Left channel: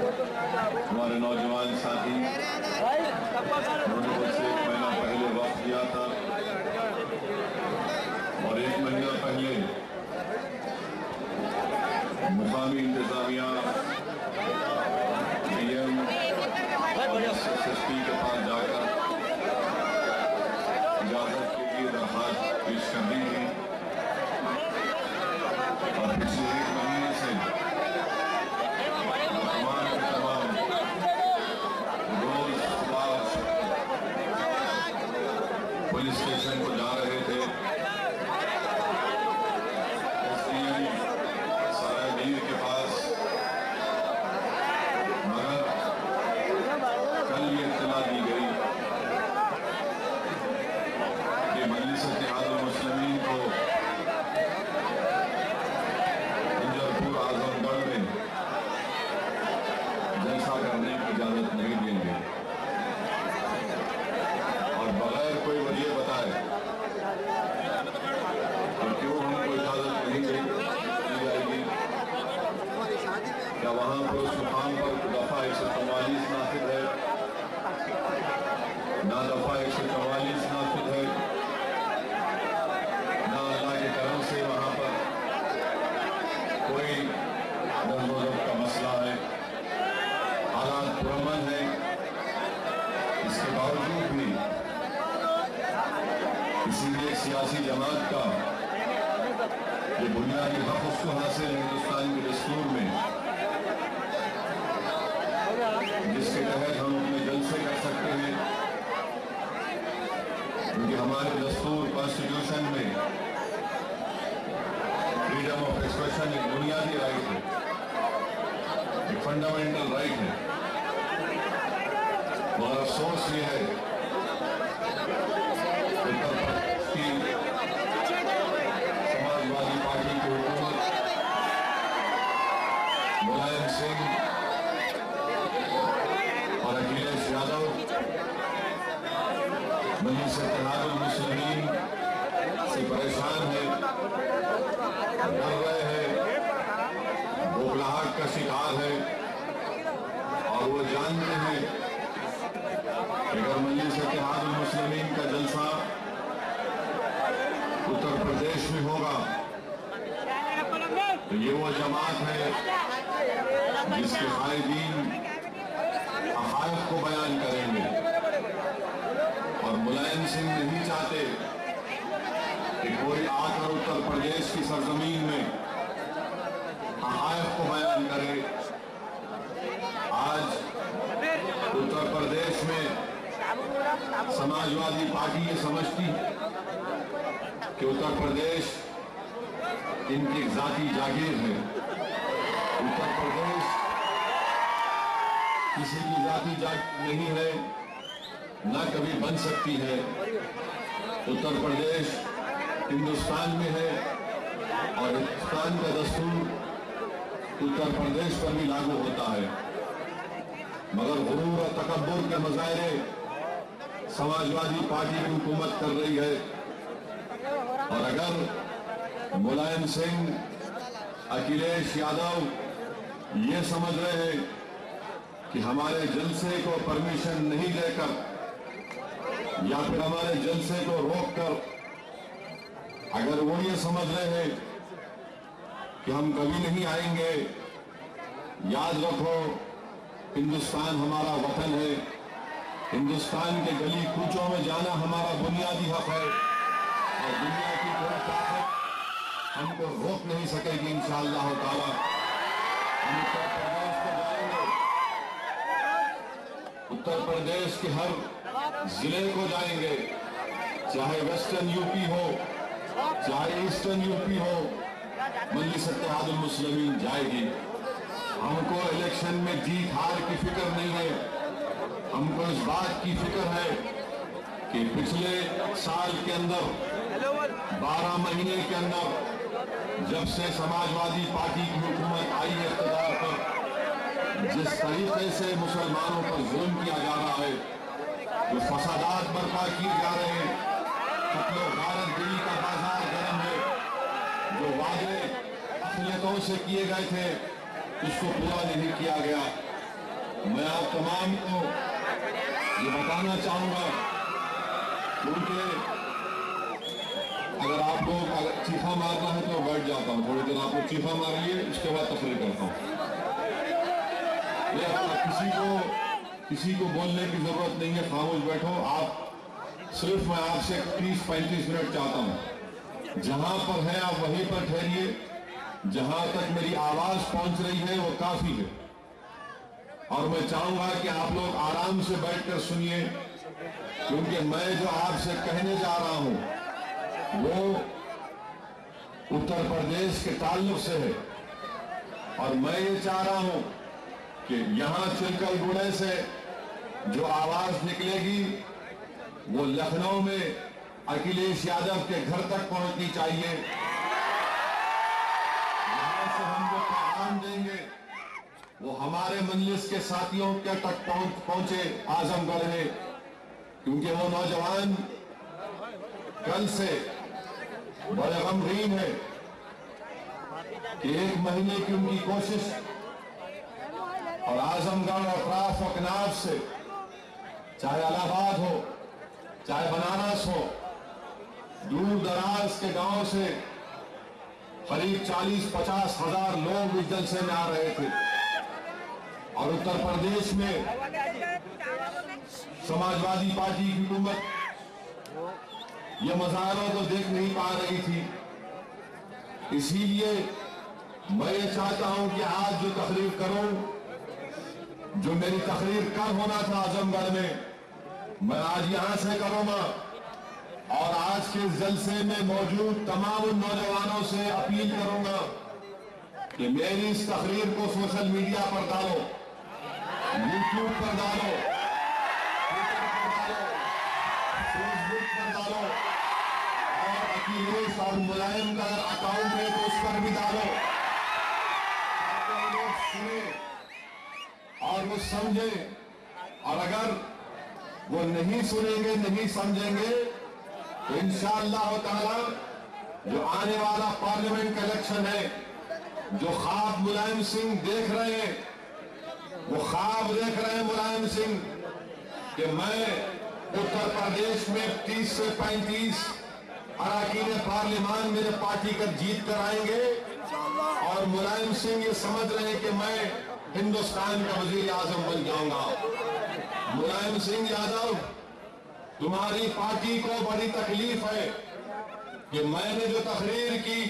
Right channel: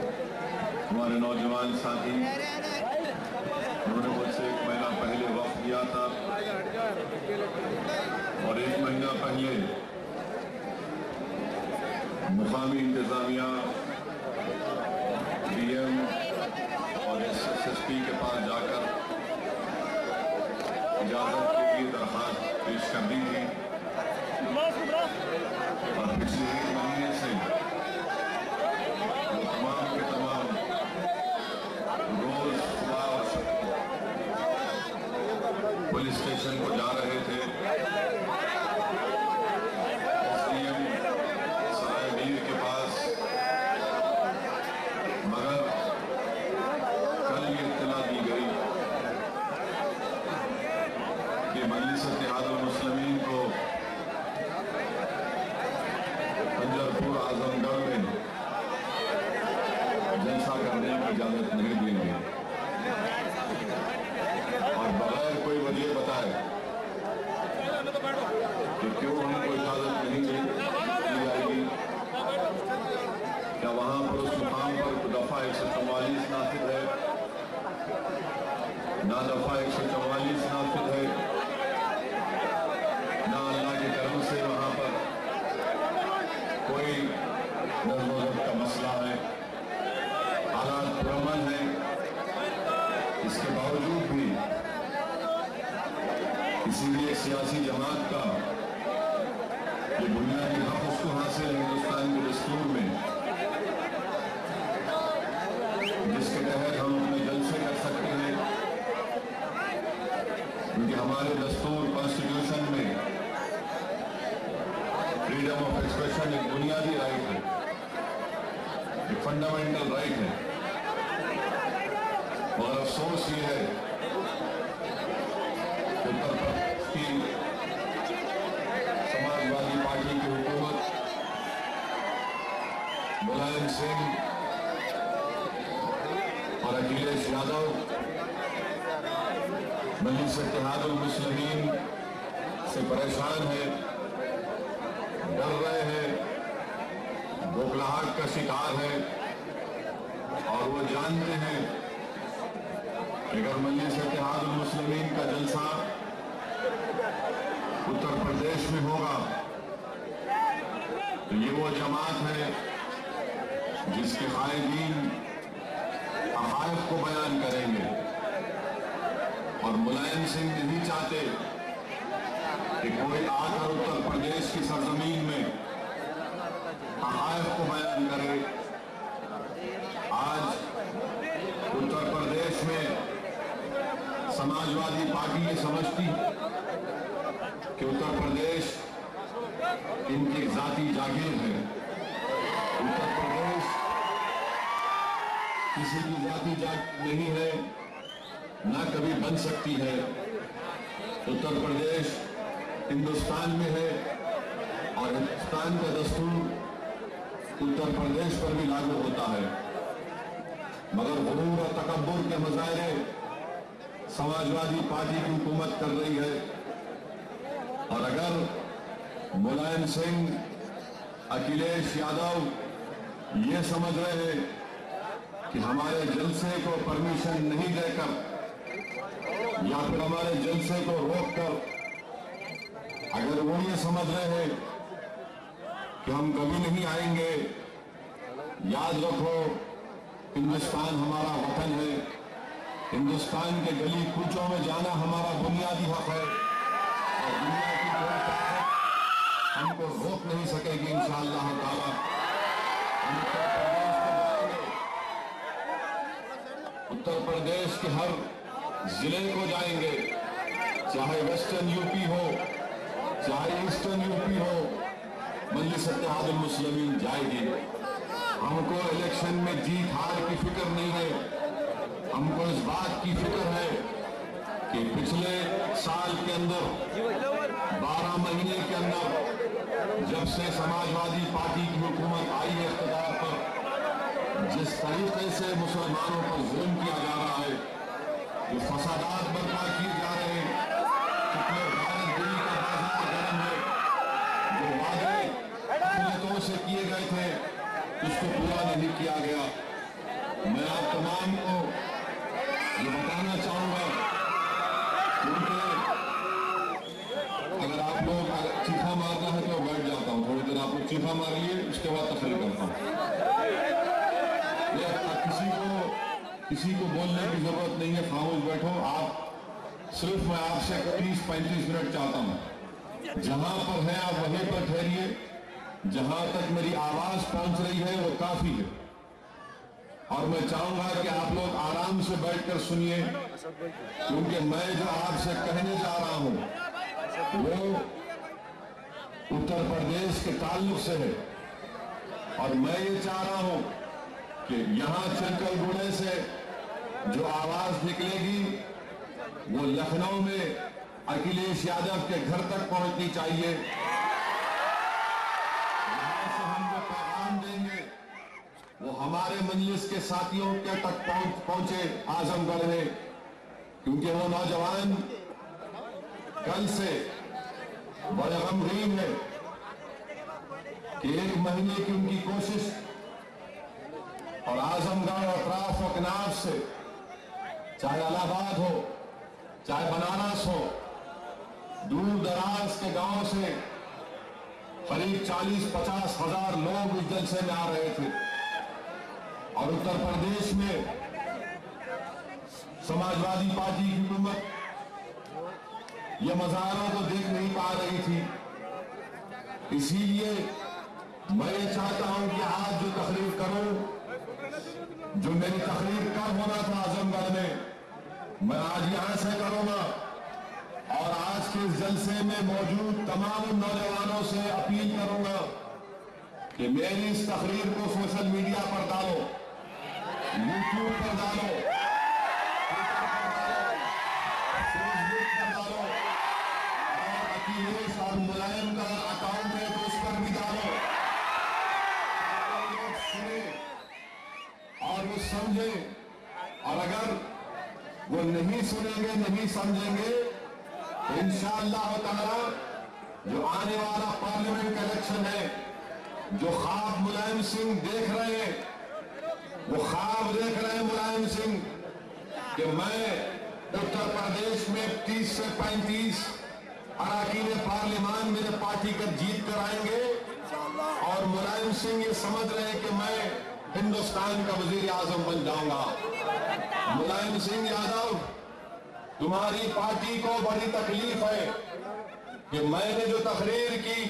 हमारे नौजवान साथी उन्होंने मुझसे 1 महीना पहले वक्त लिया था और 1 महीना पहले मुकामी इंतजामिया डीएम और एसएसपी के पास जाकर इजाजत के लिए दरखास्त पेश कर दी थी और पिछले 1 महीने से तमाम के तमाम रोज सुबह पुलिस स्टेशन को जा रहे थे। एसडीएम सरायमीर के पास, मगर कल ये इत्तला दी गई कि मजलिस इत्तेहादुल मुस्लिमीन को पंजरपुर आजमगढ़ में जलसा करने की इजाजत नहीं देंगे और बगैर कोई वजह बताए कि क्यों हमको इजाजत नहीं दी जाएगी। क्या वहां पर उस मुकाम पर दफा 144 नाफिज है? ना दफा 144 नाफिज है, ना अल्लाह के करम से वहां पर कोई नज़्म व ज़ब्त का मसला है। हालात पुरअमन है, इसके बावजूद भी किसी भी एक सियासी जमात का ये बुनियादी हक उसको हासिल है हिंदुस्तान के दस्तूर में, जिसके तहत हम अपने जलसे कर सकते हैं, क्योंकि हमारे दस्तूर कॉन्स्टिट्यूशन में फ्रीडम ऑफ एक्सप्रेशन एक बुनियादी राइट है, एक फंडामेंटल राइट है। और अफसोस ये है उत्तर प्रदेश की समाजवादी पार्टी की हुकूमत मुलायम सिंह और अखिलेश यादव मजलिस इत्तेहादुल मुस्लिमीन से परेशान है, डर रहे हैं, बौखलाहट का शिकार है और वो जानते हैं कि अगर मजलिस इत्तेहादुल मुस्लिमीन का जलसा उत्तर प्रदेश में होगा तो ये वो जमात है जिसके कायदीन हक़ाइक़ को बयान करेंगे और मुलायम सिंह नहीं चाहते कि कोई आकर उत्तर प्रदेश की सरजमीन में हक़ाइक़ को बयान करे। आज उत्तर प्रदेश में समाजवादी पार्टी ये समझती कि उत्तर प्रदेश इनकी जाती जागीर है। उत्तर प्रदेश किसी की जाती जागीर नहीं है, ना कभी बन सकती है। उत्तर प्रदेश हिंदुस्तान में है और हिंदुस्तान का दस्तूर उत्तर प्रदेश पर भी लागू होता है, मगर गुरूर और तकब्बुर के मुजाहरे समाजवादी पार्टी की हुकूमत कर रही है। और अगर मुलायम सिंह, अखिलेश यादव ये समझ रहे हैं कि हमारे जलसे को परमिशन नहीं देकर या फिर हमारे जलसे को रोककर अगर वो ये समझ रहे हैं कि हम कभी नहीं आएंगे, याद रखो हिंदुस्तान हमारा वतन है, हिंदुस्तान के गली कूचों में जाना हमारा बुनियादी हक है और दुनिया की कोई ताकत हमको रोक नहीं सकेगी। इंशाअल्लाह ताला हम उत्तर प्रदेश के हर जिले को जाएंगे, चाहे वेस्टर्न यूपी हो चाहे ईस्टर्न यूपी हो, मजलिस इत्तेहादुल मुस्लिमीन जाएगी। हमको इलेक्शन में जीत हार की फिक्र नहीं है, हमको इस बात की फिक्र है कि पिछले साल के अंदर 12 महीने के अंदर जब से समाजवादी पार्टी की हुकूमत आई है इक़्तिदार पर, जिस तरीके से मुसलमानों पर जुल्म किया जा रहा है, जो फसादात बर्पा किए जा रहे हैं, कितने दिल्ली का बाजार गर्म है, जो वादे अक़लियतों से किए गए थे उसको पूरा नहीं किया गया। मैं आप तमाम को ये बताना चाहूंगा, क्योंकि अगर आप लोग चीखा मारना है तो बैठ जाता हूं, थोड़ी देर आप लोग चीखा मारिए, उसके बाद तकरीर करता हूं। किसी को बोलने की जरूरत नहीं है, खामोश बैठो आप। सिर्फ मैं आपसे 30-35 मिनट चाहता हूं, जहां पर है आप वहीं पर ठहरिए। जहां तक मेरी आवाज पहुंच रही है वो काफी है, और मैं चाहूंगा कि आप लोग आराम से बैठकर सुनिए, क्योंकि मैं जो आपसे कहने जा रहा हूं वो उत्तर प्रदेश के ताल्लुक से है। और मैं ये चाह रहा हूं कि यहां चिलकलगुड़े से जो आवाज निकलेगी वो लखनऊ में अखिलेश यादव के घर तक पहुंचनी चाहिए। यहां से हम जो पैगाम देंगे वो हमारे मजलिस के साथियों के तक पहुंचे आजमगढ़ में, क्योंकि वो नौजवान कल से बड़े गमगीन है कि 1 महीने की उनकी कोशिश और आजमगढ़ और अतराफ व कनाफ से, चाहे इलाहाबाद हो चाहे बनारस हो, दूर दराज के गांव से करीब 40-50 हजार लोग इस जलसे में आ रहे थे। और उत्तर प्रदेश में समाजवादी पार्टी की हुकूमत ये मजारों को देख नहीं पा रही थी। इसीलिए मैं ये चाहता हूं कि आज जो तकरीर करूं, जो मेरी तकरीर कब होना था आजमगढ़ में, मैं आज यहां से करूंगा। और आज के जलसे में मौजूद तमाम नौजवानों से अपील करूंगा कि मेरी इस तकरीर को सोशल मीडिया पर डालो, यूट्यूब पर डालो, ट्विटर पर डालो, फेसबुक पर डालो, और अखिलेश और मुलायम का अकाउंट है तो उस पर भी डालो, ताकि लोग सुने और वो समझे। और अगर वो नहीं सुनेंगे, नहीं समझेंगे, तो इंशाअल्लाह ताला जो आने वाला पार्लियामेंट का इलेक्शन है, जो ख्वाब मुलायम सिंह देख रहे हैं, वो ख्वाब देख रहे हैं मुलायम सिंह कि मैं उत्तर प्रदेश में 30 से 35 अरकान पार्लियामान मेरे पार्टी का जीत कर आएंगे। और मुलायम सिंह ये समझ रहे हैं कि मैं हिंदुस्तान का वजीर आजम बन जाऊंगा। मुलायम सिंह यादव, तुम्हारी पार्टी को बड़ी तकलीफ है कि मैंने जो तकरीर की,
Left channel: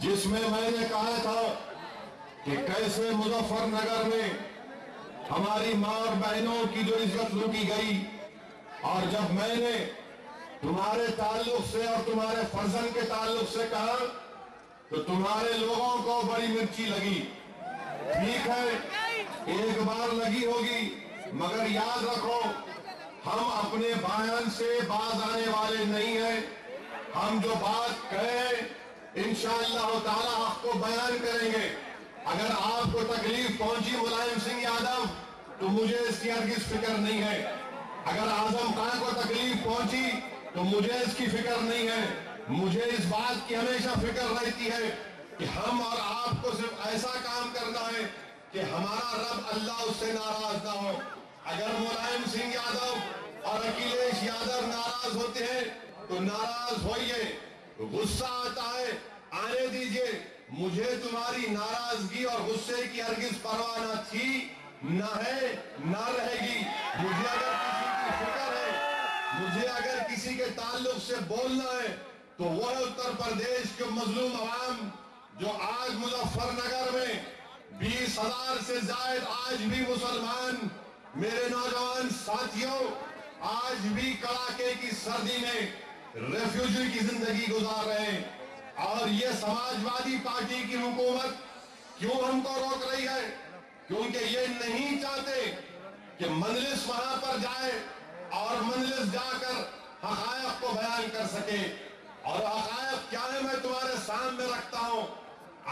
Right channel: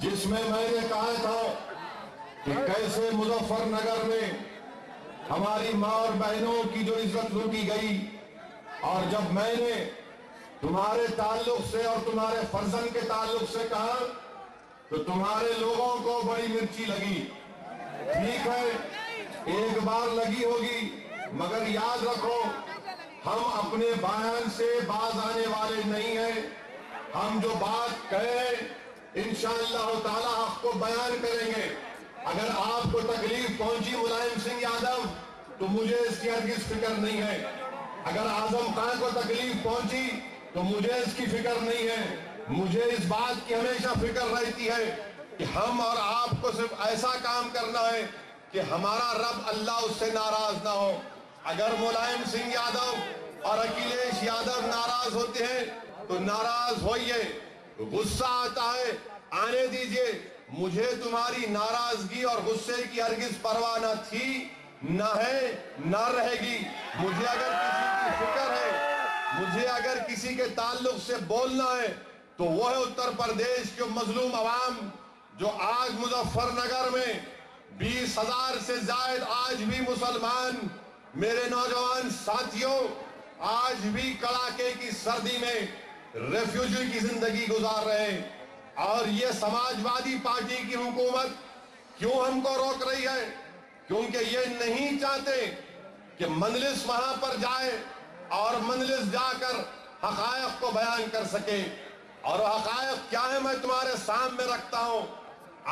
जिसमें मैंने कहा था कि कैसे मुजफ्फरनगर में हमारी मां और बहनों की जो इज्जत लूटी गई, और जब मैंने तुम्हारे ताल्लुक से और तुम्हारे फर्जन के ताल्लुक से कहा तो तुम्हारे लोगों को बड़ी मिर्ची लगी। ठीक है, एक बार लगी होगी, मगर याद रखो हम अपने बयान से बाज आने वाले नहीं हैं। हम जो बात कहें इंशाअल्लाह ताला आपको बयान करेंगे। अगर आपको तकलीफ पहुंची मुलायम सिंह यादव, तो मुझे इसकी हरगिज़ फिक्र नहीं है। अगर आजम खान को तकलीफ पहुंची तो मुझे इसकी फिक्र नहीं है। मुझे इस बात की हमेशा फिक्र रहती है कि हम और आपको सिर्फ ऐसा काम करना है कि हमारा रब अल्लाह उससे नाराज ना हो। अगर मुलायम सिंह यादव और अखिलेश यादव नाराज होते हैं तो नाराज होइए, गुस्सा आता है आने दीजिए। मुझे तुम्हारी नाराजगी और गुस्से की हरगिज़ परवाह न थी, न है, न रहेगी। मुझे अगर किसी की फिक्र है, मुझे अगर किसी के ताल्लुक से बोलना है, तो वो है उत्तर प्रदेश के मजलूम अवाम जो आज मुजफ्फरनगर में 20,000 से जायद आज भी मुसलमान मेरे नौजवान साथियों आज भी कड़ाके की सर्दी में रेफ्यूजी की जिंदगी गुजार रहे हैं। और ये समाजवादी पार्टी की हुकूमत क्यों हमको रोक रही है? क्योंकि ये नहीं चाहते कि मजलिस वहां पर जाए और मजलिस जाकर हकायक को बयान कर सके। और हकायक क्या है मैं तुम्हारे सामने रखता हूं।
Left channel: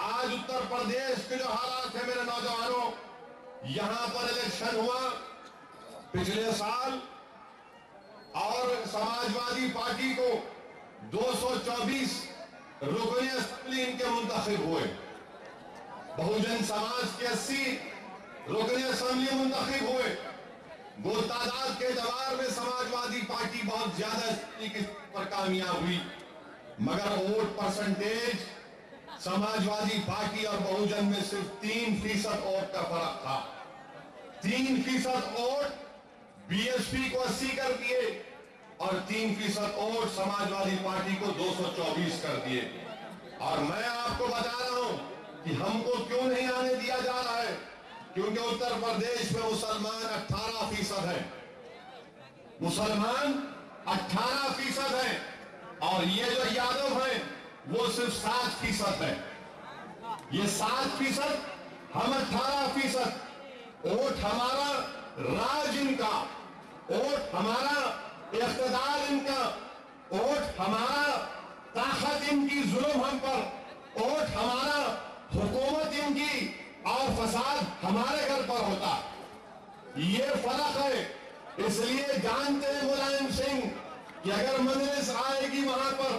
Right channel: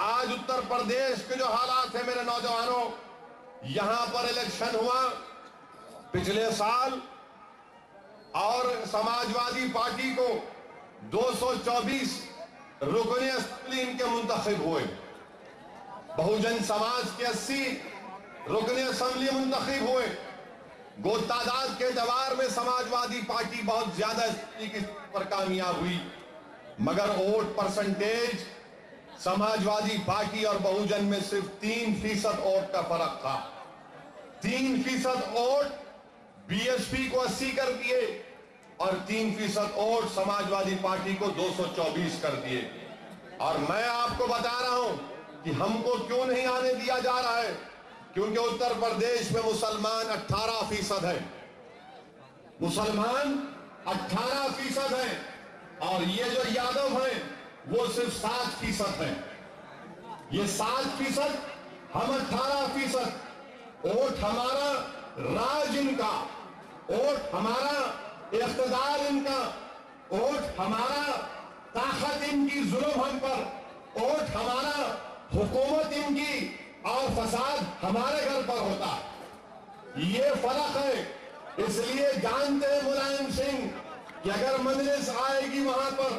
आज उत्तर प्रदेश के जो हालात है मेरे नौजवानों, यहां पर इलेक्शन हुआ पिछले साल और समाजवादी पार्टी को 224 रुकने असेंबली इनके मुंतखब हुए। बहुजन समाज के 80 रुकने असेंबली मुंतखब हुए। वो तादाद के एतबार में समाजवादी पार्टी बहुत ज्यादा पर कामयाब हुई, मगर वोट परसेंटेज समाजवादी पार्टी और बहुजन में सिर्फ 3% वोट का फर्क था। 3% वोट बीएसपी को 80 कर दिए और 3% वोट समाजवादी पार्टी को 224 कर दिए। और मैं आपको बता रहा हूं कि हमको क्यों नहीं आने दिया जा रहा है, क्योंकि उत्तर प्रदेश में मुसलमान 18% है, मुसलमान 18% है और ये जो यादव हैं वो सिर्फ 7% है। ये 7%, हम 18%। वोट हमारा, राज इनका, वोट हमारा, इख्तिदार इनका, वोट हमारा, ताकत इनकी, जुल्म हम पर, वोट हमारा, हुकूमत इनकी और फसाद हमारे घर पर होता। ये फर्क है। इसलिए जानते हैं मुलायम सिंह कि अगर मजलिस आएगी वहां पर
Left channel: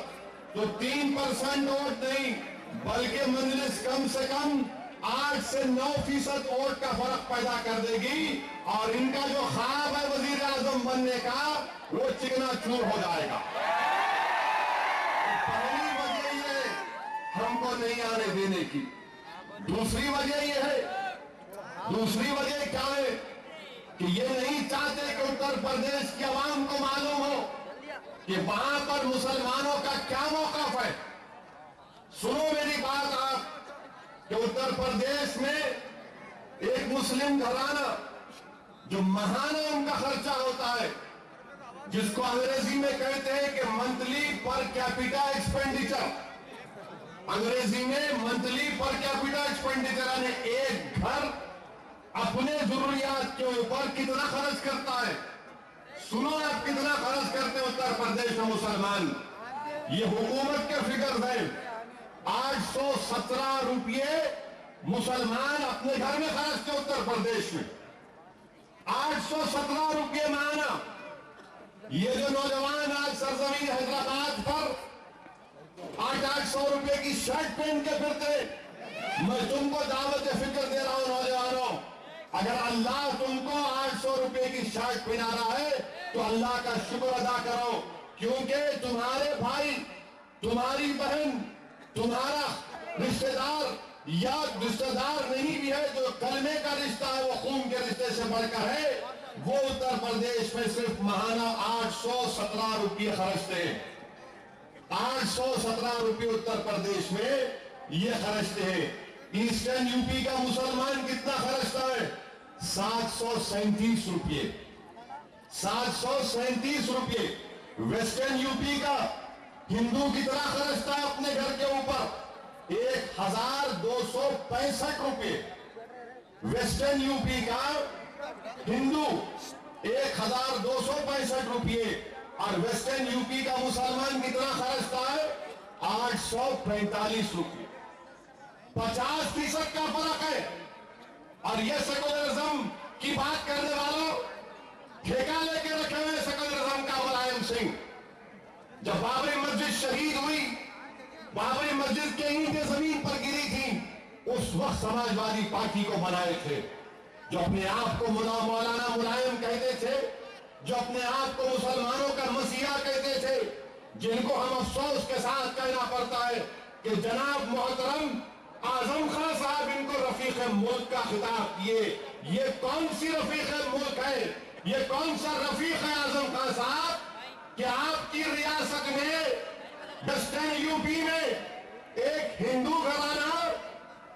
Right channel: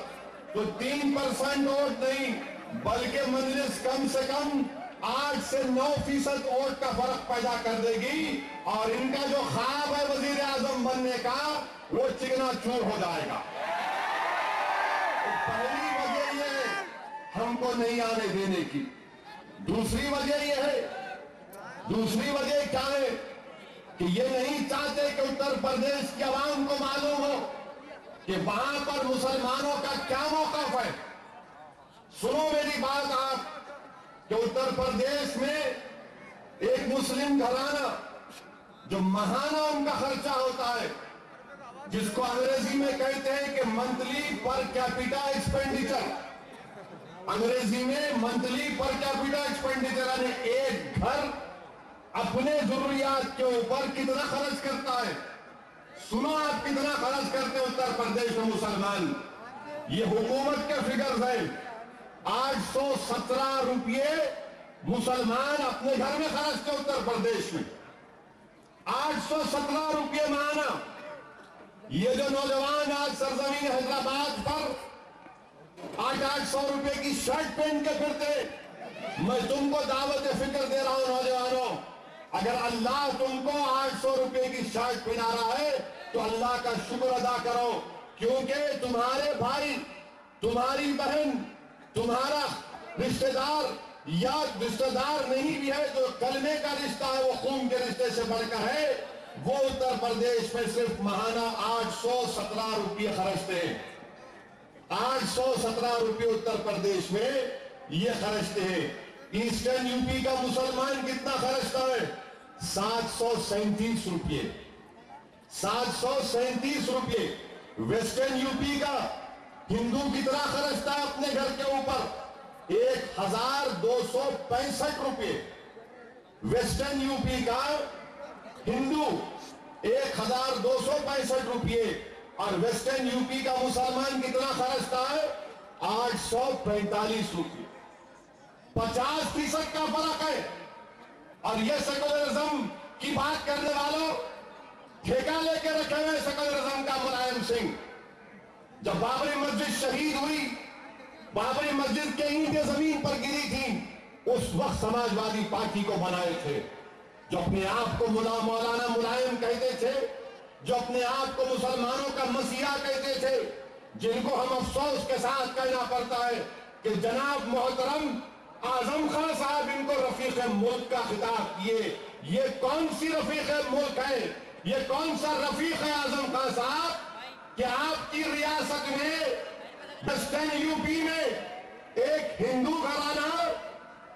तो 3% वोट नहीं बल्कि मजलिस कम से कम 8 से 9% वोट का फर्क पैदा कर देगी और इनका जो ख्वाब है वजीर आजम बनने का वो चिकना चूर हो जाएगा। तो पहली वजह ये हमको नहीं आने देने की। दूसरी वजह यह है, दूसरी वजह क्या है कि ये नहीं चाहते कि उत्तर प्रदेश की आवाम को मालूम हो कि वहां पर मुसलमानों का क्या मौक़िफ़ है। सुनो मेरी बात आप कि उत्तर प्रदेश में एक मुस्लिम घराना जो महाना उनका खर्चा होता है, जिसको अंग्रेजी में कहते हैं कि मंथली पर कैपिटा एक्सपेंडिचर, अंग्रेजी में मंथली पर कैपिटा एक्सपेंडिचर, यानी एक घर अपने जरूरियात के ऊपर कितना खर्च करता है। सुनो आप कितना खर्च करते हैं उत्तर प्रदेश में मुसलमान। ये हुकूमत के फिगर्स है। 817 रुपये मुसलमान अपने घर में खर्चते उत्तर प्रदेश में। 817 रुपये माना। ये जो नौजवान आज सरजमीन हैदराबाद पर 800 रुपए की शर्ट पहन के फिरते, मैं तुमको दावत फिक्र दे रहा हूं नौजवानों, अगर अल्लाह तुमको 800 रुपए की शर्ट पहना रहा है तो अल्लाह का शुक्र अदा करो, क्योंकि तुम्हारे भाई, तुम्हारी बहन, तुम्हारा रिश्तेदार या रिश्तेदार नहीं भी है, जो कलमे का रिश्ता है वो खून के रिश्ते से बढ़कर है, वो उत्तर प्रदेश में सिर्फ महाना 817 रुपये खर्चते हैं। 817 रुपये उत्तर प्रदेश में ये खर्चते हैं। ईस्टर्न यूपी का मुसलमान कितना खर्चता है? 737 रुपये। 737 रुपये। वेस्टर्न यूपी का हिंदू कितना खर्चता है अपने घर के ऊपर? 1265 रुपये। वेस्टर्न यूपी का हिंदू 1265 रुपये और वेस्टर्न यूपी का मुसलमान कितना खर्चता है? 845 रुपये। 50% का फर्क है। और ये सेकुलरिज्म की बात करने वालों ठेका लेके रखे हुए सेकुलरिज्म का मुलायम सिंह। जब बाबरी मस्जिद शहीद हुई, बाबरी मस्जिद के ईंटें जमीन पर गिरी थी, उस वक्त समाजवादी पार्टी को बनाए थे, जो अपने आप को मौलाना मुलायम कहते थे, जो अपने आप को मुसलमानों का मसीहा कहते थे, जिनको हम अफसोस के साथ कहना पड़ता है कि जनाब मोहतरम आजम खान साहब इनको रफीक मुल्क का खिताब किए। ये कौन सी रफीक मुल्क है? ये कौन सा रफीक है आजम खान साहब कि आपकी रियासत में वेस्टर्न यूपी में एक हिंदू घराना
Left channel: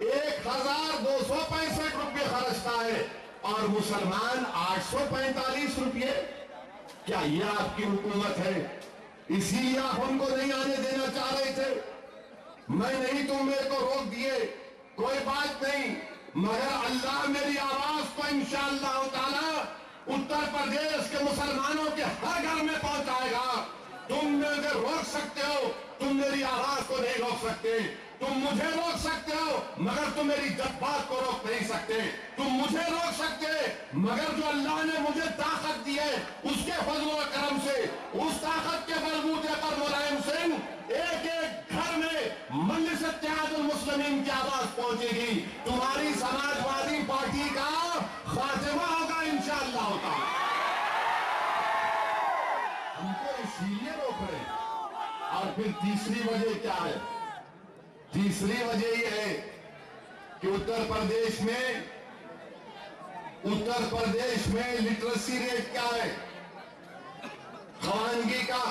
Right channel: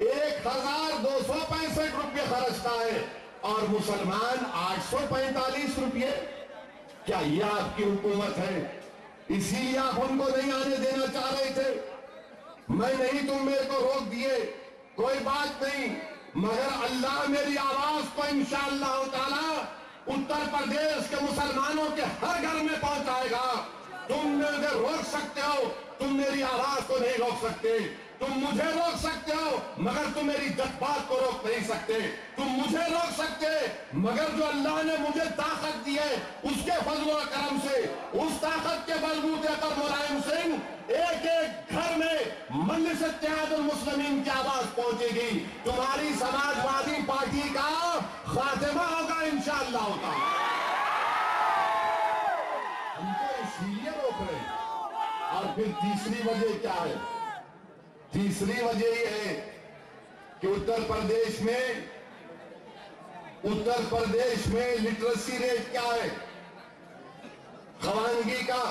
1265 रुपये खर्चता है और मुसलमान 845 रुपये। क्या ये आपकी हुकूमत है? इसीलिए आप हमको नहीं आने देना चाह रहे थे। मैं नहीं, तुम मेरे को रोक दिए, कोई बात नहीं, मगर अल्लाह मेरी आवाज को इंशाअल्लाह ताला उत्तर प्रदेश के मुसलमानों के हर घर में पहुंचाएगा। तुम मुझे रोक सकते हो, तुम मेरी आवाज को नहीं रोक सकते। तुम मुझे रोक सकते हो मगर तुम मेरी जज्बात को रोक नहीं सकते। तुम मुझे रोक सकते मगर जो अल्लाह ने मुझे ताकत दी है उसके फजल और करम से, उस ताकत के बलबूते पर मुलायम सिंह एक एक घर में मजलिस इत्तेहादुल मुस्लिमीन की आवाज पहुंचेगी। तुम्हारी समाजवादी पार्टी का खात्मा होगा इंशाअल्लाह ताला। हमको इसीलिए रोक रहे। और फिर तीसरी वजह क्या है? तीसरी वजह यह है कि उत्तर प्रदेश में लिटरेसी रेट क्या है, खवानगी का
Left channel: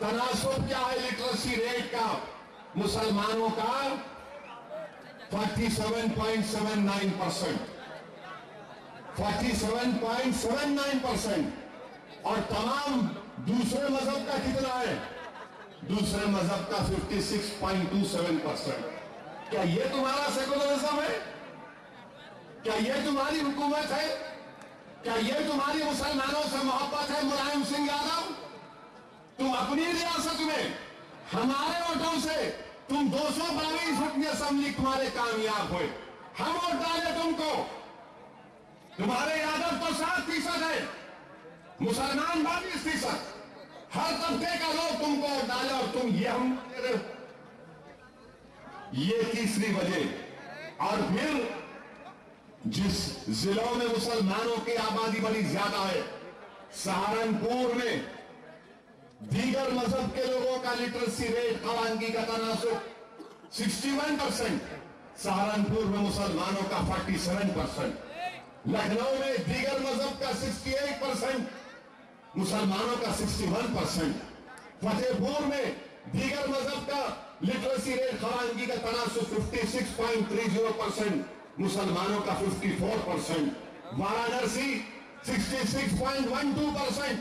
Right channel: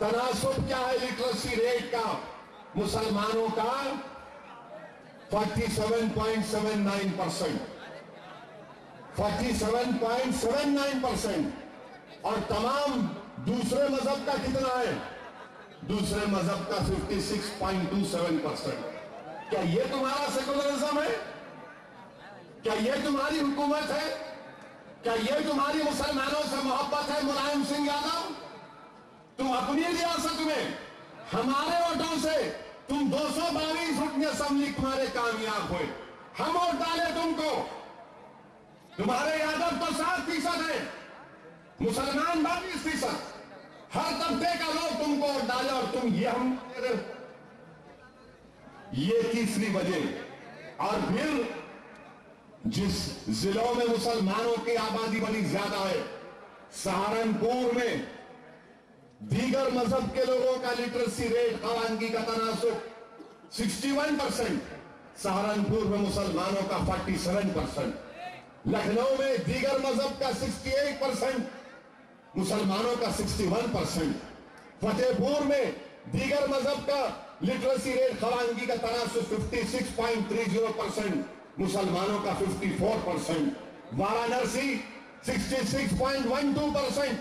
तनासुब क्या है लिटरेसी रेट का? मुसलमानों का 47.79%, 47.79%। और तमाम दूसरे मजहब का कितना है? दूसरे मजहब का 56.27%। क्या ये तुम्हारा सेकुलरिज्म है? क्या ये तुम्हारी हुकूमत है? क्या ये तुम्हारी मुसलमानों से मोहब्बत है मुलायम सिंह यादव? तुम अपनी रियासत में हमारे वोटों से तुम 222 रुकन असेंबली तुम्हारे कामयाब हुए, हम वोट डाले तुमको। तुम्हारे यादव तो 7% है, मुसलमान 22%, हर तबके का लोग तुमको वोट डाले और तुम ये हम दे रहे हो। ये तीसरी वजह। और फिर जिस जिलों में मुसलमानों की आबादी बड़ी ज्यादा है, सहारनपुर में दीगर मजहब के लोगों का लिटरेसी रेट खवानगी का तनासुब 61%, सहारनपुर में मुसलमानों का 47%, लखनऊ में दीगर मजहब का 68%, मुसलमानों का 61%, फतेहपुर में दीगर मजहब का लिटरेसी रेट खवानगी का तनासुब 56.30%, मुसलमानों का 54%, वाराणसी 66.12%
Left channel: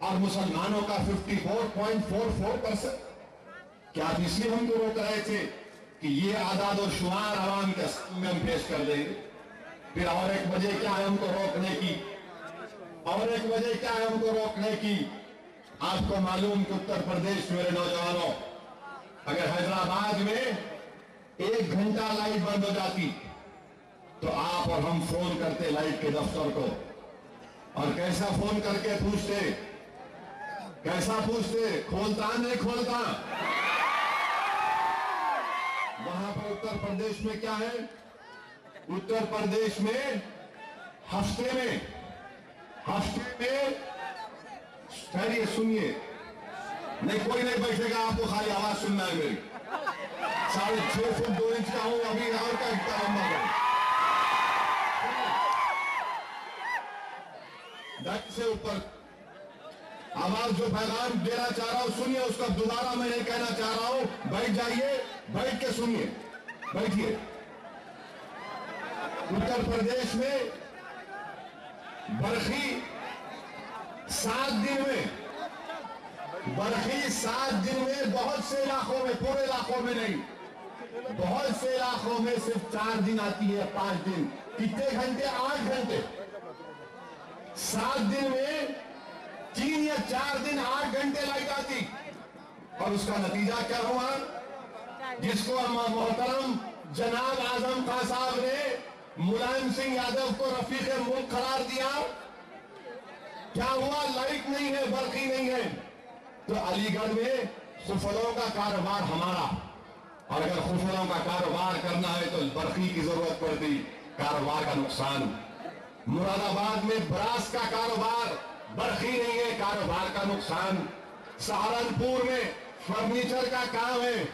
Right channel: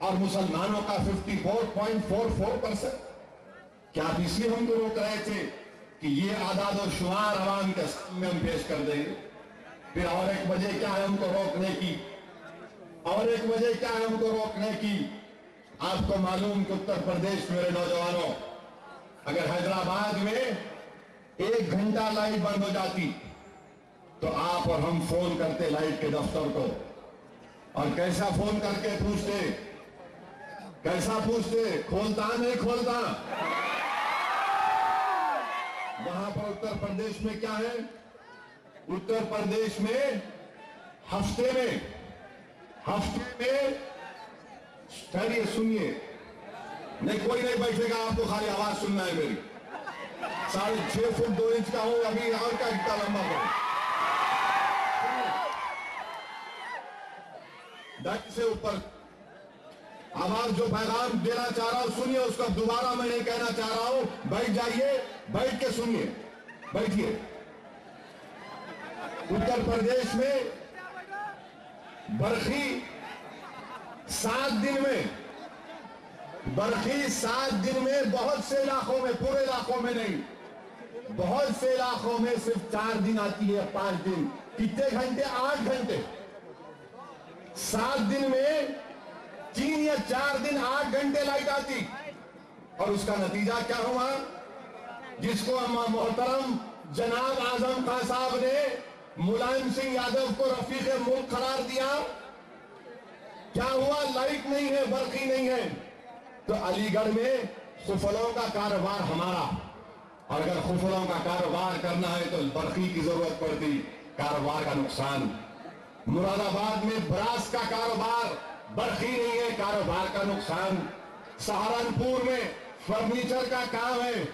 और मुसलमानों का 54.44%। क्या आप इसलिए हमको रोक रहे थे कि ये आदाद और शुमार आवाम के सामने हम पेश कर देंगे? फिर और एक वजह क्या है हमको रोकने की? और एक वजह क्या है हमको रोकने की? आपको मालूम कि उत्तर प्रदेश, मेरे नौजवानों, अगर हैदराबाद में 1 घंटा लाइट बंद हो जाती तो आप और हम फोन करते लाइट के दफ्तर को, और कैसा फोन करके पूछते, कैसा पूछते, खोलता नहीं खोलता? वहां पर उत्तर प्रदेश में क्या है? उत्तर प्रदेश में हफ्ते में ठहरिए, सुनिए, नहीं कोई नहीं बैठेगा, आपको खाली आवाज सुनना है मेरी। 6.5 फुट 2 इंच का हूं अभी, और क्या इतना लंबा करूं? ढक से ऊपर आवाज जो पैगाम देना चाह रहा हूं सुनिए, उसका दोबारा मैं ये कहना चाह रहा हूं, बैठ जाइए, बैठ के सुनिए, बैठिए। उत्तर प्रदेश में बरखी 7 दिन में, बरखी 7 दिन में बहुत से इलाकों में, पूरे इलाकों में नहीं, बहुत से इलाकों में सिर्फ 4 दिन आती है, 5 दिन। कितने घंटे? 8 घंटे। 7 दिन में 3 या 4 दिन 8 घंटे लाइट आती। और उसका नतीजा क्या हुआ? जिसको मोहतरम जनाब आजम खान साहब ने मुलायम सिंह यादव को रफीक मुल्क करार दिया, क्या हुआ? लाइट नहीं है, बरखी नहीं है, तो अलीगढ़ में खुफलों का कारोबार हमारा, और अगर खुफलों का कारोबार करना है तो बरखी की जरूरत पड़ती, कारोबार का नुकसान। मुरादाबाद में ब्रास का कारोबार, बरखी नहीं है, कारोबार का नुकसान। सहारनपुर में फर्नीचर का काम है,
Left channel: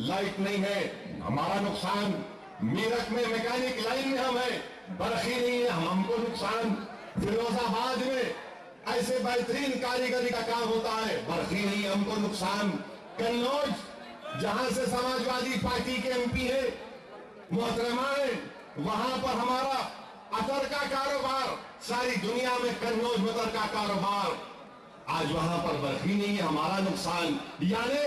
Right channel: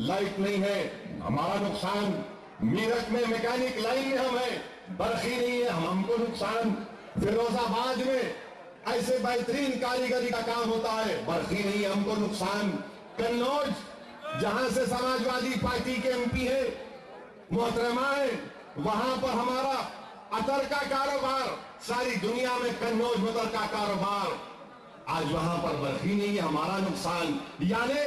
लाइट नहीं है, हमारा नुकसान। मीरठ में मैकेनिक लाइन में हम है, बरखी नहीं है, हमको नुकसान। फिरोजाबाद में ऐसे बेहतरीन कारीगरी का काम होता है, बरखी नहीं है, हमको नुकसान। कन्नौज, जहां से समाजवादी पार्टी के एमपी है मोहतरमाए, वहां पर हमारा अतर का कारोबार, सारी दुनिया में कन्नौज में अतर का कारोबार, आज वहां पर बरखी नहीं है, हमारा नुकसान। यानी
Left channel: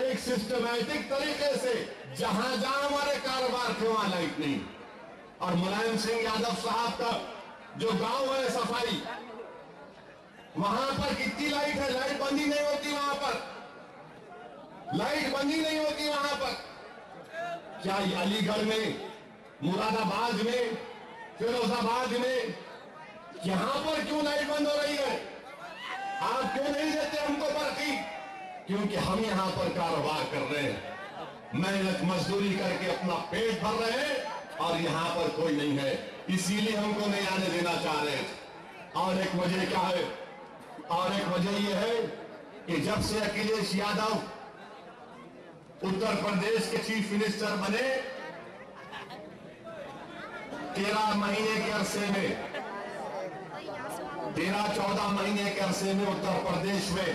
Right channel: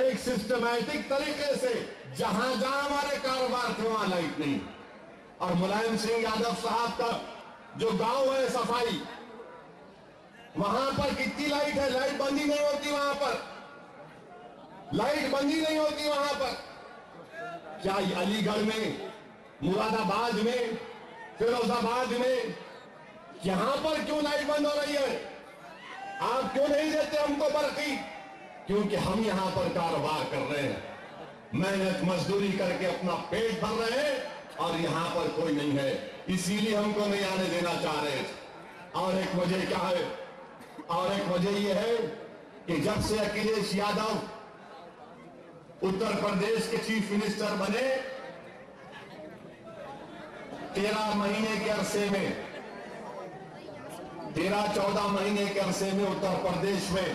एक सिस्टमैटिक तरीके से जहां जहां हमारे कारोबार थे वहां लाइट नहीं। और मुलायम सिंह यादव साहब का जो गांव है सफाई, वहां पर कितनी लाइट है, लाइट बंद ही नहीं होती वहां पर, लाइट बंद ही नहीं होती वहां पर। क्या अलीगढ़ में, मुरादाबाद में, फिरोजाबाद में, यहां पर क्यों लाइट बंद हो रही है? आप क्यों नहीं देते हमको बरकी? क्योंकि हम यहां पर कारोबार कर रहे हैं, मेहनत मजदूरी करके अपना पेट भर रहे हैं और यहां पर कोई नहीं है, इसीलिए हमको नहीं आने देना चाह रहे थे। और एक वजह क्या है? और एक वजह यह है कि जब से अखिलेश यादव उत्तर प्रदेश के चीफ मिनिस्टर बने, 13 महीने के अरसे में, 13-14 महीने के अरसे में उत्तर प्रदेश में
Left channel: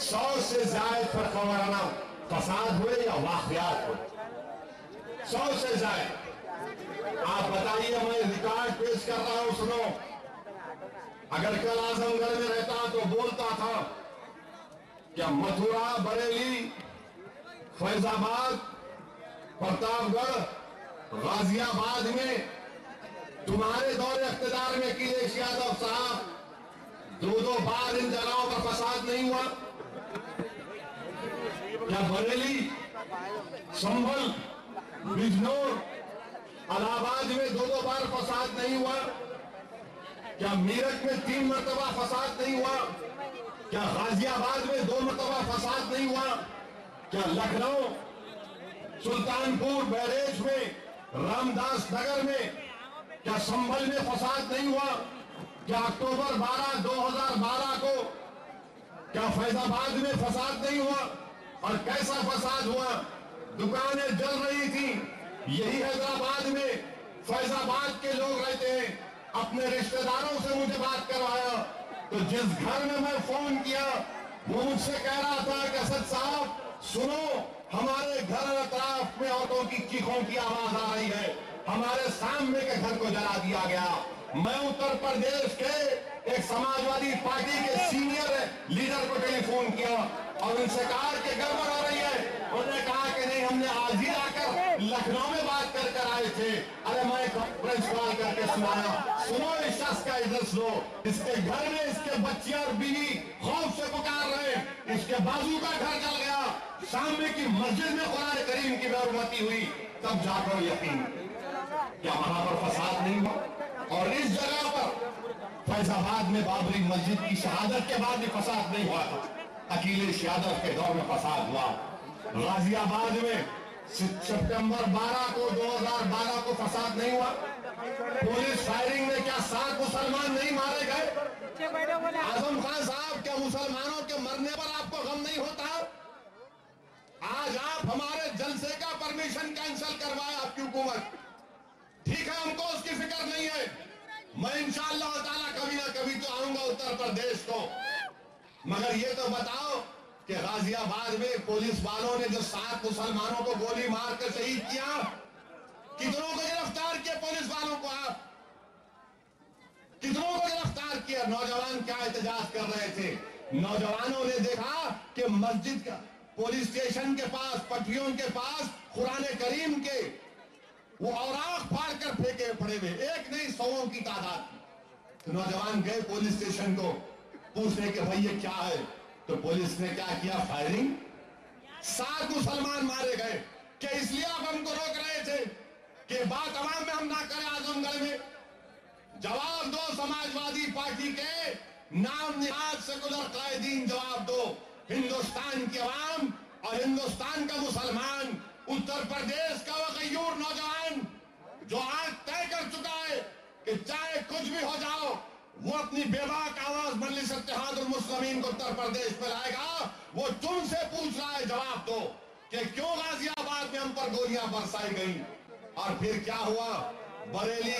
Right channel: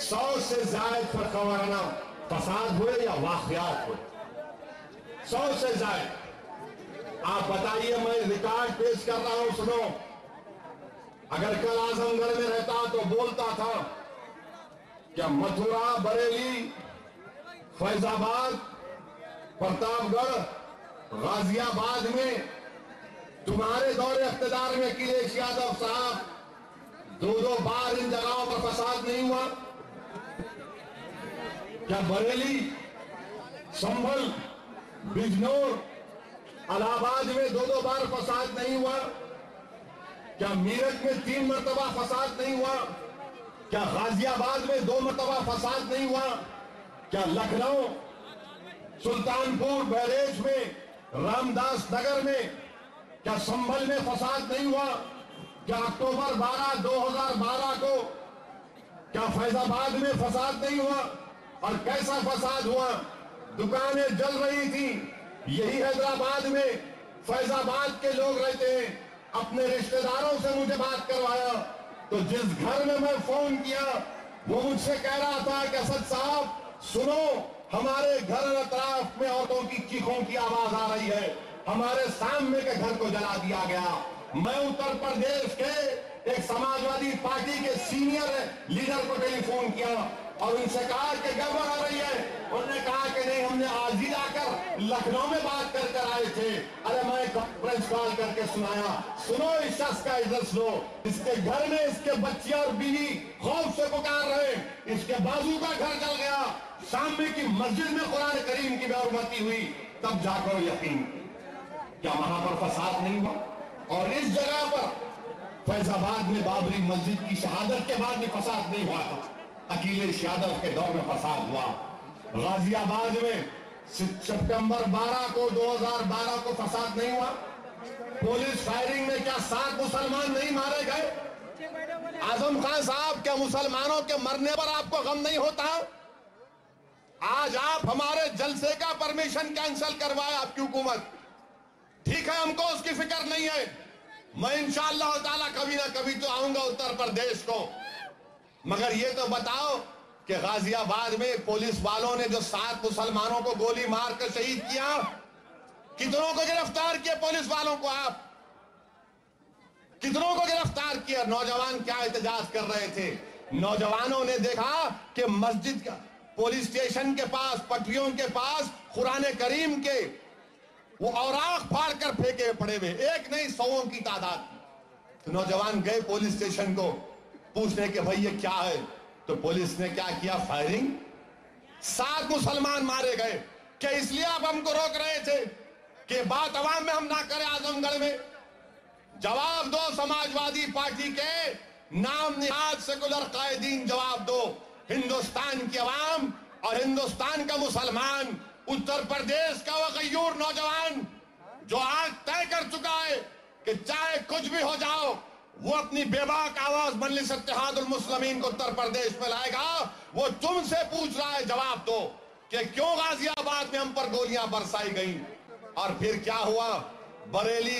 100 से ज्यादा फरकवाराना फसाद हुए या वाकयात हुए, 100 से ज्यादा। आप बताइए, मैं रिकॉर्ड पेश कर रहा हूं, सुनो। अगर कल आजमगढ़ में रहता तो बोलता था क्या मथुरा, बरेली, फैजाबाद, प्रतापगढ़, गाजियाबाद में तुम्हारे दौरे इख्तियार में अखिलेश यादव साहब 2-2 बार इन जगहों पर फसाद नहीं हुआ? क्या बरेली, संभल, बिजनौर, इलाहाबाद में 2-2 बार फसाद नहीं हुआ? क्या मीरठ में 3 मरतबा फसाद नहीं हुआ? क्या गाजियाबाद में 2 मरतबा फसाद नहीं हुआ? क्या लखनऊ, सुल्तानपुर, बहरेच में, रामदास नगर में, क्या संभल में फसाद नहीं हुआ? क्या अक्टूबर 12, 2012 को क्या फैजाबाद में फसाद नहीं हुआ? और कैसा फसाद हुआ? दुकानें जल रही थी। यही हैदराबाद में फैजाबाद के लोग रहते हैं, अपने रिश्तेदारों से मुझे बात करवाया, तो जिस घर में मैं फोन किया वो मुझसे कह रहा था कि असद साहब सुनो, हमारे घर अतराफ में औरतों की चीखों की आवाज आ रही है, हमारे सामने के घर को जला दिया गया। मैं उत्तर प्रदेश के एक समाजवादी पार्टी के सीनियर लीडर को टेलीफोन किया और उनसे कहा कि गड़बड़ हो रही है। उन्होंने कहा कि नहीं, हमने आज ही आकर लखनऊ में बात कर आए थे। अरे मैं कॉन्फ्रेंस कॉल करके सुनाया, सुनो इस शख्स का एड्रेस लो, इसके घर में इसके बच्चे और बीवी खौफ से पुकार रहे, इसके बाजू का घर जल गया, सामने की मस्जिद में कुरान करीम की बेहुरमती हुई, तब जाकर यकीन। क्या वहां पर फसाद नहीं हुआ? और इस जगह पर फैजाबाद में बाबरी मस्जिद की शहादत के बाद भी फसाद नहीं हुआ था, अखिलेश यादव के दौर में फसाद हुआ। गाजियाबाद में सितंबर 12 को 2012 को फसाद नहीं हुआ? पुलिस फायरिंग में क्या 7 मुसलमान नहीं मारे गए? आजम खान साहब, क्या मुसलमानों के मरने पर आपको गम नहीं होता? आज आप हमारे जलसे का परमिशन कैंसिल करवाए आपकी हुकूमत, ठीक है, हमको उसकी फिक्र नहीं है। मैं इंशाअल्लाह ताला कभी ना कभी तो आऊंगा उत्तर प्रदेश को, मगर ये तो बताओ कि गाजियाबाद में पुलिस वालों ने जो 7 मुसलमानों को गोली मारकर शहीद किया, कितनों को गिरफ्तार किया? पुलिस वालों को आप कितनों को गिरफ्तार किया? नौजवान क्या एहतजाज कर रहे थे? नौजवानों ने देखा कि मस्जिद का, पुलिस स्टेशन के पास, पटरियों के पास कुरान करीम के वो औराक फाड़ कर फेंके पड़े हुए, एक नहीं 100 की तादाद। तो नौजवान गए पुलिस स्टेशन को पूछने के भाई ये क्या है, तो पुलिस ने क्या किया? फायरिंग। 7 मुसलमान मारे गए। क्या इसलिए आप हमको रोक रहे थे कि बात अवाम में हम ना करें? आजमगढ़ में जवाब दो, समाजवादी पार्टी के नाम निहाद सेकुलर कायदीन, जवाब दो। हिंदुस्तान की अवाम और हिंदुस्तान का मुसलमान, उत्तर प्रदेश का वो गयूर नौजवान जो आज तय कर चुका है कि चाहे कुछ भी हो जाओ, वो अपनी बेबाक आवाज मजलिस इत्तेहादुल मुस्लिमीन को उत्तर प्रदेश में लाएगा। वो तुमसे पूछ रहा है, जवाब दो कि क्यों गाजियाबाद में हम पर गोलियां बरसाई गई? और फिर क्या हुआ? बरेली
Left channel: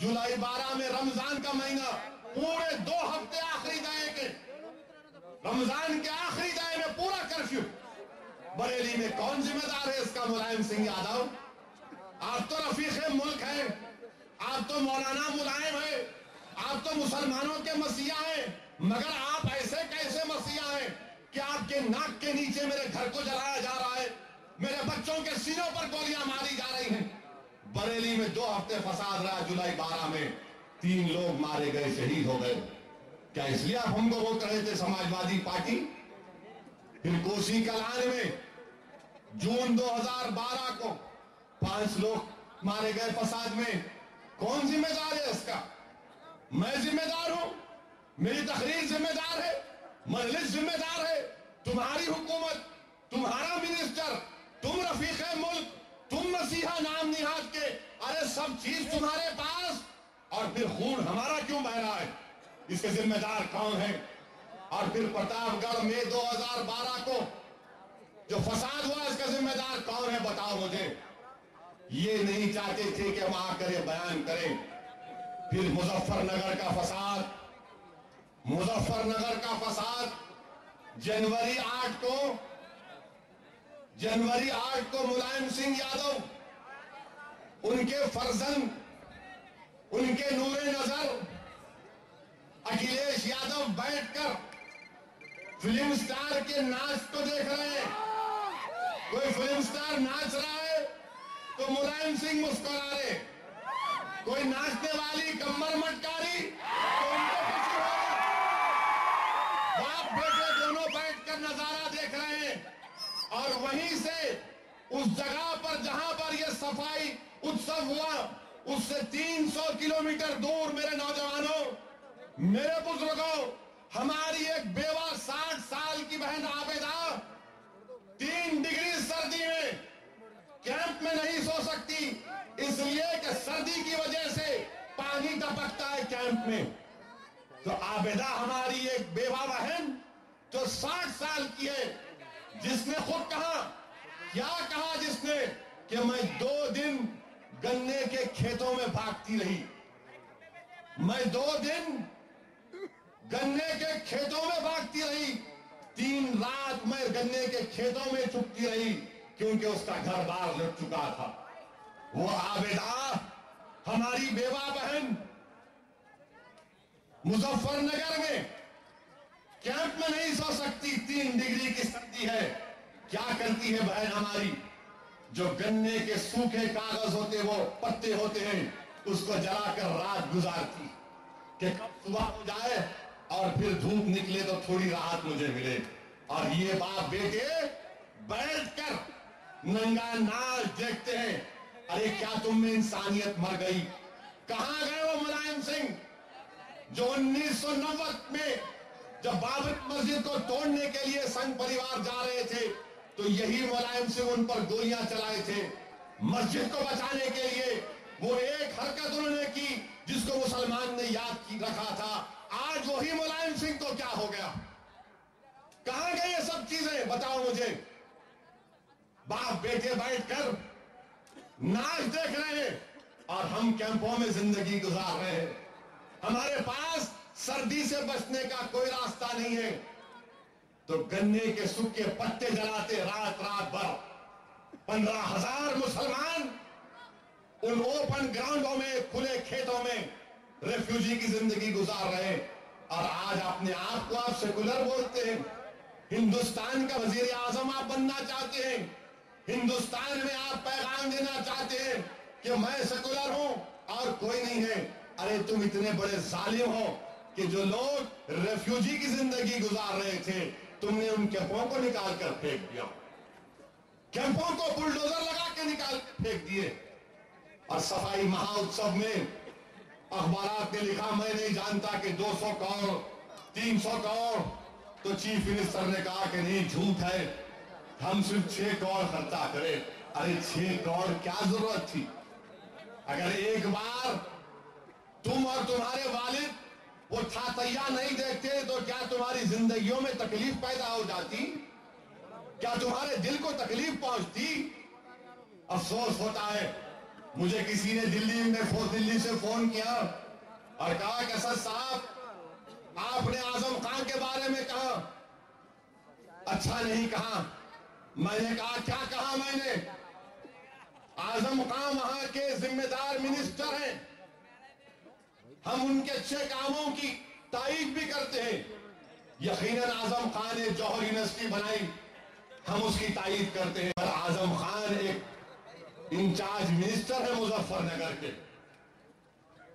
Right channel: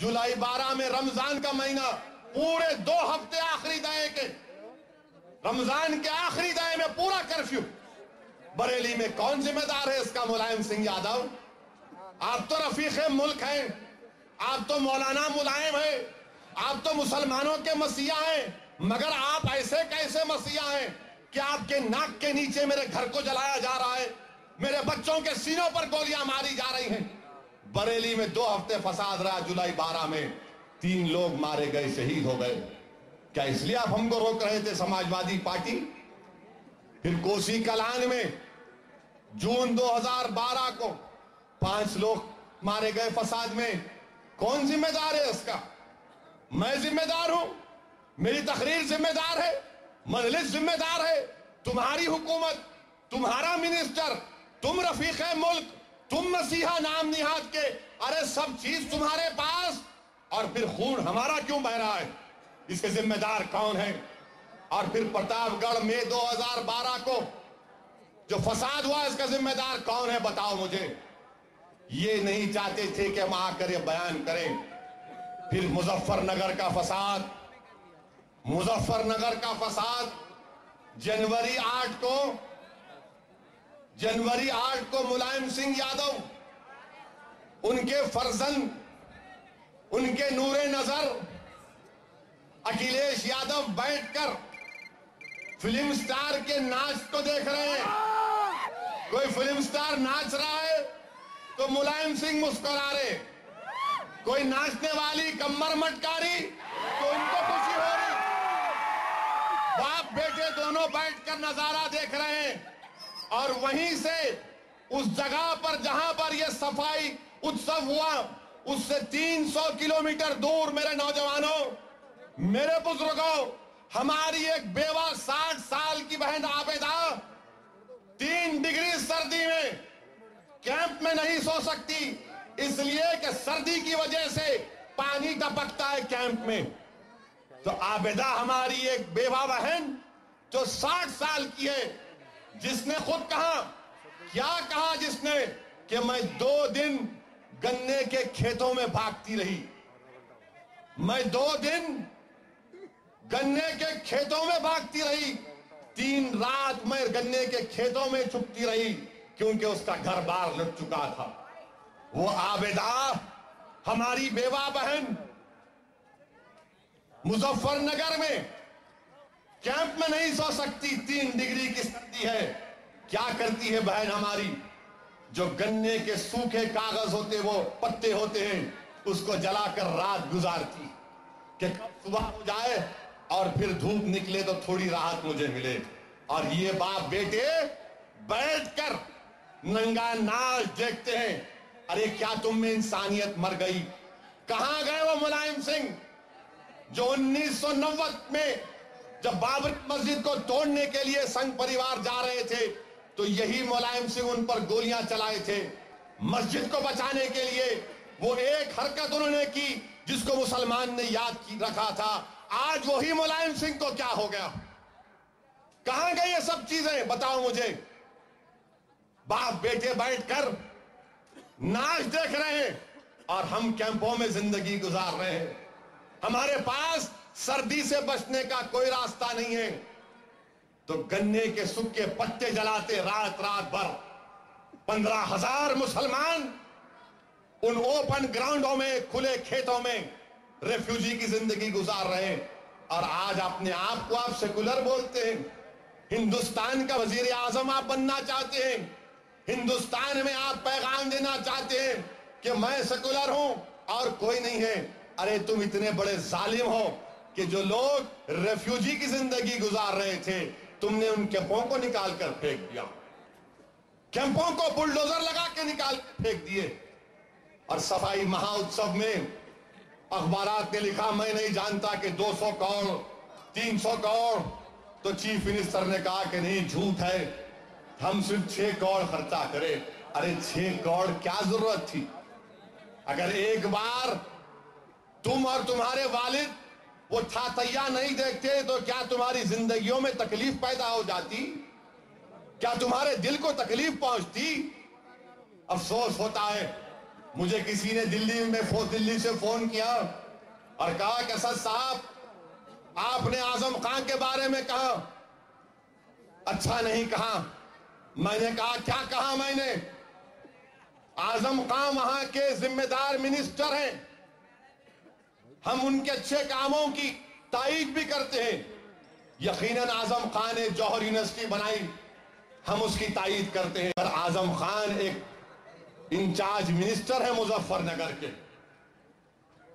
जुलाई 12 में, रमजान का महीना, पूरे 2 हफ्ते आखिरी दाए के, रमजान के आखिरी दाए में पूरा कर्फ्यू। बरेली में कौन जिम्मेदार है इसका? मुलायम सिंह यादव। आप तो रफीक मुल्क हैं, आप तो मौलाना मुलायम हैं, आप तो मुसलमानों के मसीहा हैं, मगर आप ऐसे कैसे मसीहा हैं कि आपके नाक के नीचे मेरे घर को जलाया जा रहा है, मेरे बच्चों के सीनों पर गोलियां मारी जा रही हैं। बरेली में 2 हफ्ते फसाद रहा। जुलाई 12 में 3 लोग मारे गए, शहीद हो गए। क्या इसलिए आप हमको रोक रहे थे समाजवादी पार्टी? फिर कोसी कलान में जून 2012 को 5 लोग मारे गए फसाद में, कौन जिम्मेदार है इसका? मैं जिम्मेदार हूं, मेरी तकरीर जिम्मेदार है, मजलिस जिम्मेदार है, तुम्हारी हुकूमत, तुम्हारा मिनिस्टर, तुम रफीक मुल्क, तुम मसीहा नाम निहाद के, अरे सब चीज तुम्हारे पास, और फिर खून हमारा क्यों बह रहा है? इसके जिम्मेदार कौन है? और फिर प्रतापगढ़ में 2012 को जो फसाद हुआ, इसका जिम्मेदार कौन है? बताओ मुझे। ये नहीं चाहते थे कि हम आकर ये बयान करें। फिर मुजफ्फरनगर का फसाद, मुजफ्फरनगर का फसाद जनवरी 8 को मुलायम सिंह यादव, उनके फर्जंद, उनके नूरे नजर अखिलेश यादव बैठकर फिल्म स्टार के नाच को देख रहे हैं। कोई फिल्म स्टार नाच रहा है तो मुलायम सिंह मुस्कुरा रहे, कोई नाचने वाली कमर मटकारी तो उनको खुशी हो रही। बाप बेटे दोनों बैठकर नजारा देख रहे हैं। और वहीं से उस जगह पर जहां पर यह सफाई उत्सव हुआ, उससे 300 किलोमीटर दूर मेरे नौजवानों, मेरे बुजुर्गों, हमारी एक बेवा 60 साल की बहन आबेदा 3 डिग्री सर्दी में कैंप में नहीं सो सकती, इसलिए कि सर्दी की वजह से पानी टपकता है कैंप में। तो आबेदा हमारी एक बेवा बहन जो 60 साल की है, जिसने खुद कहा, क्या कहा जिसने, कि मैं 2 दिन गन्ने के खेतों में भागती रही, मैं 2 दिन गन्ने के खेतों में भागती रही, 3 रात मैं गन्ने के खेतों में छुपती रही, क्योंकि उसका घर बार लुट चुका था। वो आबेदा हमारी बेवा बहन मुजफ्फरनगर में कैंप में नहीं सो सकती, 3 डिग्री की सर्दी है। क्या करती है बहन हमारी? जो गन्ने के सूखे कागज होते, वो पत्ते होते हैं, उसको जलाकर रात गुजारती कि कब सुबह हो जाए और फिर धूप निकले तो थोड़ी राहत मुझे मिले। और ये बाप बेटे बैठकर नंगा नाच देखते हैं। अरे क्या तुम में इंसानियत मर गई? कहां गए वो मुलायम सिंह जो 1990 में जब बाबरी मस्जिद को तोड़ने के लिए संघ परिवार जा रहे थे, तो यही मुलायम सिंह उन पर गोलियां चलाए थे। मस्जिद को बचाने के लिए वो एक हरकत उन्होंने की जिसको मुसलमान ने याद की रखा था। आज वही मुलायम सिंह को क्या हो गया? कहां गई ये सब चीजें? बताओ मुझे। बाप बेटे बैठकर नाच देख रहे हैं और हम कैंपों में जिंदगी गुजार रहे हैं। हमारे पास सर्दी से बचने का कोई रास्ता नहीं है, तो गन्ने के सूखे पत्ते जलाते रात रात भर 15,000 मुसलमान उन ओपन ग्राउंडों में, खुले खेतों में रेफ्यूजी की जिंदगी गुजार रहे हैं। और आज अपने आप को आप सेकुलर बोलते हैं। हिंदुस्तान का वजीर आजम आप बनना चाहते हैं, हिंदुस्तान में आप पैगाम देना चाहते हैं कि मैं सेकुलर हूं और कोई नहीं है। अरे तुम इतने बड़े जालिम हो कि जो लोग रेफ्यूजी की जिंदगी गुजार रहे थे, तुमने उन कैंपों को निकाल कर फेंक दिया, कैंपों को बुलडोजर लगा के निकाल कर फेंक दिए। और सफाई महाउत्सव में अखबारात ने लिखा, मैं नहीं जानता कि 200 करोड़ 300 करोड़, तो चीफ मिनिस्टर ने कहा कि नहीं, झूठ है, हम सिर्फ 6 करोड़ खर्चा करें। अरे 6 करोड़ क्या जरूरत थी? अगर एक बार तुम और तुम्हारे वालिद वो थातैया नहीं देखते तो क्या तुम्हारी जिंदगियों में तकलीफ पैदा हो जाती? क्या तुम्हारे दिल को तकलीफ पहुंचती? अफसोस होता है। मुझे किसी ने दिल्ली से फोन किया और कहा कि असद साहब, आपने आजम खान के बारे में कहा, अच्छा नहीं कहा। मैंने कहा, क्या कहा मैंने? आजम खान वहां के जिम्मेदार मिनिस्टर हैं, हम उनके अच्छे कामों की तारीफ भी करते हैं। यकीनन आजम खान ने जौहर यूनिवर्सिटी बनाई, हम उसकी तारीफ करते हैं। पर आजम खान एक इंचार्ज मिनिस्टर है मुजफ्फरनगर के,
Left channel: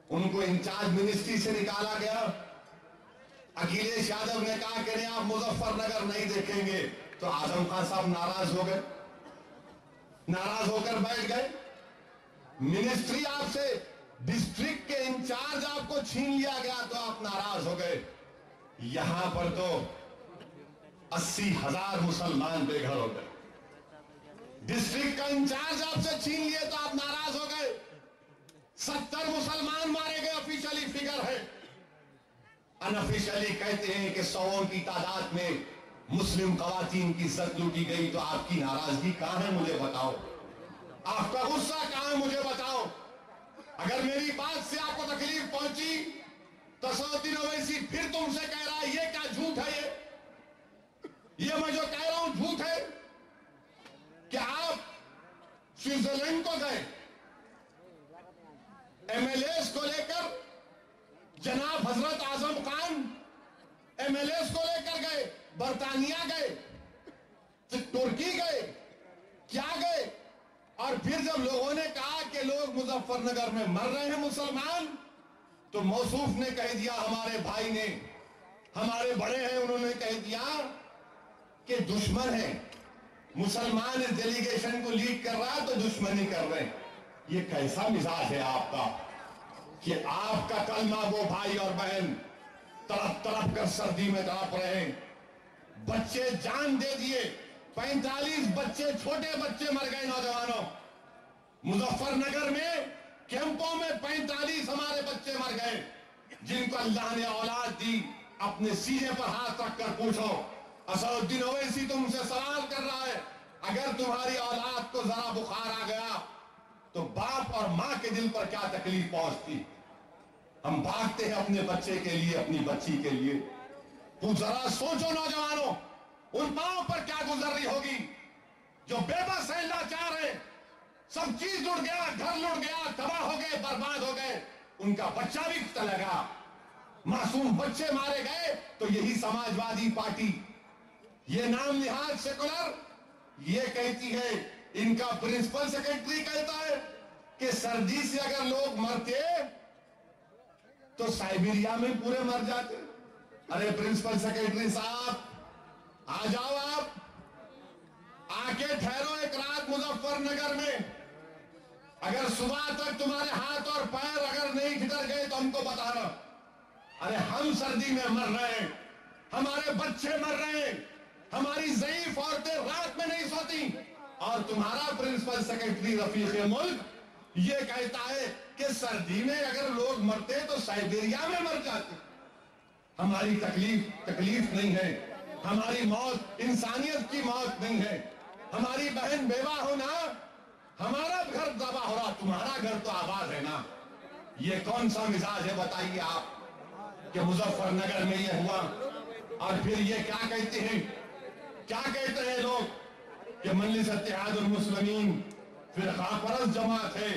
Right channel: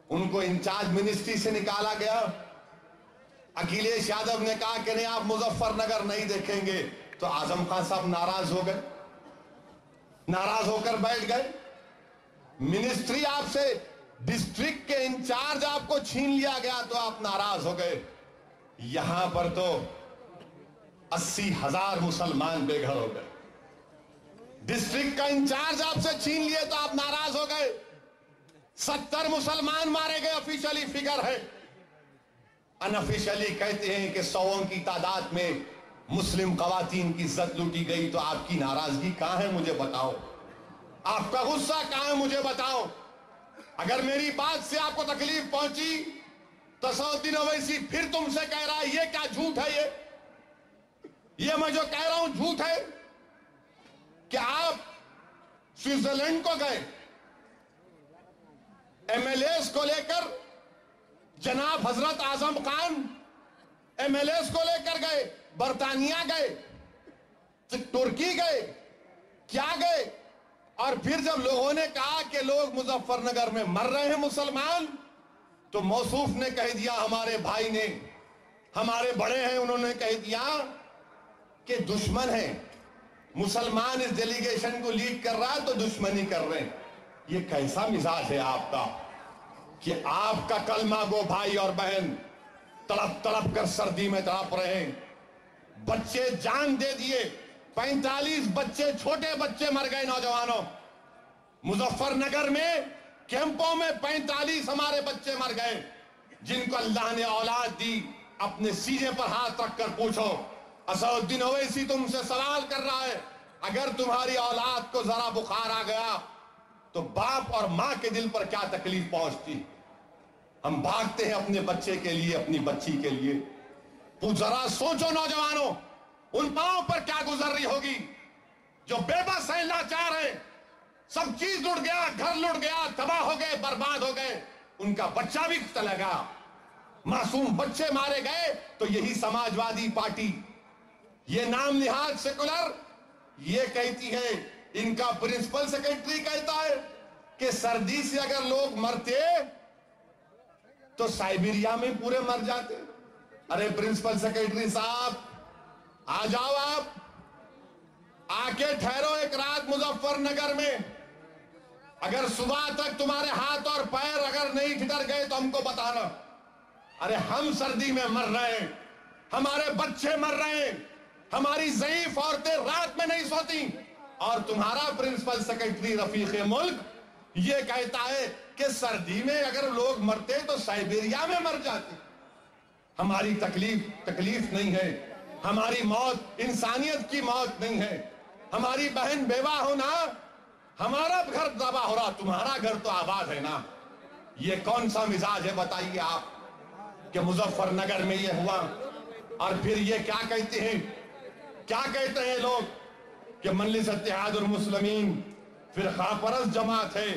उनको इंचार्ज मिनिस्ट्री से निकाला गया। अखिलेश यादव ने कहा कि नहीं आप मुजफ्फरनगर नहीं देखेंगे, तो आजम खान साहब नाराज हो गए, नाराज होकर बैठ गए। मिनिस्ट्री आपसे, डिस्ट्रिक्ट के इंचार्ज आपको छीन लिया गया तो आप नाराज हो गए। यहां पर तो 80,000 मुसलमान बेघर हो गए। डिस्ट्रिक्ट का इंचार्ज आपसे छीन लिए तो आप नाराज हो गए। 70 मुसलमान मारे गए, ऑफिशियली फिगर है। अनऑफिशियली कहते हैं कि 100 की तादाद में मुस्लिम खवातीन की इज्जत लूटी गई, तो आपकी नाराजगी कहां है मुझे बताओ, आपका गुस्सा कहां है मुझे बताओ। अगर मेरी बात से आपको तकलीफ पहुंची तो असदुद्दीन ओवैसी फिर तुमसे कह रहा है ये क्या झूठ है, ये मैं जो कह रहा हूं झूठ है कि आप स्विट्जरलैंड को गए, एमएलएस को लेकर, जनाब हजरत आजम खान एमएलएस को लेकर गए, बर्तानिया गए, तुर्की गए, क्या गए, और फिर जब लोगों ने कहा कि लोग मुजफ्फरनगर में मर रहे हैं मुसलमान, तो मौसूफ ने कह दिया, हमारे भाई ने, हमारे बड़े हैं, उन्होंने कह दिया कि दुश्मन है, मुसलमान इस डेलीगेशन को लीड कर रहा है तो दुश्मनी कर रहे हैं। ये कैसा मिजाज है आपका कि आपका कलमा गो भाई और बहन तड़प तड़प कर सर्दी में तड़प रहे हैं, बच्चे जान दे दिए, 45 बच्चे, छोटे बच्चे मर गए, नौजवानों। मुजफ्फरनगर में कैंपों में 45 हमारे बच्चे मर गए, जिनको अल्लाह ने औलाद दी। अपने सीने पर हाथ रखकर पूछो, असदुद्दीन ओवैसी तुमसे सवाल कर रहा है, अगर तुम्हारी औलाद को जरा बुखार आ गया तो बाप और मां के दिल पर क्या तकलीफ पहुंचती। हम भागते हैं अपने बच्चे के लिए, अपनी बच्ची के लिए। तो जरा सोचो नौजवानों, उन माओं पर क्या गुजर रही होगी जो बेबस है, लाचार है, सब चीज लुट गया, घर लुट गया, तबाह हो गए, बर्बाद हो गए, उनका बच्चा भी चला गया, मासूम बच्चे मारे गए। तो यही समाजवादी पार्टी, ये नाम निहाद सेकुलर, ये कहती है, इनका प्रिंसिपल सेक्रेटरी कहता है कि सर्दी से अगर लोग मरते तो साइबेरिया में पूरे मर जाते। अरे प्रिंसिपल सेक्रेटरी साहब, आ जाओ, आप आके ठहरो एक रात मुजफ्फरनगर में। अगर सुबह तक तुम्हारे हाथ और पैर अगर नहीं ठिठर गए तो हमको बताना। अरे हम सर्दी में मर रहे हैं, हमारे बच्चे मर रहे हैं, हमारी ज़ईफ औरतें रात में नहीं सोती, और तुम्हारा प्रिंसिपल सेक्रेटरी रफीक मुल्क ये कहता है कि सर्दी में अगर लोग मरते तो साइबेरिया में मर जाते। हमारी तकलीफ नहीं है, हमारी मौत इंसानियत की मौत नहीं है, हमारी बहन बेवा होना, हमारा घर तबाह हो रहा, तुम्हारा घर तो आबाद है ना। ये कौन सा मिजाज है बताइए आप कि मुजफ्फरनगर में ये हुआ। और फिर ये क्या कहते हैं, क्या कहते हैं लोग कि मजलिस इत्तेहादुल मुस्लिमीन फिरकापरस्त जमात है,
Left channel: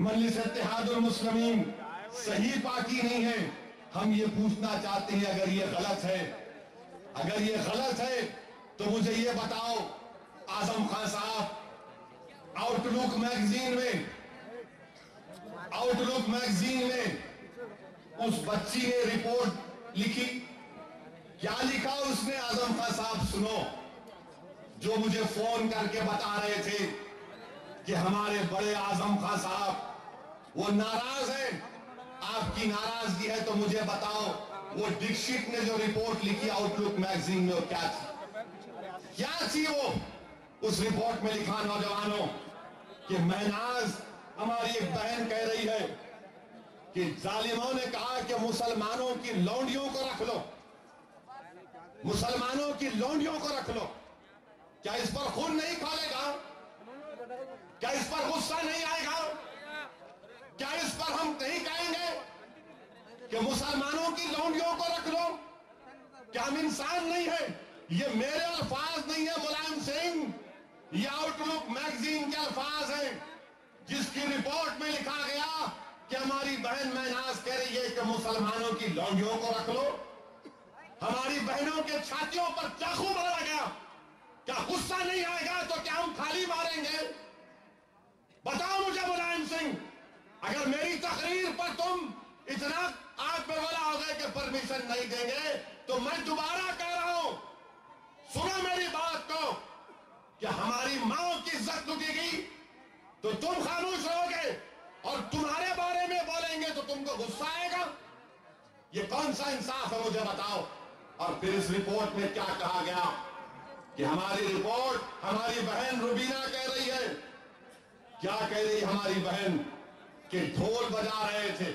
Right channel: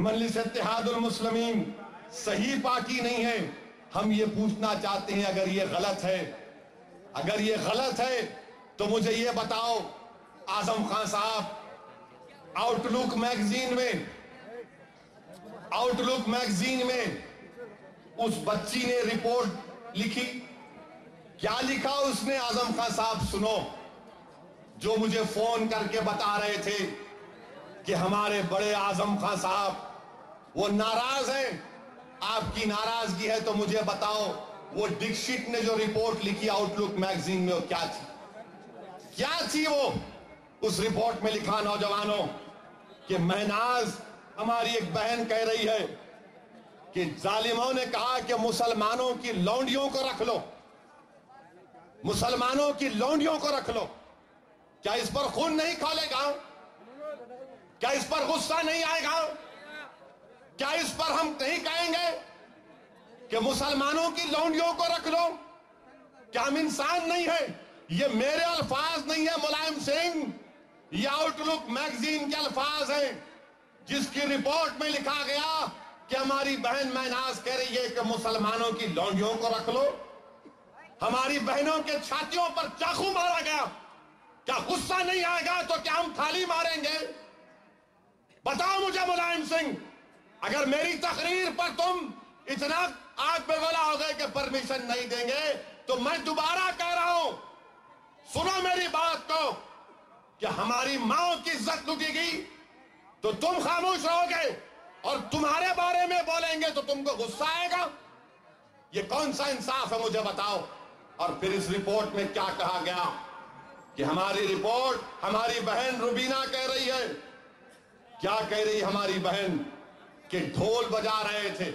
मजलिस इत्तेहादुल मुस्लिमीन सही पार्टी नहीं है। हम ये पूछना चाहते हैं, अगर ये गलत है, अगर ये गलत है तो मुझे ये बताओ, आजम खान साहब आउटलुक मैगजीन में उस बच्ची ने रिपोर्ट लिखी, क्या लिखा उसने आजम खान साहब सुनो, जो मुझे फोन करके बता रहे थे कि हमारे बड़े आजम खान साहब वो नाराज हैं, आपकी नाराजगी है तो मुझे बताओ, वो दीक्षित ने जो रिपोर्ट लिखी आउटलुक मैगजीन में वो क्या थी, क्या थी वो। उस रिपोर्ट में लिखा नौजवानों कि महनाज, हमारी एक बहन कह रही है कि जालिमों ने कहा कि मुसलमानों की लौंडियों को रख लो, मुसलमानों की लौंडियों को रख लो। क्या इस पर खून नहीं खोलेगा? क्या इस पर गुस्सा नहीं आएगा? क्या इस पर हम नहीं कहेंगे कि मुसलमानों की लौंडियों को रख लो? क्या हम इंसान नहीं है? ये मेरे अल्फाज नहीं है मुलायम सिंह, ये आउटलुक मैगजीन के अल्फाज हैं, जिसकी रिपोर्ट में लिखा गया कि हमारी बहन महनाज कह रही है कि मुसलमानों की लौंडियों को रख लो। हमारी बहनों के छातियों पर चाकू मारा गया, क्या गुस्सा नहीं आएगा? तो क्या हम थाली मारेंगे? बताओ मुझे मुलायम सिंह, अगर मेरी तकरीर पर तुम इतना आग पे गोला हो गए कि परमिशन नहीं देंगे तो मैं दोबारा कह रहा हूं, सुनो मेरी बात को, कि हमारी माओ की इज्जत लूटी गई तो तुम खामोश रहोगे और तुम्हारे बारे में बोलेंगे तो तुमको गुस्सा आएगा? ये कौन सा इंसाफ है, मुझे बताओ। और फिर इस रिपोर्ट में क्या कहा गया कि हमारी रिपोर्ट, हमारी बहन रुबीना कह रही है, क्या कह रही हमारी बहन, कि ढोल बजा रहे थे,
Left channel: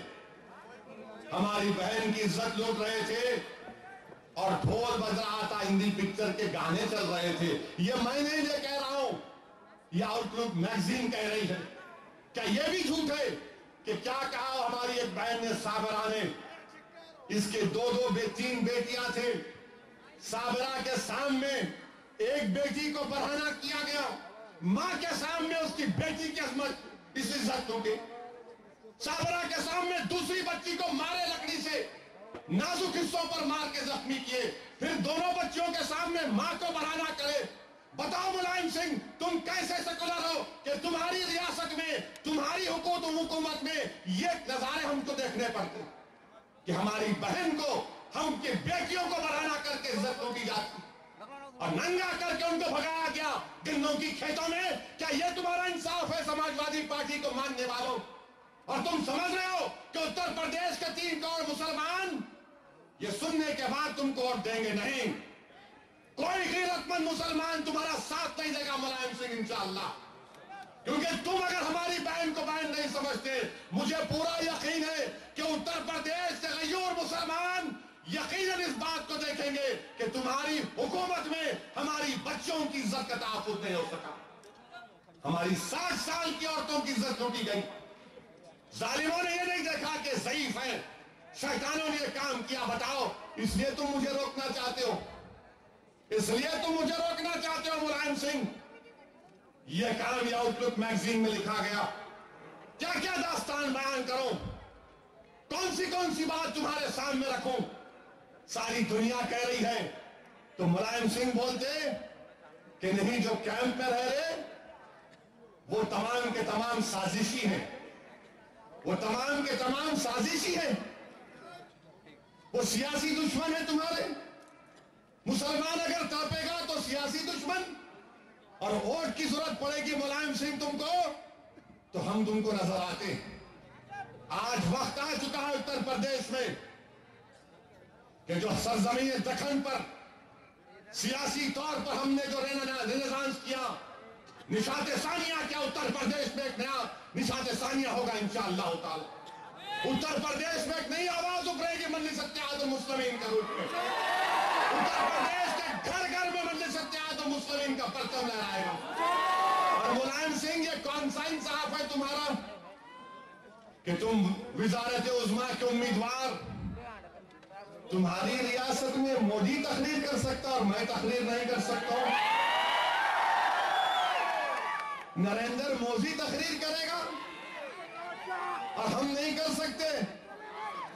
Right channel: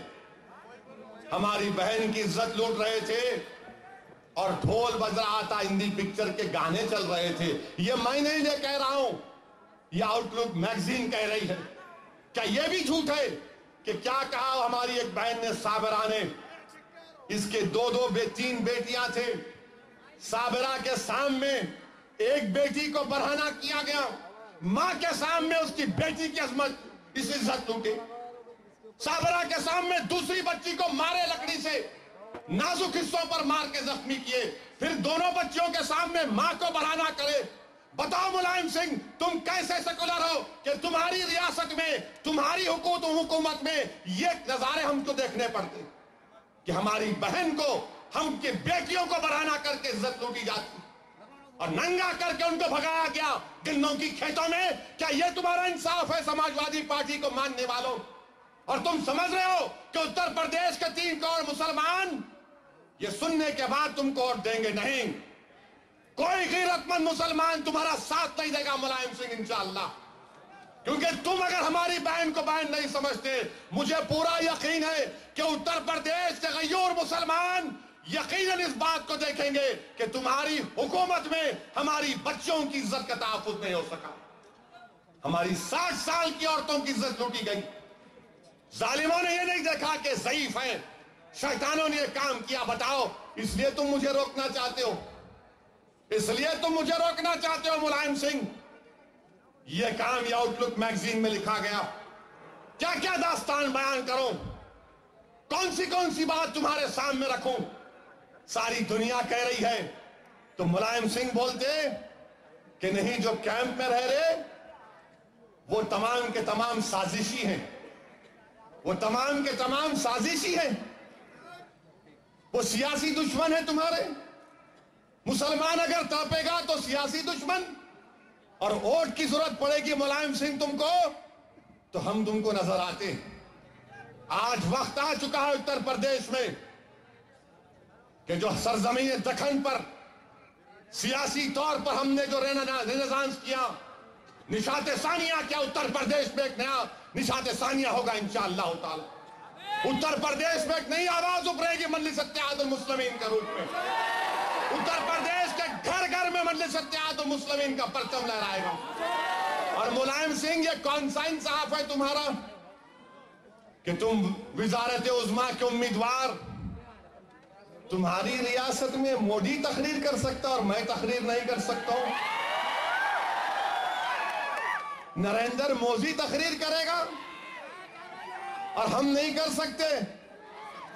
हमारी बहन की इज्जत लूट रहे थे और ढोल बज रहा था, हिंदी पिक्चर के गाने चल रहे थे। ये मैं नहीं कह रहा हूं, ये आउटलुक मैगजीन कह रही है। क्या ये भी झूठ है कि क्या कहा हमारी एक बहन ने, साबरा ने, इसके तीन बेटियां थे, साबरा के सामने एक बेटी को बरहना किया गया, मां के सामने उसकी बेटी की अजमत, इस इज्जत लूटे। साबरा के सामने दूसरी बच्ची को मारे लकड़ी से, नाजुक हिस्सों पर मार के जख्मी किए, फिर दोनों बच्चियों के सामने मां को बरहना करे। बताओ मुलायम सिंह, तुम कैसे सेकुलर हो कि तुम्हारी रियासत में, तुम्हारी हुकूमत में ये नजारे हमको देखने पड़ते कि हमारी बहन को, हम की बेटियों को बरहना करके इज्जत लूटी जाती और नंगा करके उनको भगाया गया गन्नों की खेतों में। क्या ये तुम्हारा इंसाफ है समाजवादी पार्टी को मानने वालों? और तुम समझ रहे हो कि उत्तर प्रदेश के 3 करोड़ मुसलमान ये सुनने के बाद तुमको वोट देंगे नहीं। कोई गैरतमंद मुसलमान तुम्हारा साथ नहीं देगा मुलायम सिंह, इंशाअल्लाह। क्योंकि तुम अगर हमारी बहन को बहन नहीं समझते, मुझे पूरा यकीन है कि उत्तर प्रदेश के गैर मुसलमान यकीनन इस बात को देखेंगे कि तुम्हारी हुकूमत में हमारी बच्चों की इज्जत का तहफ्फुज़ नहीं हो सका, हमारी 60 साल की औरतों की इज्जत लूटी गई। जालिमों ने यह नहीं देखा कि ज़ईफ है, शैतानों ने यह काम किया। बताओ, इसलिए तुम मुझे रोकना चाहते हो, इसलिए तुम मुझे रोकना चाहते हो मुलायम सिंह। यह काम यह आउटलुक मैगजीन में लिखा गया। क्या क्या दास्तान बयान करूं, कौन सी बात तुम्हारे सामने रखूं? सारी दुनिया कह रही है तो मुलायम सिंह बोलते कि नहीं, जो कैंप में रह रहे वो तमाम के तमाम साजिशी हैं, वो तमाम के तमाम साजिशी हैं, वो सियासी दुश्मन है तुम्हारे। मुसलमान अगर तड़पेगा तो सियासी दुश्मन, और वोट की जरूरत पड़ेगी मुलायम सिंह तुमको तो हम तुमको नजर आते। आज वक्त आ चुका है उत्तर प्रदेश में कि जो सरजमीन दखन पर सियासी तौर पर हमने जो रेनेसांस किया, निशाते सानिया क्या, उत्तर प्रदेश में एक नया निशाते सानिया होगा इंशाअल्लाह ताला। उत्तर प्रदेश में एक नई आवाज उभरेगी मजलिस इत्तेहादुल मुस्लिमीन के रूप में। उत्तर प्रदेश के घर घर में मजलिस इत्तेहादुल मुस्लिमीन का परचम लहराएगा। और मुलायम सिंह, ये कौन सा इंसाफ है तुम्हारा कि तुम विजारत उज़्मा के उम्मीदवार, तुम्हारी रियासत में मोदी तकरीर कर सकता और मैं तकरीर नहीं कर सकता हूं? नरेंद्र मोदी तकरीर करेगा और हम नहीं कर सकते?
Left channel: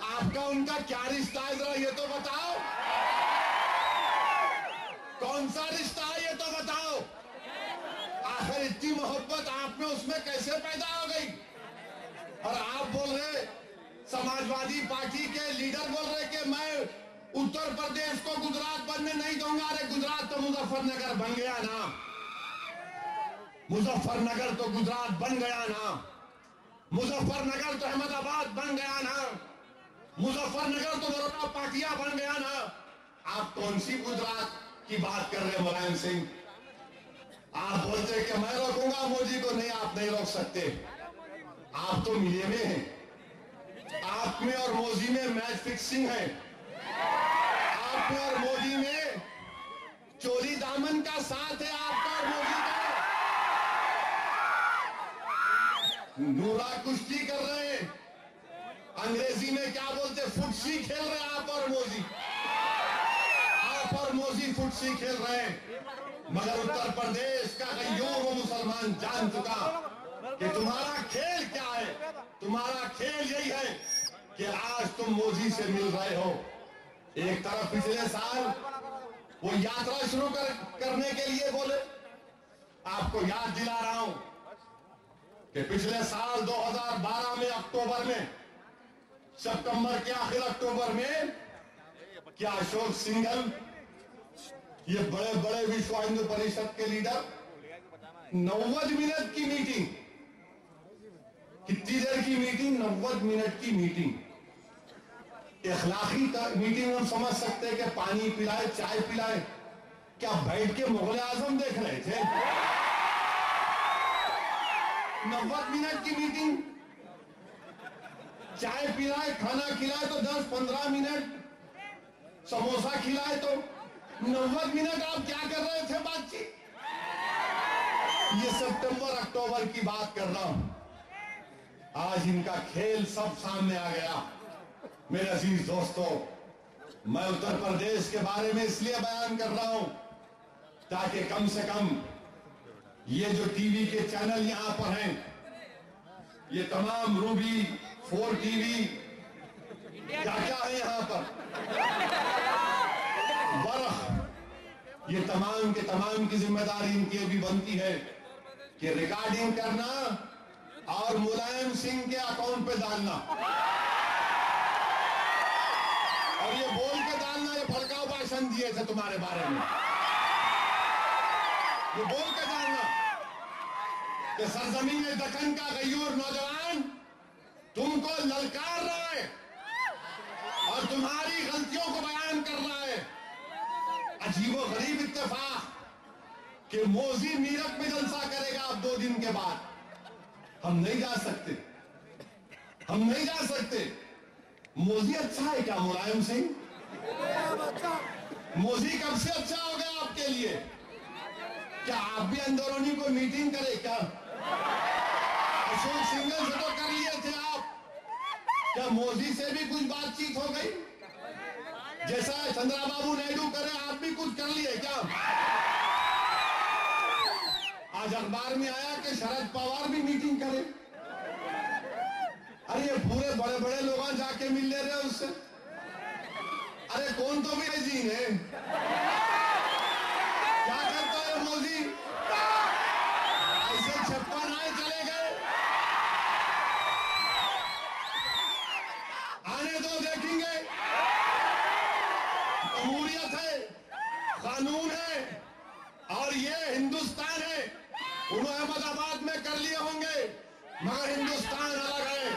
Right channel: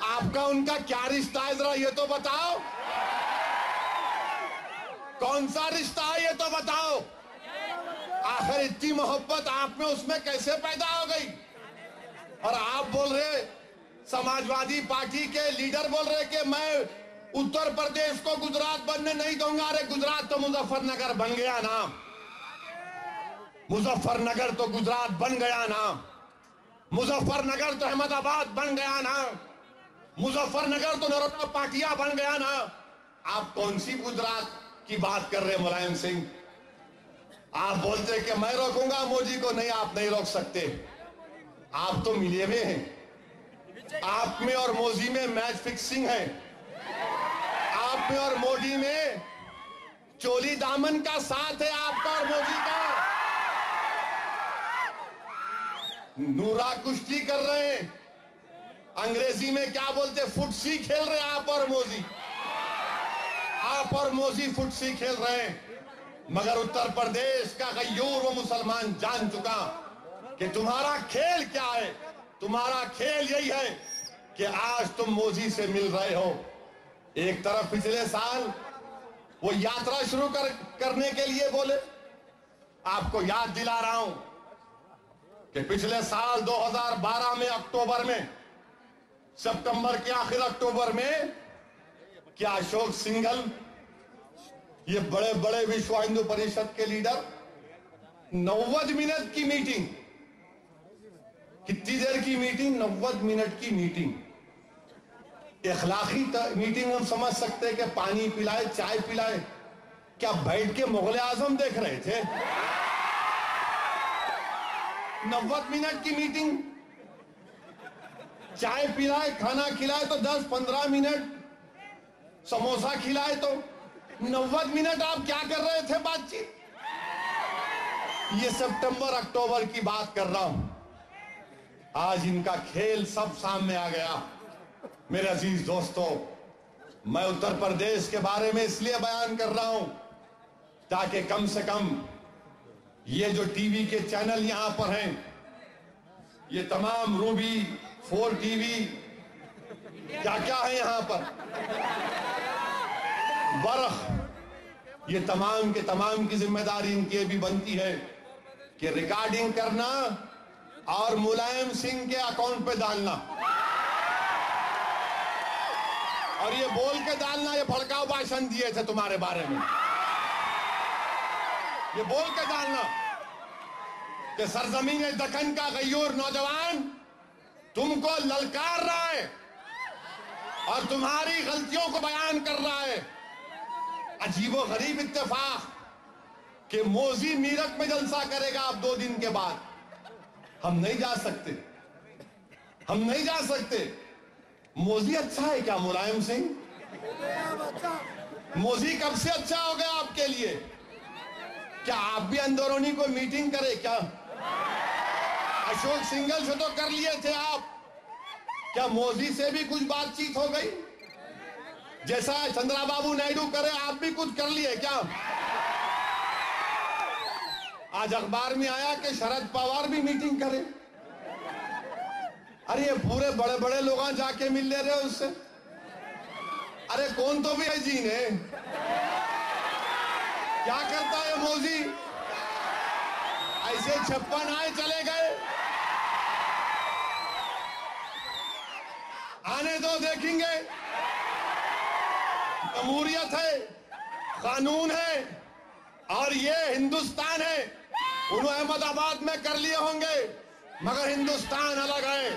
आपका उनका क्या रिश्ता है, जरा ये तो बताओ। कौन सा रिश्ता है ये तो बताओ। आखिर इतनी मोहब्बत आप में उसमें कैसे पैदा हो गई? और आप बोल रहे, समाजवादी पार्टी के लीडर बोल रहे कि मैं उत्तर प्रदेश को गुजरात बनने नहीं दूंगा। अरे गुजरात तो मुजफ्फरनगर बन गया ना, मुजफ्फरनगर तो गुजरात बन गया ना, मुजफ्फरनगर तो अहमदाबाद बन गया ना, मुजफ्फरनगर तो नरोटा पाटिया बन गया ना। आप कौन सी गुजरात की बात कर रहे हैं मुलायम सिंह? आप बोलते कि मैं रोकूंगा मोदी को, नहीं, आप नहीं रोक सकते। आप तो मिले हुए हैं, आप में और मोदी में मैच फिक्सिंग है। आप में और मोदी में चोली दामन का साथ है, आपका और मोदी का। नूरा कुश्ती कर रहे हैं, अंग्रेजी में क्या बोलते, फुटसी खेल रहे हैं आप और मोदी। आप और मोदी फुटसी खेल रहे हैं, मगर उत्तर प्रदेश का गयूर वो मुसलमान जान चुका कि तुम्हारा खेल क्या है। तुम्हारा खेल यही है कि आज तुम मोदी से मिल रहे हो। एक तरफ पिछले साल वो यात्रा शुरू करने के लिए बोले, आपको याद दिला रहा हूं कि पिछले साल 2012 में अक्टूबर में, सितंबर के आखिर अक्टूबर में कि अशोक सिंघल, ये बड़े बड़े विश्व हिंदू परिषद के लीडर, 90 मिनट की मीटिंग, कितनी देर की मीटिंग? 90 मिनट की मीटिंग। इखलाकी मीटिंग हम समझ सकते हैं कि पानी पिलाए, चाय पिलाए, क्या बैठ के मुगल आजम देख रहे थे? 90 मिनट की मीटिंग, चाय पिलाए, खाना खिलाए तो 10-15 मिनट, समोसा खिलाए तो 90 मिनट आप क्या कर रहे थे बातचीत? ये सितंबर अक्टूबर की बात कर रहा हूं। आज इनका खेल सब सामने आ गया। मेरे अजीज दोस्तों, मैं उत्तर प्रदेश के बारे में इसलिए बयान कर रहा हूं ताकि कम से कम ये जो टीवी के चैनल यहां पर हैं, ये तमाम रूबी 4 टीवी, क्या क्या है यहां पर, बर्फ, ये तमाम के तमाम की जिम्मेदारी इनकी भी बनती है कि रिकॉर्डिंग करना और मुलायम सिंह के अकाउंट पे डालना, और ये बोल के डालना ये भड़काऊ भाषण दिए थे तुम्हारे बारे में, ये बोल के डालना कि सरजमीन दक्कन का गयूर नौजवान तुमको ललकार रहा है और तुम्हारी गलतियों को बयान कर रहा है। अजीबो गरीब इत्तेफाक कि मोदी मीरठ में जलसा करेगा अब 2 दिन के बाद। हम नहीं जा सकते, हम नहीं जा सकते। मोदी अच्छा है क्या मुलायम सिंह? मोदी कब से अच्छा हो गया आपके लिए? क्या आप भी अंदरूनी को मीटिंग करे क्या? अशोक सिंघल से तो कर लिए थे आप, क्या मोदी से भी कुछ बातचीत हो गई? जैसा चंद्रबाबू नायडू करे आप भी कुछ कर लिए क्या? आज अखबार में आया कि शरद पवार भी मीटिंग करे। अरे ये पूरे बड़े बड़े लोग जाके मिल ले रहे उससे। अरे कौन तो भी है जी ने, क्या करता है मोदी? ऐसे 56 आए चले गए, आने दो देखेंगे। जमहूरियत है, कानून है और ये हिंदुस्तान है। उन्होंने अहमदाबाद में कर लिए होंगे मगर हिंदुस्तान अलग है।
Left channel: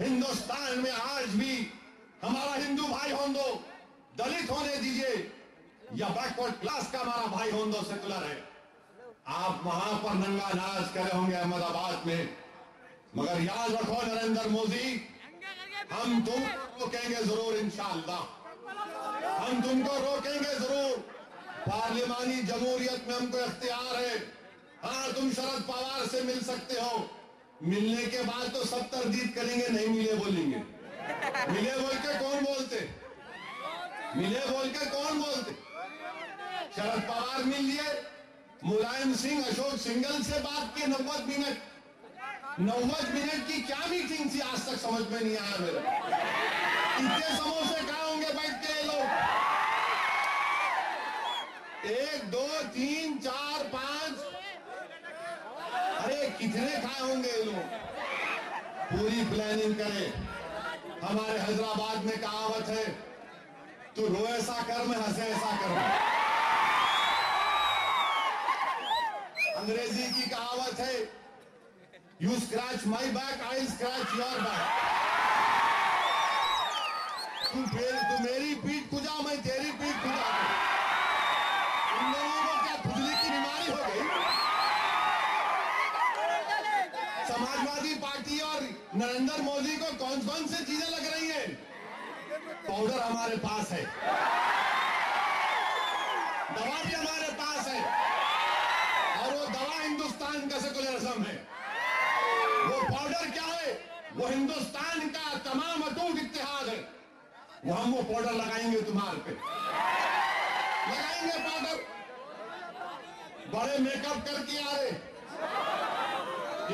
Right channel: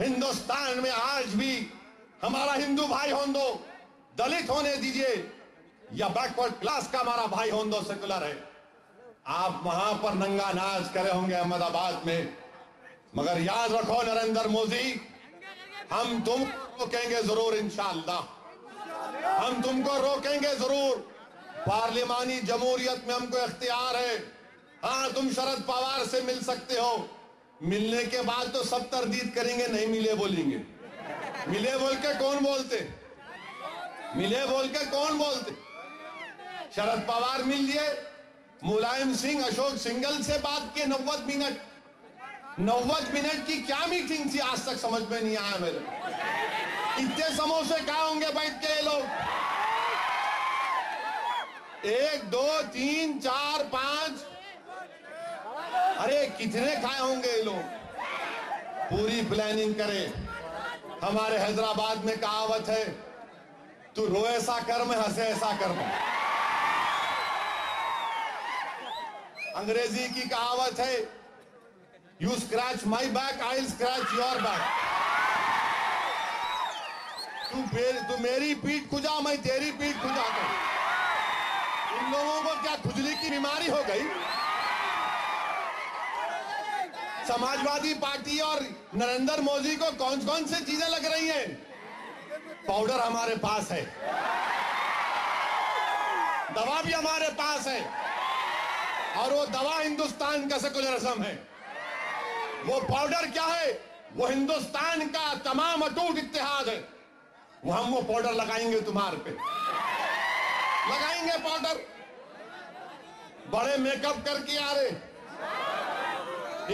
हिंदुस्तान में आज भी हमारा हिंदू भाई हों दो, दलित होने दीजिए या बैकवर्ड क्लास का हमारा भाई हों दो, सेकुलर है। आप वहां पर नंगा नाच करे होंगे अहमदाबाद में, मगर याद रखो नरेंद्र मोदी, हम तुमको रोकेंगे जरूर इंशाअल्लाह, हम तुमको रोकेंगे जरूर। पार्लिमानी जमहूरियत में हमको इख्तियार है। हाँ, तुम शरद पवार से मिल सकते हो, मिलने के बाद तो सब तरदीद करेंगे, नहीं मिले बोलेंगे। मिले बोल के कौन बोलते? मिले बोल के कौन बोलते? शरद पवार मिल लिए, मुलायम सिंह अशोक सिंघल से बात की 90 मिनट। 90 मिनट की क्या मीटिंग थी आज तक समझ में नहीं आया मेरे। इतने समोसे कहाँ होंगे बैठ के लोग? 1 2 3 4 5, अरे कितने खाए होंगे ये लोग? पूरी प्लानिंग करें। हमारे हैदराबाद में कहावत है, तू रो ऐसा कर मैं हंसे ऐसा कर। अंग्रेजी की कहावत है, you scratch my back I scratch your back. तू मेरी पीठ खुजा मैं तेरी पीठ खुजा दूं। इन लोगों को क्या खुजली की बीमारी हो गई? समाजवादी पार्टी और नरेंद्र मोदी को कौन कौन सी चीजें लग रही हैं? पाउडर हमारे पास है, दवा भी हमारे पास है, और वो दवा हिंदुस्तान का सेकुलरिज्म है। वो पाउडर क्या है? वो हिंदुस्तान का तमाम अटूट इत्तेहाद है। वो हम वो पाउडर लगाएंगे तुम्हारे पे, लगाएंगे पाउडर। बड़े मेकअप करके आ रहे,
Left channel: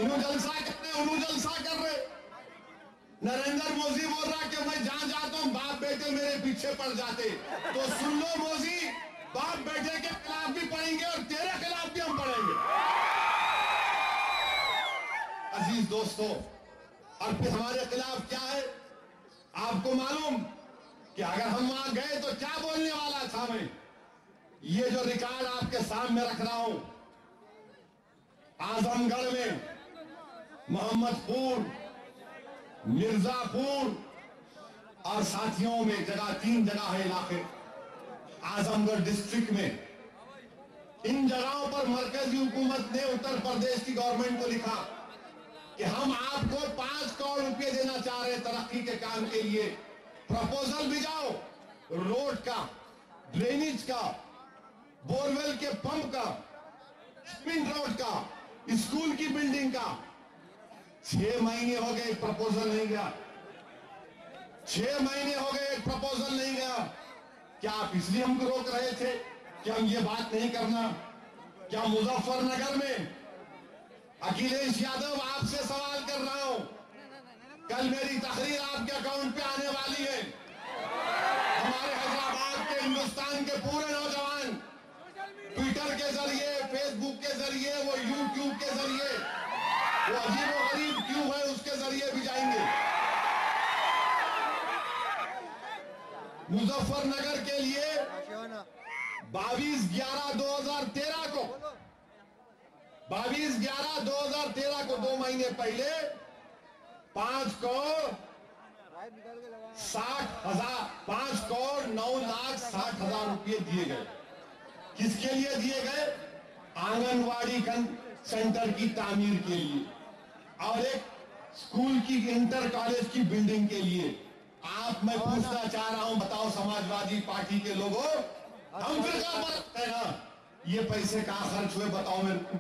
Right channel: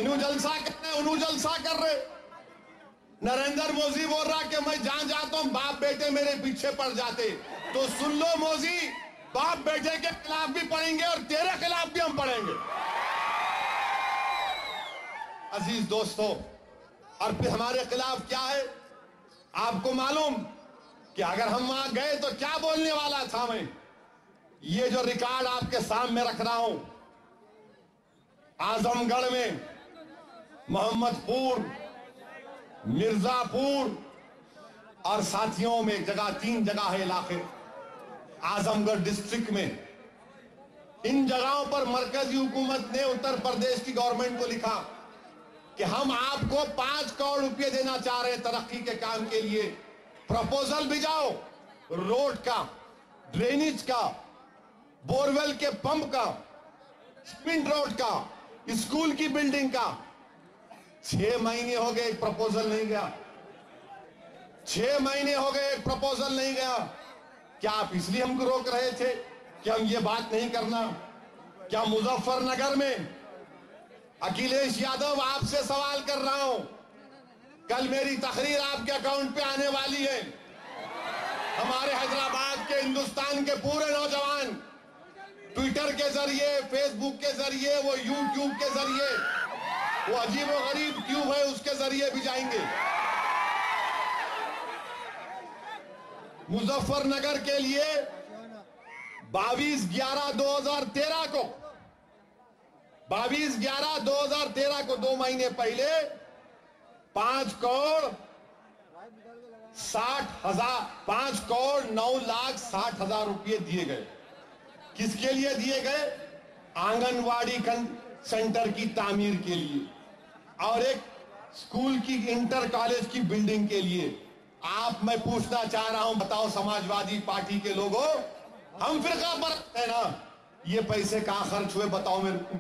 इन्हों जलसा कर रहे, उन्हों जलसा कर रहे। नरेंद्र मोदी बोल रहा कि मैं जहां जाता हूं बाप बेटे मेरे पीछे पड़ जाते। तो सुन लो मोदी, बाप बेटे के खिलाफ भी पढ़ेंगे और तेरे खिलाफ भी हम पढ़ेंगे। अजीज दोस्तों, और फिर हमारे खिलाफ क्या है आपको मालूम? कि अगर हम वहां गए तो क्या बोलने वाला था मैं। ये जो रिकॉर्ड आपके सामने रख रहा हूं, आजमगढ़ में, मोहम्मदपुर, मिर्जापुर और साथियों में जगह, 3 जगह है इलाके आजमगढ़ डिस्ट्रिक्ट में। इन जगहों पर मरकजी हुकूमत ने उत्तर प्रदेश की गवर्नमेंट को लिखा कि हम आपको 5 करोड़ रुपए देना चाह रहे हैं तरक्की के काम के लिए। प्रपोजल भिजाओ, रोड का, ड्रेनेज का, बोरवेल के पंप का, स्पिन रोड का, स्कूल की बिल्डिंग का। 6 महीने हो गए, प्रपोजल नहीं गया। 6 महीने हो गए, प्रपोजल नहीं गया। क्या आप इसलिए हमको रोक रहे थे कि हम ये बात नहीं करना? क्या मुजफ्फरनगर में, अखिलेश यादव आपसे सवाल कर रहा हूं, कल मेरी तकरीर आपके अकाउंट पे आने वाली है। हमारे हैदराबाद के, हिंदुस्तान के पूरे नौजवान ट्विटर के जरिए, फेसबुक के जरिए, वो यूट्यूब के जरिए, वो अजीब व गरीब ट्यूब है उसके जरिए भी जाएंगे। मुजफ्फरनगर के लिए 22/11/2013 को 22/11/2013 को 2 महीने पहले 5 करोड़ 9,60,000 रुपए दिए गए। किसके लिए दिए गए? आंगनवाड़ी सेंटर की तामीर के लिए और एक स्कूल की, इंटर कॉलेज की बिल्डिंग के लिए। आप, मैं पूछना चाह रहा हूं, बताओ समाजवादी पार्टी के लोगों, हम फिरका पर है ना, ये पैसे कहां खर्च हुए बताओ मेरे को।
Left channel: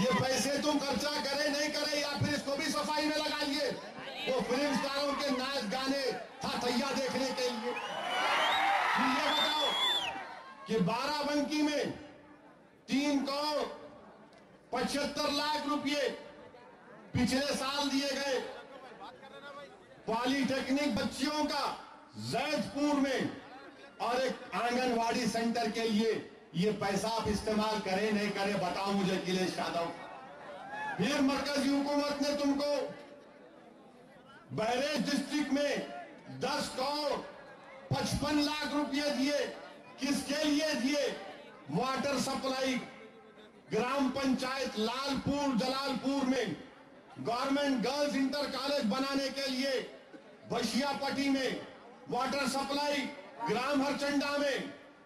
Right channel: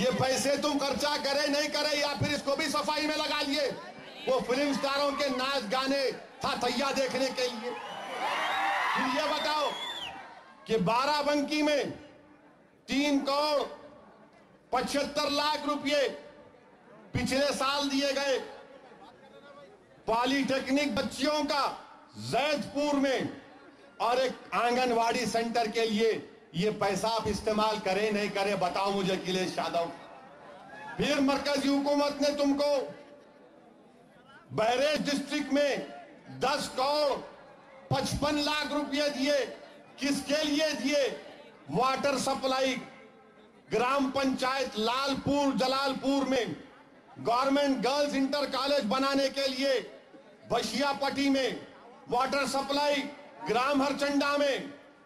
ये पैसे तुम खर्चा करे नहीं करे, या फिर इसको भी सफाई में लगा लिए वो फिल्म स्टारों के नाच गाने था तैया देखने के लिए। फिर ये बताओ कि बाराबंकी में 3 करोड़ 75 लाख रुपए पिछले साल दिए गए। पॉलिटेक्निक बच्चियों का जैदपुर में और एक आंगनवाड़ी सेंटर के लिए ये पैसा आप इस्तेमाल करें नहीं करें बताओ मुझे अखिलेश यादव। फिर मरकजी हुकूमत ने तुमको बहरेच डिस्ट्रिक्ट में 10 करोड़ 55 लाख रुपए दिए। किसके लिए दिए? वाटर सप्लाई, ग्राम पंचायत लालपुर जलालपुर में गवर्नमेंट गर्ल्स इंटर कॉलेज बनाने के लिए, बशियापट्टी में वाटर सप्लाई, ग्राम हरचंडा में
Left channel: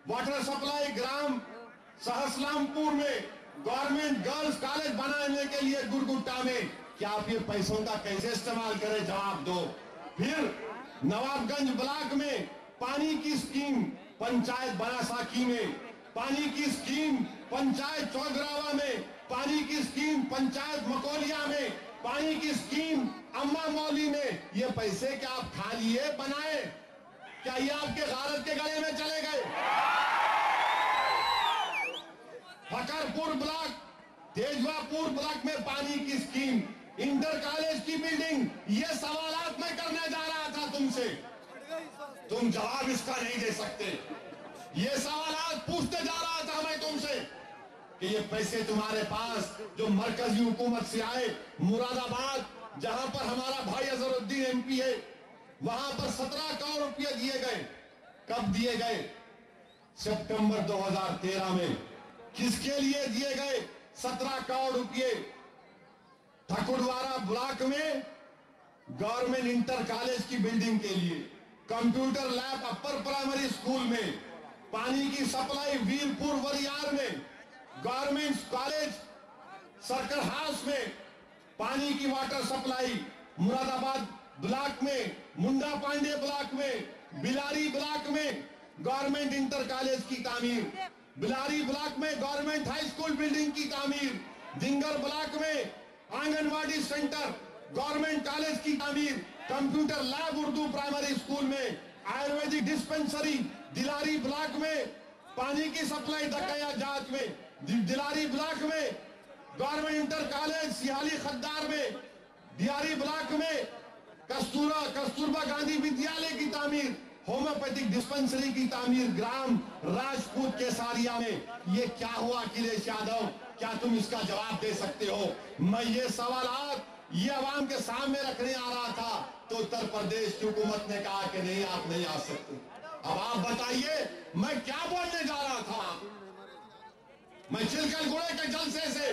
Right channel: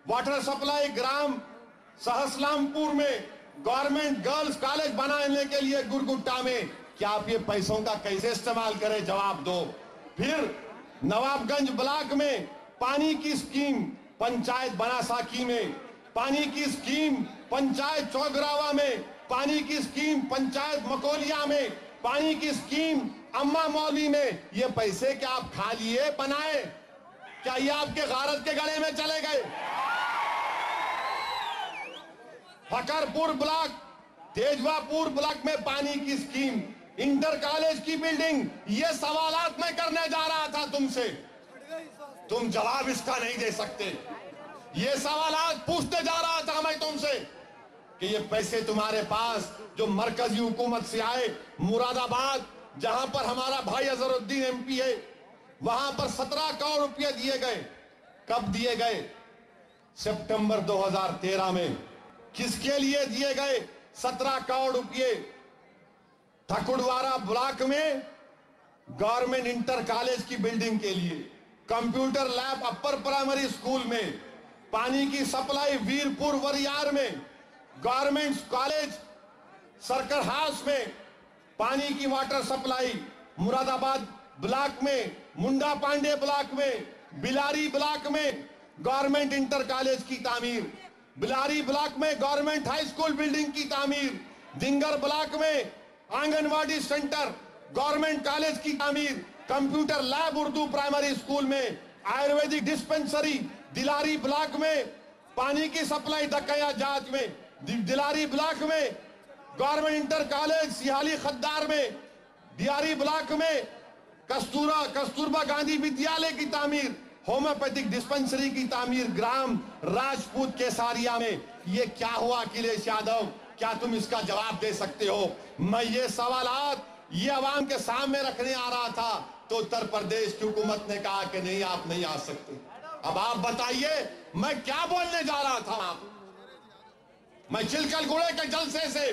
वाटर सप्लाई, ग्राम सहसलामपुर में गवर्नमेंट गर्ल्स कॉलेज बनाने के लिए गुरगुट्टा में। क्या आप ये पैसों का कैसे इस्तेमाल करें? जवाब दो। फिर नवाबगंज ब्लॉक में पानी की स्कीम, पंचायत बनासाकी में पानी की स्कीम, पंचायत चौगरावा में पानी की स्कीम, पंचायत मकोलिया में पानी की स्कीम, अम्मा मौली में। ये पैसे क्या आप खा लिए बनाए? क्या ये आपके गारत के गले में चले गए? फकरपुर ब्लॉक, तेजवापुर ब्लॉक में पानी की स्कीम, इंटर कॉलेज की बिल्डिंग। ये सवालात मैं करने जा रहा था तुमसे, तुम जवाब इसका नहीं दे सकते। ये सवालात पूछते जा रहा था मैं तुमसे कि ये पैसे तुम्हारे पास जो मरकजी हुकूमत से आए, मुरादाबाद जहां पर हमारा भाई अजहरुद्दीन एमपी है, वहां पर 17 करोड़ रुपए दिए गए। कब दिए गए? सितंबर 2013 में। किसके लिए दिए गए 17 करोड़ रुपए? ठकुरवाड़ा ब्लॉक में गवर्नमेंट इंटर कॉलेज की बिल्डिंग के लिए, computer lab upper primary school में, पानी की सप्लाई वीरपुर वरियार में, गवर्नमेंट कॉलेज सर्कल हाउस में पानी की वाटर सप्लाई, मुरादाबाद ब्लॉक में, मुंडा पांडे ब्लॉक में, बिलारी ब्लॉक में गवर्नमेंट इंटर कॉलेज की तामीर, बिलारी ब्लॉक में गवर्नमेंट हाई स्कूल बिल्डिंग की तामीर, दिंगर ब्लॉक में आंगनवाड़ी सेंटर, गवर्नमेंट कॉलेज की तामीर, computer lab Urdu primary school में, आयुर्वेदिक डिस्पेंसरी दिलारी ब्लॉक में, पानी की सप्लाई दकया जांच में, दिलारी ब्लॉक में गवर्नमेंट इंटर कॉलेज सिहाली खद्दार में, दियारी ब्लॉक में कस्तूरबा गांधी विद्यालय की तामीर, होम्योपैथिक डिस्पेंसरी की तामीर ग्राम राजपूत केसारिया में। ये क्या हुआ अखिलेश यादव? क्या तुम इसका जवाब दे सकते हो? मैं ये सवालात ये अवाम के सामने रखने आ रहा था, तो उत्तर प्रदेश की हुकूमत ने कहा कि नहीं, आप नहीं आ सकते। अब आप बताइए मैं क्या बोलने जा रहा था। मैं चिलकलगुड़े के जलसे से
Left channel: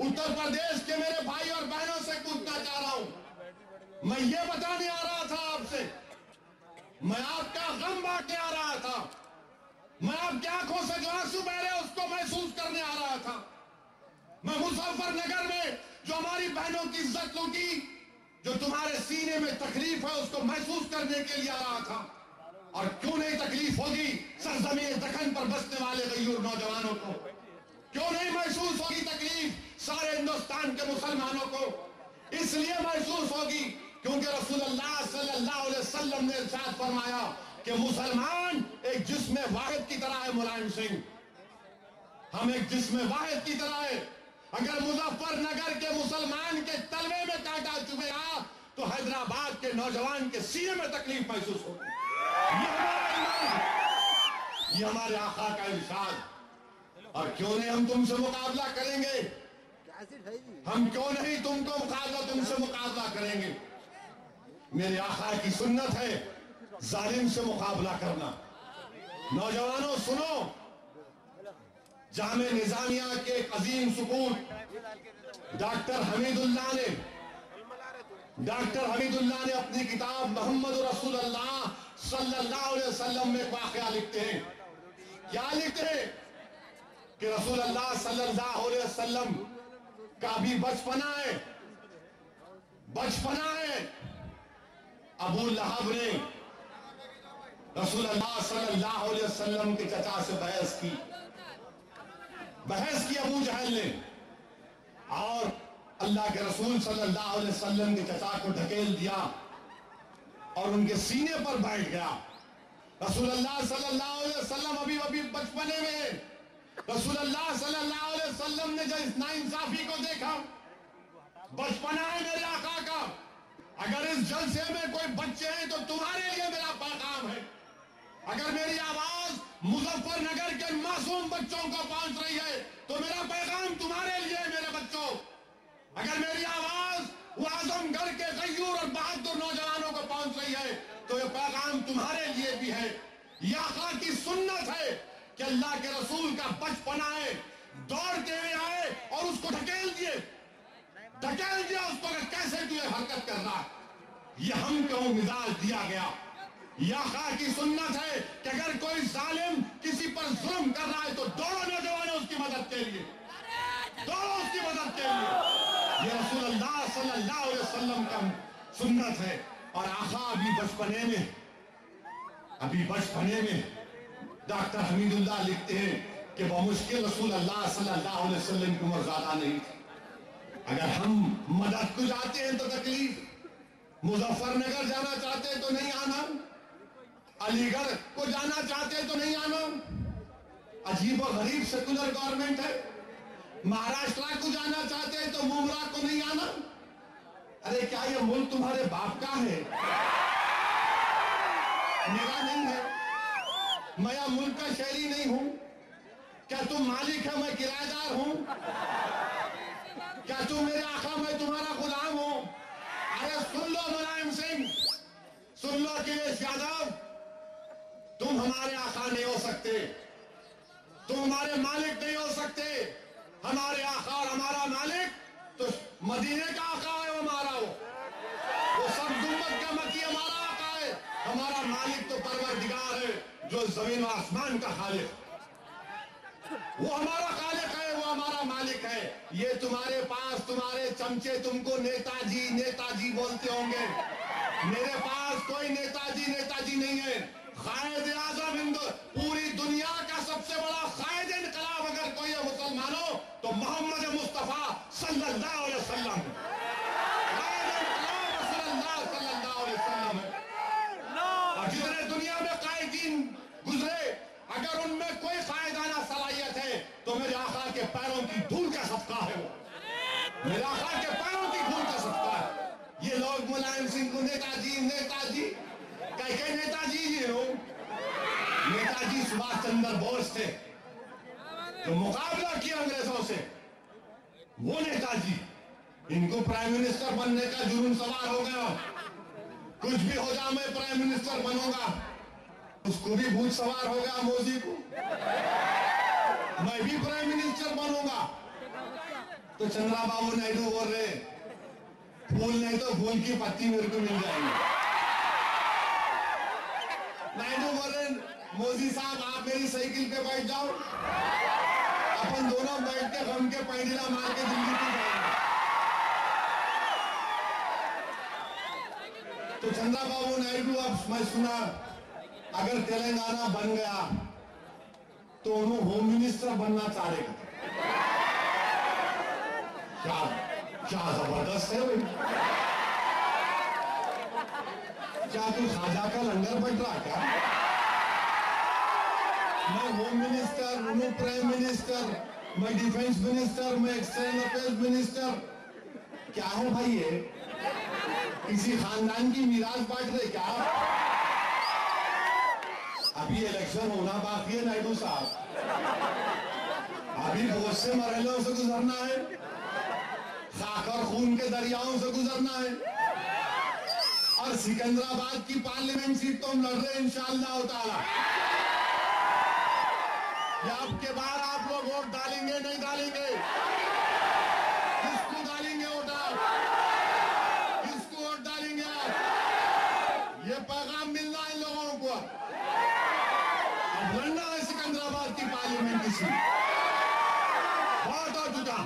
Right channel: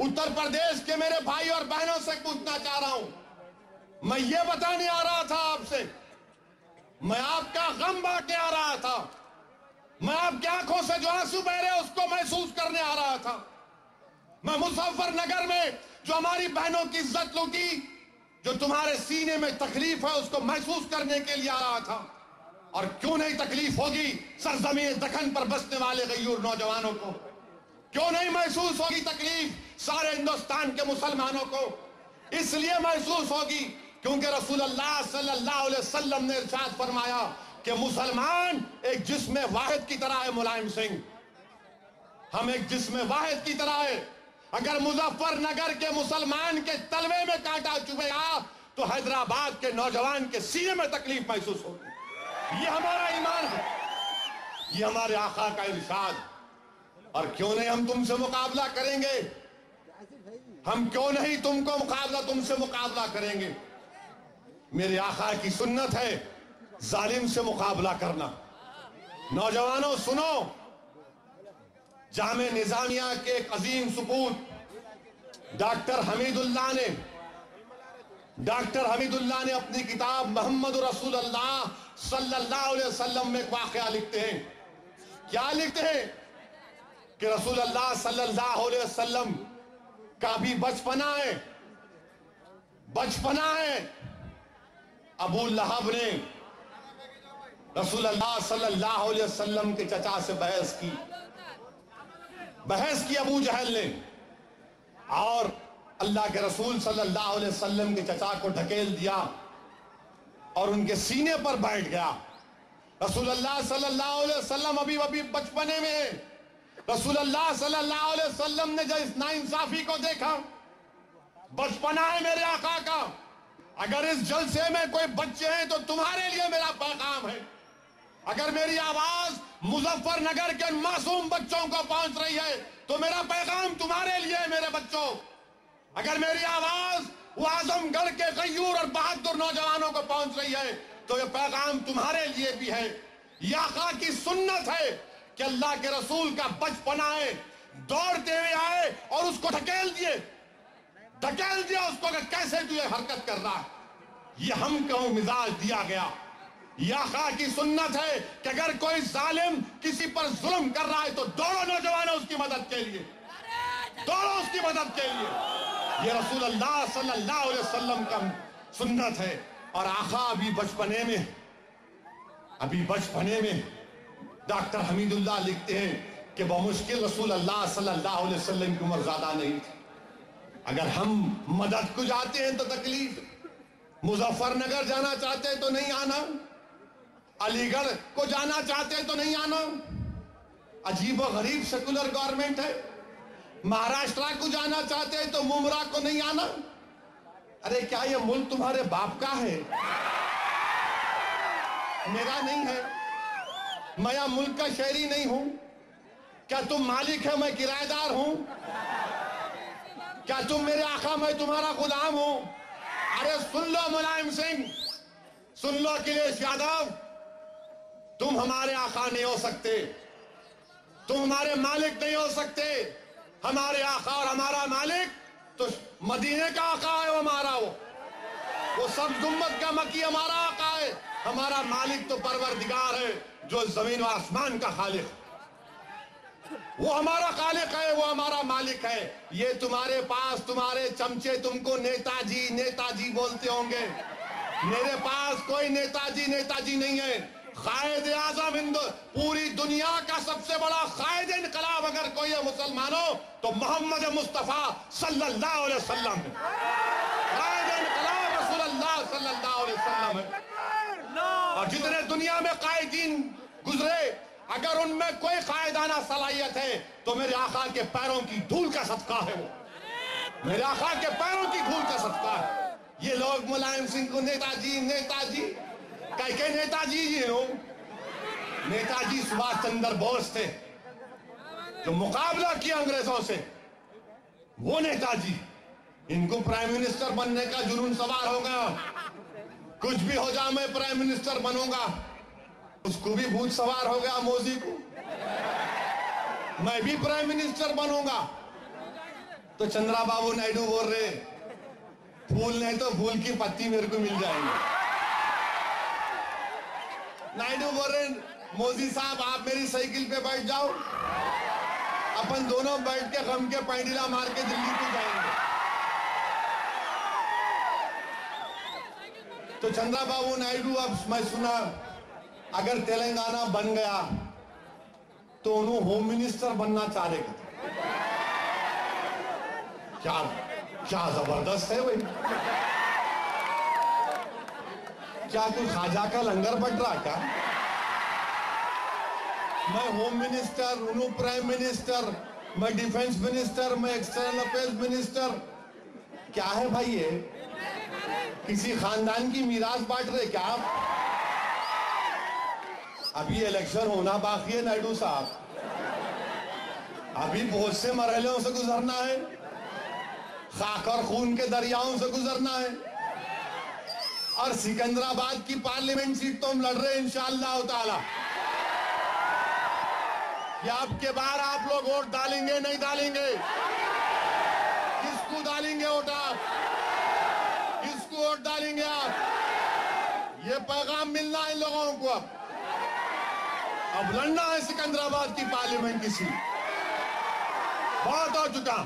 उत्तर प्रदेश के मेरे भाई और बहनों से पूछना चाह रहा हूं। मैं ये बताने आ रहा था आपसे, मैं आपका गम बांटने आ रहा था, मैं आपकी आंखों से जो आंसू बह रहे उसको महसूस करने आ रहा था। मैं मुजफ्फरनगर में जो हमारी बहनों की इज्जत लूटी, जो तुम्हारे सीने में तकलीफ है उसको महसूस करने के लिए आ रहा था। और क्यों नहीं तकलीफ होगी सरजमीन दखन पर बसने वाले गयूर नौजवानों को, क्यों नहीं महसूस होगी तकलीफ सारे हिंदुस्तान के मुसलमानों को। इसलिए महसूस होगी क्योंकि रसूलुल्लाह सल्लल्लाहु अलैहि वसल्लम ने इरशाद फरमाया कि मुसलमान एक जिस्म वाहिद की तरह है। मुलायम सिंह, हम एक जिस्म वाहिद की तरह है। अगर मुजफ्फरनगर के मुसलमान के तलवे में कांटा चुभेगा तो हैदराबाद के नौजवान के सीने में तकलीफ महसूस होगी। ये हमारा ईमान है, ये हमारे आका का इरशाद। और क्यों नहीं हम तुमसे मुकाबला करेंगे, हम क्यों नहीं तुमसे मुकाबला करेंगे। मेरे आका की सुन्नत है जालिम से मुकाबला करना। नौजवानों सुनो, जामे निजामिया के एक अजीम सुपूत डॉक्टर हमीदुल्लाह ने अपनी किताब मोहम्मद रसूलुल्लाह सल्लल्लाहु अलैहि वसल्लम में एक वाकया लिखते हैं। क्या लिखते हैं कि रसूलुल्लाह सल्लल्लाहु अलैहि वसल्लम का भी बचपना है। अबू लहब ने रसूलुल्लाह सल्लल्लाहु अलैहि वसल्लम के चचा से बहस की अबू जहल ने, और अल्लाह के रसूल सल्लल्लाहु अलैहि वसल्लम के चचा को ढकेल दिया और उनके सीने पर बैठ गया। रसूलुल्लाह सल्लल्लाहु अलैहि वसल्लम अभी बचपने में, रसूलुल्लाह सल्लल्लाहु अलैहि वसल्लम ने जब इस नाइंसाफी को देखा, बचपना है मेरे आका का, अगर इस जलसे में कोई बच्चे हैं तो तुम्हारे लिए मेरा पैगाम है। अगर मेरी आवाज मुजफ्फरनगर के मासूम बच्चों को पहुंच रही है तो मेरा पैगाम तुम्हारे लिए है मेरे बच्चों। अगर मेरी आवाज वो आजमगढ़ के गयूर और बहादुर नौजवानों को पहुंच रही है तो ये पैगाम तुम्हारे लिए भी है। यह आका की सुन्नत है कि अल्लाह के रसूल का बचपना है, दौड़ते हुए आए और उसको ढकेल दिया उसको कि कैसे तू ये हरकत कर रहा है। ये हमको मिजाज दिया गया। यह आका की सुन्नत है कि अगर कोई जालिम किसी पर जुल्म कर रहा है तो दौड़ो नौजवानों उसकी मदद के लिए, दौड़ो उसकी मदद के लिए। ये रसूलुल्लाह सल्लल्लाहु अलैहि वसल्लम का सुन्नत है। और आका अभी बचपने में डॉक्टर हमीदुल्लाह लिखते हैं कि बमुश्किल रसूलुल्लाह सल्लल्लाहु अलैहि वसल्लम की उम्र ज्यादा नहीं थी। अगर हम मदद को जाते हैं तो तकलीफ, मुजफ्फरनगर जाना चाहते हैं तो नहीं आना, अलीगढ़ को जाना चाहते हैं तो नहीं आना। अजीब और गरीब सेकुलर गवर्नमेंट है। महाराष्ट्र को जाना चाहते हैं तो मुमरा को नहीं आना। अरे क्या ये मुल्क तुम्हारे बाप का है, मेरा नहीं है। मैं यह मुल्क का शहरी नहीं हूं। क्या तुम मालिक है, मैं किराएदार हूं? क्या तुम मेरे आका, मैं तुम्हारा गुलाम हूं? अरे सुन लो मुलायम सिंह, सुन लो अखिलेश यादव, तुम हमारे आका नहीं हो सकते, तुम हमारे मालिक नहीं हो सकते। हमारे आका और हमारा मालिक तो मदीने का आका है, वो हमारा वो सब गुम्बद का मकी हमारा आका है। हमारा मालिक तो परवरदिगार है जो जमीन और आसमान का खालिक, वो हमारा खालिक है, वो हमारा मालिक है। ये तुम्हारे पास तुम्हारे चमचे तुमको नेताजी बोलते होंगे। मेरे पास कोई नेताजी नहीं है। कायद आजम हिंदू पूरी दुनिया का सबसे बड़ा कायद इनकलाब अगर कोई है मुसलमानों तो मोहम्मद मुस्तफा सल्लल्लाहु अलैहि वसल्लम है। कायद इनकलाब रसूलुल्लाह सल्लल्लाहु अलैहि वसल्लम है। और जितने दुनिया में कायदीन गुजरे, अगर उनमें कोई कायदाना सलाहियत है तो मेरे आका के पैरों की धूल का सदका है। वो मेरे आका के पैरों की धूल का सदका है। ये लोग मुलायम सिंह को नेताजी कह नेताजी ही हो। नेताजी सुभाष चंद्र बोस थे जो मुकाबला किया अंग्रेजों से, वो नेताजी। इनको प्राइम मिनिस्टर बनने का जुनून सवार होगा। कुछ भी हो जाए मैं प्राइम मिनिस्टर बनूंगा। उसको भी भूत सवार हो गया मोदी को, मैं भी प्राइम मिनिस्टर बनूंगा। तो चंद्रबाबू नायडू बोल रहे फूल नहीं तो फूल की पत्ती मेरे को मिल जाएंगे। नायडू बोल रहे मोदी साहब आप मेरी साइकिल पे बैठ जाओ, अपन दोनों बैठ के गम के पैंडीला मार के दिल्ली को जाएंगे। तो चंद्रबाबू नायडू अब मैं सुना अगर तेलंगाना बन गया तो उन्होंने होम मिनिस्टर बनना चाह रहे। क्या क्या जबरदस्त है भाई। क्या तू खाजा का लंगर बट रहा क्या? मैं होम मिनिस्टर, उन्होंने प्राइम मिनिस्टर, मैं डिफेंस मिनिस्टर, मैं एक्सटर्नल अफेयर्स मिनिस्टर। क्या है भाई ये? किसी खानदान की मीरास बांट रहे क्या आप? अभी इलेक्शन होना बाकी है नायडू साहब, अभी बहुत से मरहलों से गुजरना है, खाक और खून के दरियाओं से गुजरना है। और सिकंदराबाद की पार्लियामेंट सीट तो हम लड़ रहे हैं इंशाअल्लाह ताला। या अब के बार आप लोग वोट डालेंगे नहीं डालेंगे? किसको डालेंगे वोट आप? किसको वोट डालेंगे आप? ये पैगाम मिलना है इन लोगों को। अब लड़ना है सिकंदराबाद की पार्लियामेंट की सीट, बहुत हो चुका,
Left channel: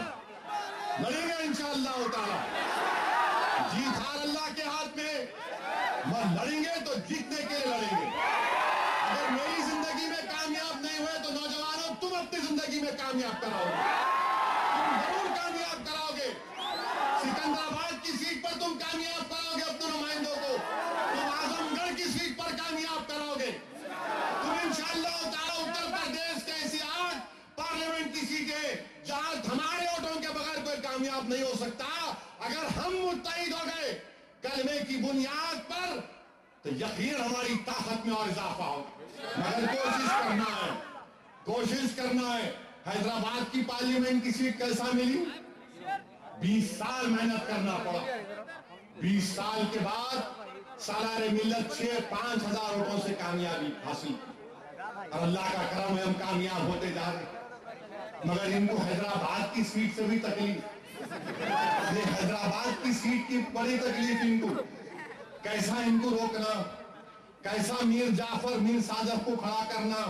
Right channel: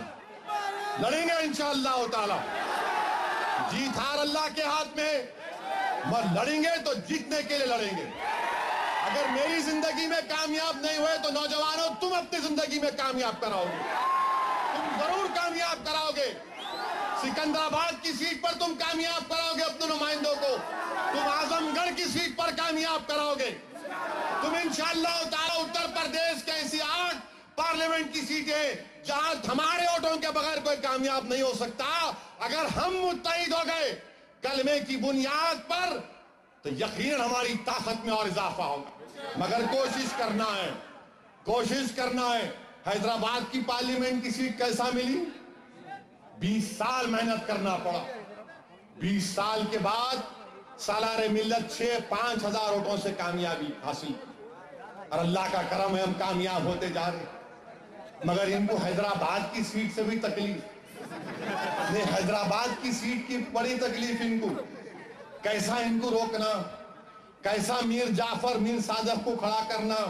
लड़ेंगे इंशाअल्लाह ताला। जीत हार अल्लाह के हाथ में, मगर लड़ेंगे तो जीतने के लिए लड़ेंगे। अगर मेरी जिंदगी में कामयाब नहीं हुए तो नौजवानों तुम अपनी जिंदगी में कामयाब कराओगे, तुम जरूर कामयाब कराओगे। सिकंदराबाद की सीट पर तुम कामयाब कराओगे अपने नुमाइंदों को, तुम आजमगढ़ की सीट पर कामयाब कराओगे, तुम इंशाअल्लाह ताला उत्तर प्रदेश के ऐसी 8 पार्लियामेंट की सीटें जहां हमारे वोटों के बगैर कोई कामयाब नहीं हो सकता। अगर हम मुत्तहिद हो गए कलमे की बुनियाद पर तो यकीन हमारी ताकत में और इजाफा होगा। मगर कोशिश करना है। हैदराबाद की पार्लियामेंट की सीट कैसा मिली? 20 साल मेहनत करना पड़ा। 20 साल के बाद सालारे मिल्लत 5 हजार वोटों से कामयाबी हासिल, और अल्लाह का करम है हम कामयाब होते जा रहे। मगर इनको हैदराबाद की सीट से भी तकलीफ, हैदराबाद की सीट की बड़ी तकलीफ इनको। कैसा इनको रोकना, कैसा मीर जाफर मीर सादफ को खड़ा करना,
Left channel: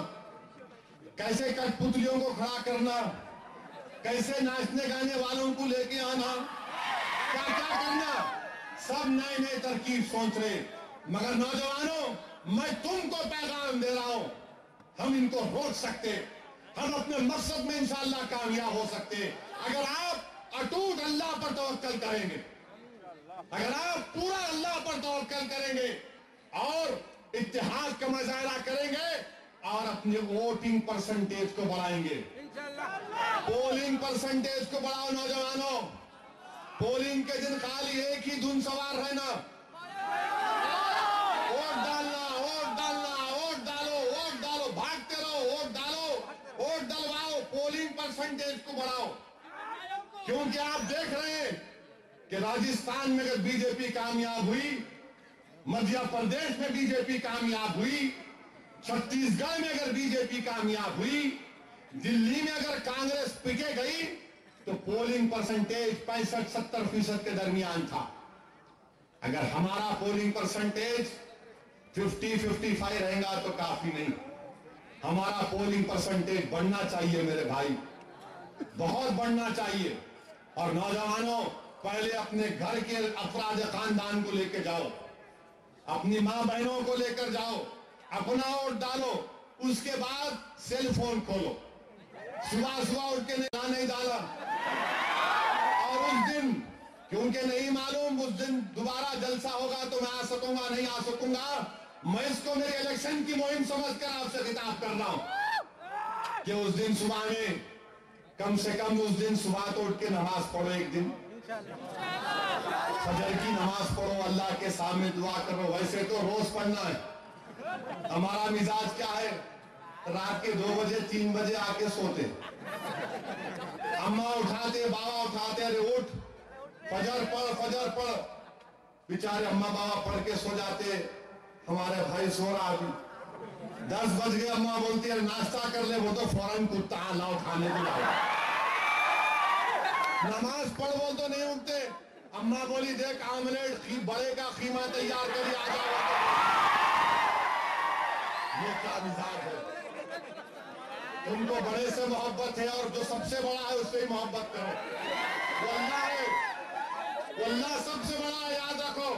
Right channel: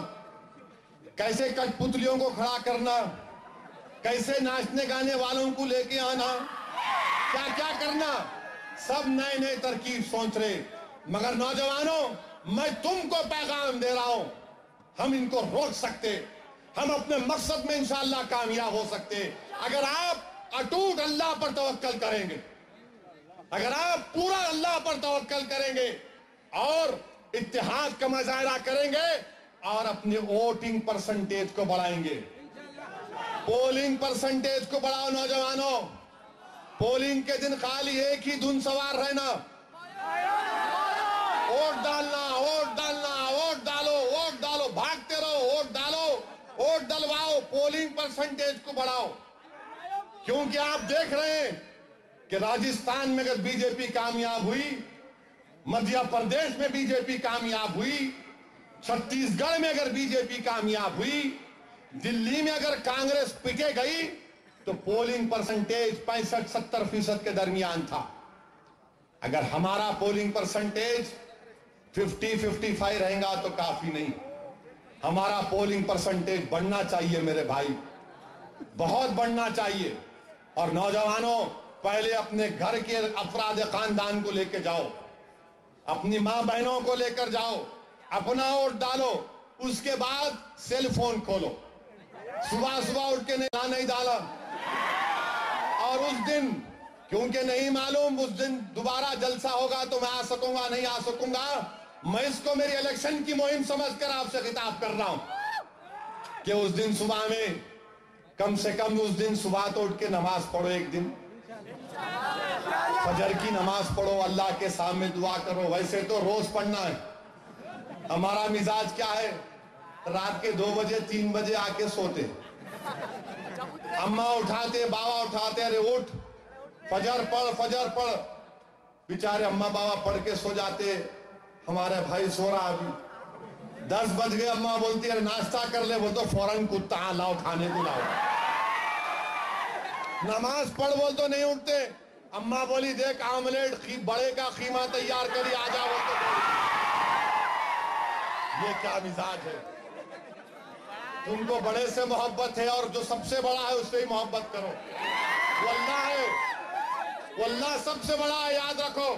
कैसे कठपुतलियों को खड़ा करना, कैसे नाचने गाने वालों को लेके आना, क्या क्या करना, सब नए नए तरकीब सोच रहे। मगर नौजवानों मैं तुमको पैगाम दे रहा हूं, हम इनको रोक सकते, हम अपने मकसद में इंशाअल्लाह कामयाब हो सकते। अगर आप अटूट अल्लाह पर तवक्कल करेंगे, अगर आप पूरा अल्लाह पर तवक्कल करेंगे और इत्तेहाद का मुजाहरा करेंगे और अपने वोटिंग परसेंटेज को बढ़ाएंगे, पोलिंग परसेंटेज को बढ़ाओ नौजवानों। पोलिंग के दिन खाली एक ही धुन सवार रहना, वोट डालना, वोट डालना, वोट डालो, वोट डालो, भागते रहो, वोट डालो, वोट डलवाओ, पोलिंग परसेंटेज को बढ़ाओ। क्योंकि आप देख रहे हैं कि राजस्थान में अगर बीजेपी कामयाब हुई, मध्य प्रदेश में बीजेपी कामयाब हुई, छत्तीसगढ़ में अगर बीजेपी कामयाब हुई, दिल्ली में अगर कांग्रेस पिके गई तो पोलिंग परसेंटेज 65-70% के दरमियान था। अगर हमारा पोलिंग परसेंटेज 50-55 रहेगा तो काफी नहीं, हमारा पोलिंग परसेंटेज बढ़ना चाहिए मेरे भाई, बहुत बढ़ना चाहिए। और नौजवानों पहले अपने घर के अफराद खानदान को लेकर जाओ, अपनी मां बहनों को लेकर जाओ, अपना वोट डालो, उसके बाद सेल फोन खोलो, सुबह सुबह उठ के नहीं डाला, और उस दिन क्योंकि नहीं मालूम उस दिन दोबारा जलसा होगा तो मैं आ सकूंगा नहीं आ सकूंगा, मैं इसको मेरी इलेक्शन की मुहिम समझकर आपसे खिताब कर रहा हूं कि उस दिन सुबह में कम से कम उस दिन सुबह तो उठ के नमाज पढ़ो, एक दिन फजर की नमाज पढ़ो, अल्लाह के सामने दुआ करो। वैसे तो रोज पढ़ना है, हमारा मिजाज क्या है, रात के 2 बजे 3 बजे आके सोते, अम्मा उठाते, बाबा उठाते, अरे उठ फजर पढ़। बेचारे अम्मा बाबा पढ़ के सो जाते, हमारे भाई सो रहा अभी। 10 बज गए, अम्मा बोलती है नाश्ता कर ले, वो तो फौरन कुत्ता लाओ खाने को लाओ। नमाज पढ़ बोल तो नहीं उठते, अम्मा बोली देख आमलेट बड़े का खीमा तैयार करी आ जाओ। ये क्या मिजाज है? तुमको बड़े से मोहब्बत है और जो सबसे बड़ा है उससे ही मोहब्बत करो। वल्लाह है, वल्लाह सबसे बड़ा है, याद रखो।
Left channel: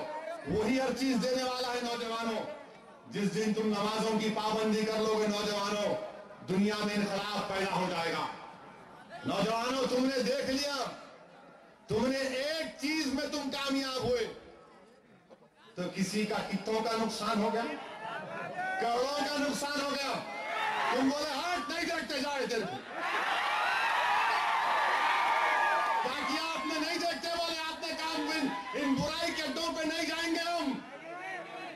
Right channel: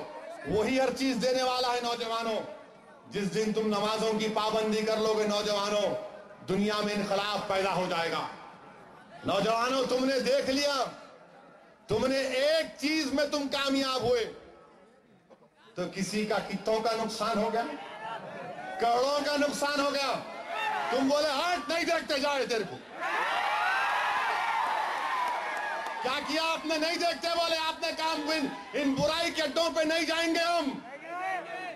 वही हर चीज देने वाला है। नौजवानों, जिस दिन तुम नमाजों की पाबंदी कर लोगे नौजवानों, दुनिया में इनकलाब पैदा हो जाएगा। नौजवानों, तुमने देख लिया, तुमने एक चीज में तुम कामयाब हुए तो किसी का कितों का नुकसान हो गया, करोड़ों का नुकसान हो गया। तुम बोले हट नहीं देखते जाए तेरे को। क्या किया आपने? नहीं देखते बोले आपने काम। इन बुराई के अड्डों पे नहीं जाएंगे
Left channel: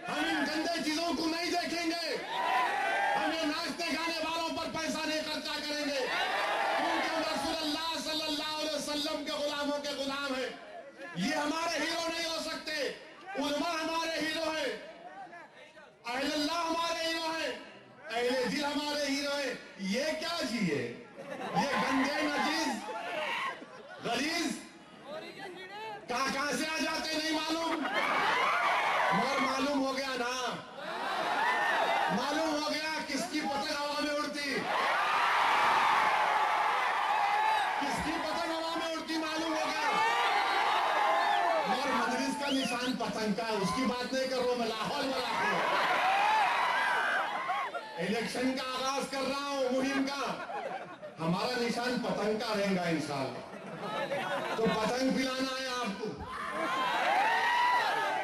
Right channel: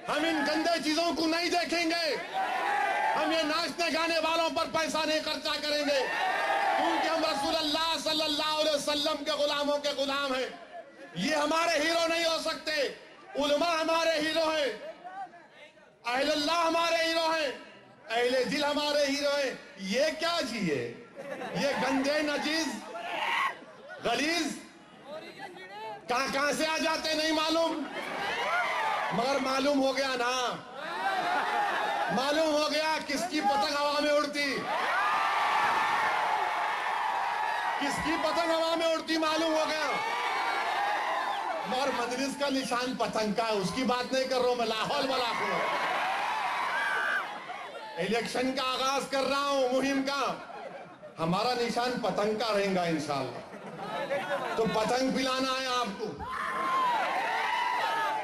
हम इन गंदे चीजों को नहीं देखेंगे। हम ये नाचने गाने वालों पर पैसा नहीं खर्चा करेंगे, क्योंकि हम रसूलुल्लाह सल्लल्लाहु अलैहि वसल्लम के गुलामों के गुलाम हैं। ये हमारे हीरो नहीं हो सकते। उलमा हमारे हीरो हैं, अहलुल्लाह हमारे हीरो हैं, अहले दिल हमारे हीरो हैं। ये क्या जिए, ये गंदे नजीज गलीज कहां से आ जाते नहीं मालूम, मगर मालूम हो गया ना, मालूम हो गया किसकी पतंग हवा में उड़ती, किसकी पतंग हवा में उड़ती मालूम हो गया। मगर मजलिस का निशान पतंग का है, उसकी बात नहीं कर रहा हूं मैं, लाहौल वाला हूं। इलेक्शन का आगाज कर रहा हूं, मुहिम का। हमारा निशान पतंग का रहेगा इंशाअल्लाह। तो पतंग पिलाना है आपको,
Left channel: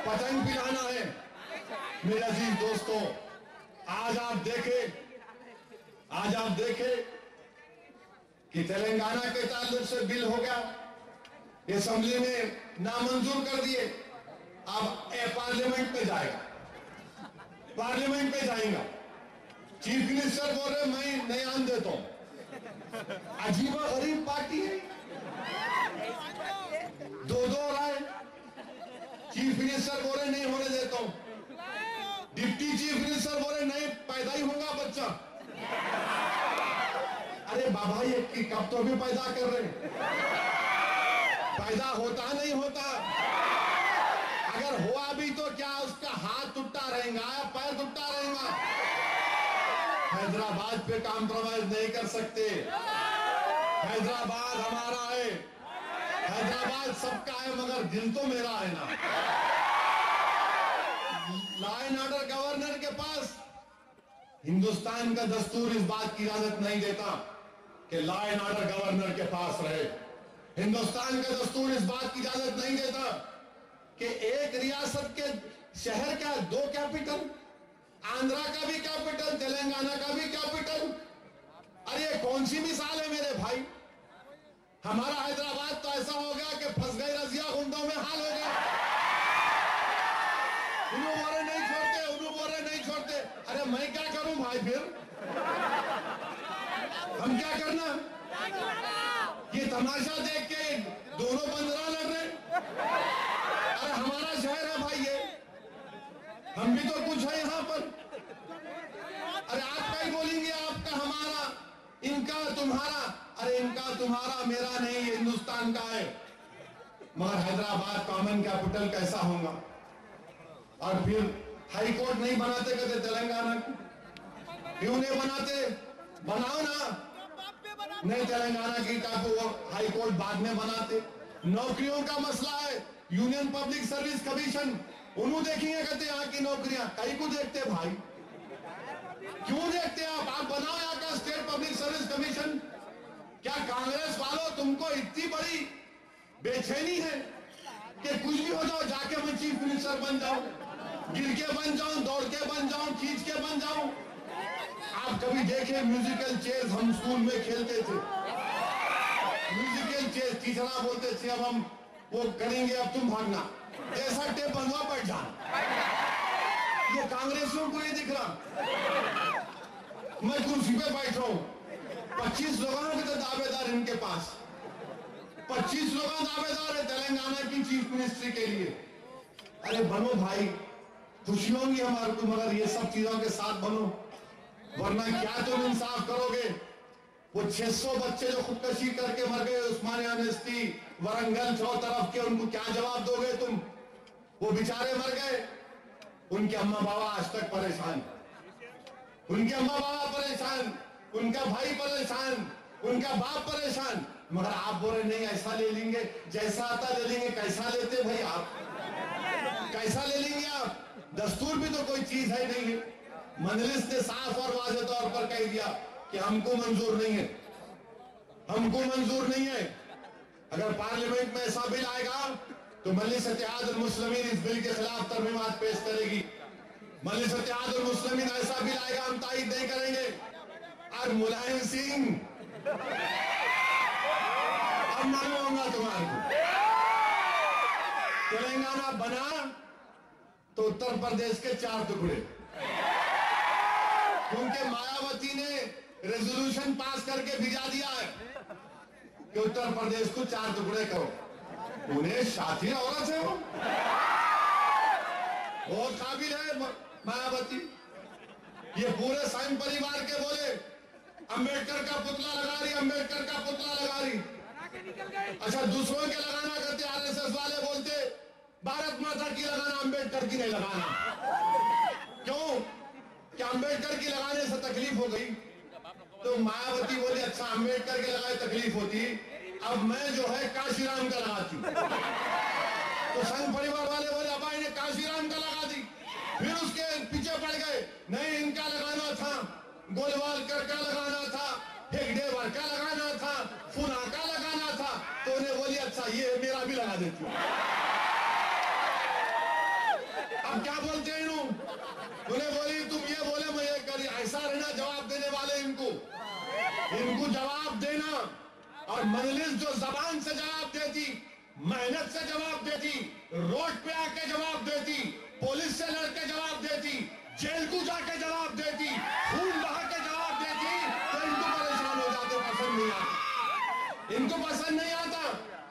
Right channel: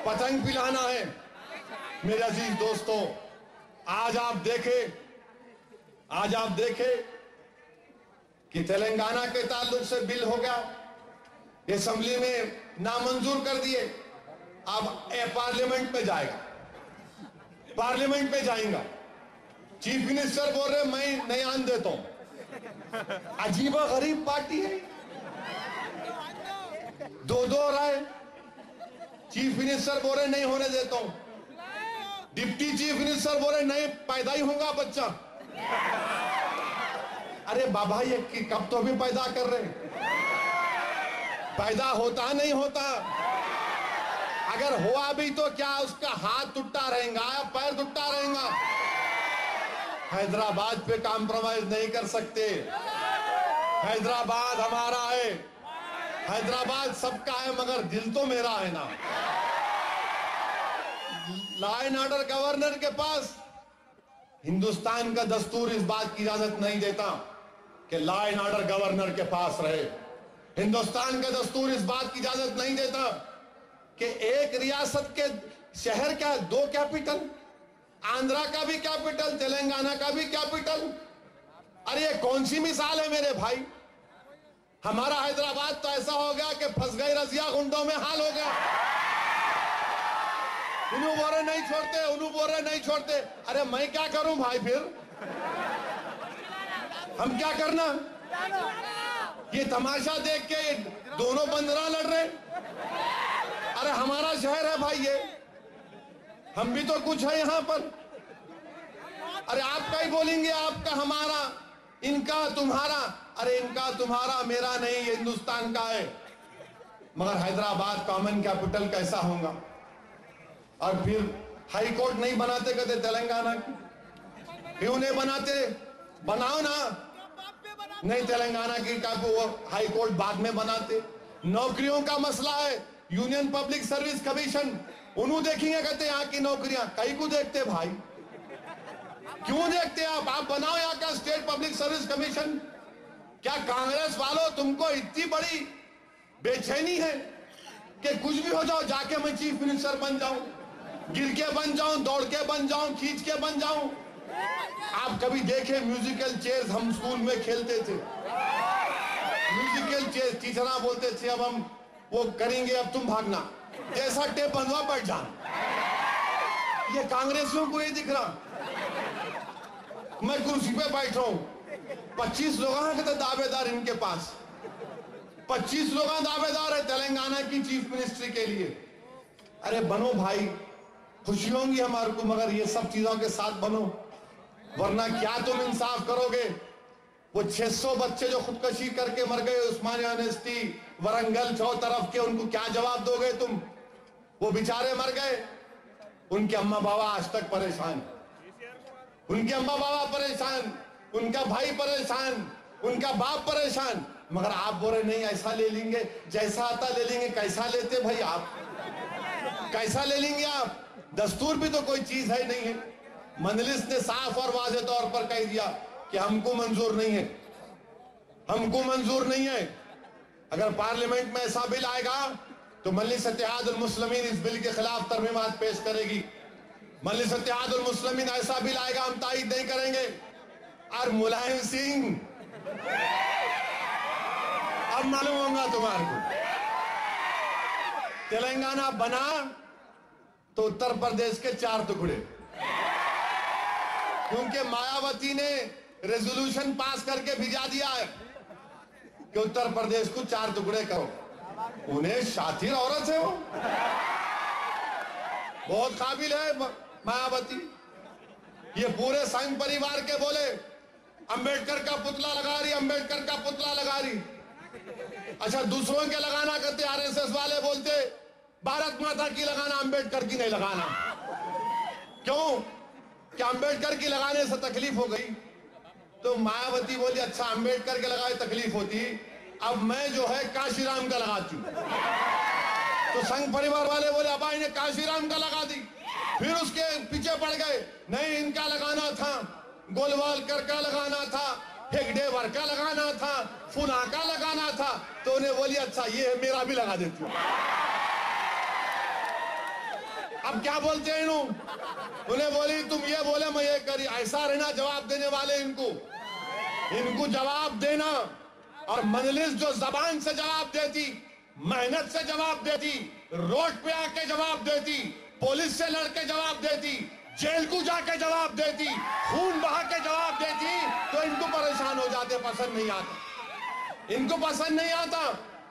पतंग पिलाना है। मेरे अजीज दोस्तों, आज आप देखे कि तेलंगाना के ताल्लुक से बिल हो गया, असेंबली में नामंजूर कर दिए। अब पार्लियामेंट पे जाएगा, पार्लियामेंट पे जाएगा। चीफ मिनिस्टर बोल रहे मैं नहीं आन देता हूं। अजीब गरीब पार्टी है, दो राय। चीफ मिनिस्टर बोल रहे नहीं होने देता हूं, डिप्टी चीफ मिनिस्टर बोल रहे नहीं पैदा ही होगा बच्चा। अरे बाबा ये कब तो भी पैदा कर रहे, पैदा होता नहीं होता। अगर हुआ भी तो क्या उसका हाथ टूटा रहेगा या पैर टूटा रहेगा। हैदराबाद पे कॉम्प्रोमाइज नहीं कर सकते। हैदराबाद हमारा है, हैदराबाद सबका है, मगर दिल तो मेरा है ना। लॉ एंड ऑर्डर गवर्नर के पास हिंदुस्तान का दस्तूर इस बात की इजाजत नहीं देता कि लॉ एंड ऑर्डर गवर्नर के पास रहे। हिंदुस्तान का दस्तूर इस बात की इजाजत नहीं देता कि एक रियासत के शहर का 2 कैपिटल, आंध्रा का भी कैपिटल, तेलंगाना का भी कैपिटल। अरे ये कौन सी मिसाल है मेरे भाई। हमारा हैदराबाद तो ऐसा हो गया कि फंस गई रजिया गुंडों में हाल हो गया। उन्हों बोरे नहीं छोड़ते, उन्हों बोरे नहीं छोड़ते। अरे मैं क्या करूं भाई, फिर हम क्या करना। ये तमाशा देख के दोनों बंदरा लड़ रहे। अरे हमारा शहर है भाई ये, हम भी तो कुछ है यहाँ पर। अरे आपका ही बोलेंगे, आपका हमारा, इनका तुम्हारा। अरे इनका तुम्हारा मेरा नहीं, ये हिंदुस्तान का है। मगर हैदराबाद कॉमन कैपिटल कैसा होगा। और फिर हाई कोर्ट नहीं बनाते कहते तेलंगाना की, क्यों नहीं बनाते, बनाओ ना। नहीं तेलंगाना की का वो हाई कोर्ट बाद में बनाते। नौकरियों का मसला है, यूनियन पब्लिक सर्विस कमीशन, उन्होंने देखेंगे कहते यहाँ की नौकरियां कहीं को देखते भाई, क्यों देखते आप बनाओ यहाँ का स्टेट पब्लिक सर्विस कमीशन। क्या कांग्रेस वालों तुमको इतनी बड़ी बेचैनी है कि कुछ भी हो जाओ जाके मैं चीफ मिनिस्टर बन जाऊं, गिर के बन जाऊं, दौड़ के बन जाऊं, खींच के बन जाऊं। आप कभी देखे म्यूजिकल चेयर्स हम स्कूल में खेलते थे, म्यूजिकल चेयर्स, टीचर बोलते थे अब हम वो करेंगे, अब तुम भागना, ऐसा टेप बंधवा बैठ जाना। ये कांग्रेसियों को ये दिख रहा, मैं कुर्सी पे बैठ रहा हूं, 25 लोग हैं तो दावेदार इनके पास, 25 लोग दावेदार है तेलंगाना की चीफ मिनिस्ट्री के लिए। अरे बनो भाई, खुशी होंगी हमारे को, मगर ये सब चीजों के साथ बनो, वरना क्या तुम इंसाफ करोगे? वो 600 बच्चे जो खुदकशी करके मर गए उस्मानिया यूनिवर्सिटी, वरंगल, 4 तरफ के, उनको क्या जवाब दोगे तुम? वो बेचारे मर गए, उनके अम्मा बाबा आज तक परेशान, उनके अम्मा बाबा परेशान, उनका भाई परेशान, उनका बाप परेशान, मगर आप बोल रहे नहीं ऐसा ले लेंगे, जैसा आता ले लेंगे। कैसा लेते भाई आप, कैसा ले लेंगे आप? दस्तूर भी तो कोई चीज है नहीं है। मजलिस ने साफ और वाज़ेह तौर पर कह दिया कि हमको मंजूर नहीं है, हमको मंजूर नहीं है। अगर पार्लियामेंट में ऐसा बिल आएगा तो मजलिस इत्तेहादुल मुस्लिमीन इस बिल के खिलाफ तरमीमात पेश करेगी। मजलिस इत्तेहादुल मुस्लिमीन ऐसा बिल आएगा हम तायद नहीं करेंगे। और मुलायम सिंह, अब मालूम होगा तुम्हारे को, तेलंगाना बना तो उत्तर प्रदेश के 4 टुकड़े, क्योंकि मायावती ने रेजोल्यूशन पास करके भिजा दिया है कि उत्तर प्रदेश को 4 टुकड़े करो। उन्हें शातिर औरत है, वो बहुत काबिल है मायावती। ये पूरे संघ परिवार के बोले अंबेडकर का पुतला लगा रही, अंबेडकर का पुतला लगा रही। अच्छा, दूसरों के लगाना करते, आरएसएस वाले बोलते भारत माता की लगाना, अंबेडकर की नहीं लगाना। क्यों? कि अंबेडकर की लगाने से तकलीफ हो गई। तो मायावती बोली अच्छा अंबेडकर के लगाए तकलीफ होती, अब मैं जो है काशीराम का लगाती हूं। तो संघ परिवार वाले बोले अब इन्हें काशीराम का लगा दी। फिर उसके पीछे पड़ गए, नहीं इनका लगाना था, गोलवालकर का लगाना था, हेगडेवर का लगाना था, फुना का लगाना था। तो उन्हें बोली अच्छा ये मेरा भी लगा देती हूँ। अब क्या बोलते हैं उन्हें बोली तुम ये बोले मैं ये करी, ऐसा रहना जवाब देने वाले इनको जवाब देना। और मजलिस जो जबान से जवाब देती, मेहनत से जवाब देती, रोड पे आके जवाब देती, पुलिस से लड़के जवाब देती, जेल को जाके जवाब देती, खून बहा के जवाब देती, तो इनको परेशान हो जाते, पसंद नहीं आता, इनको पसंद नहीं आता।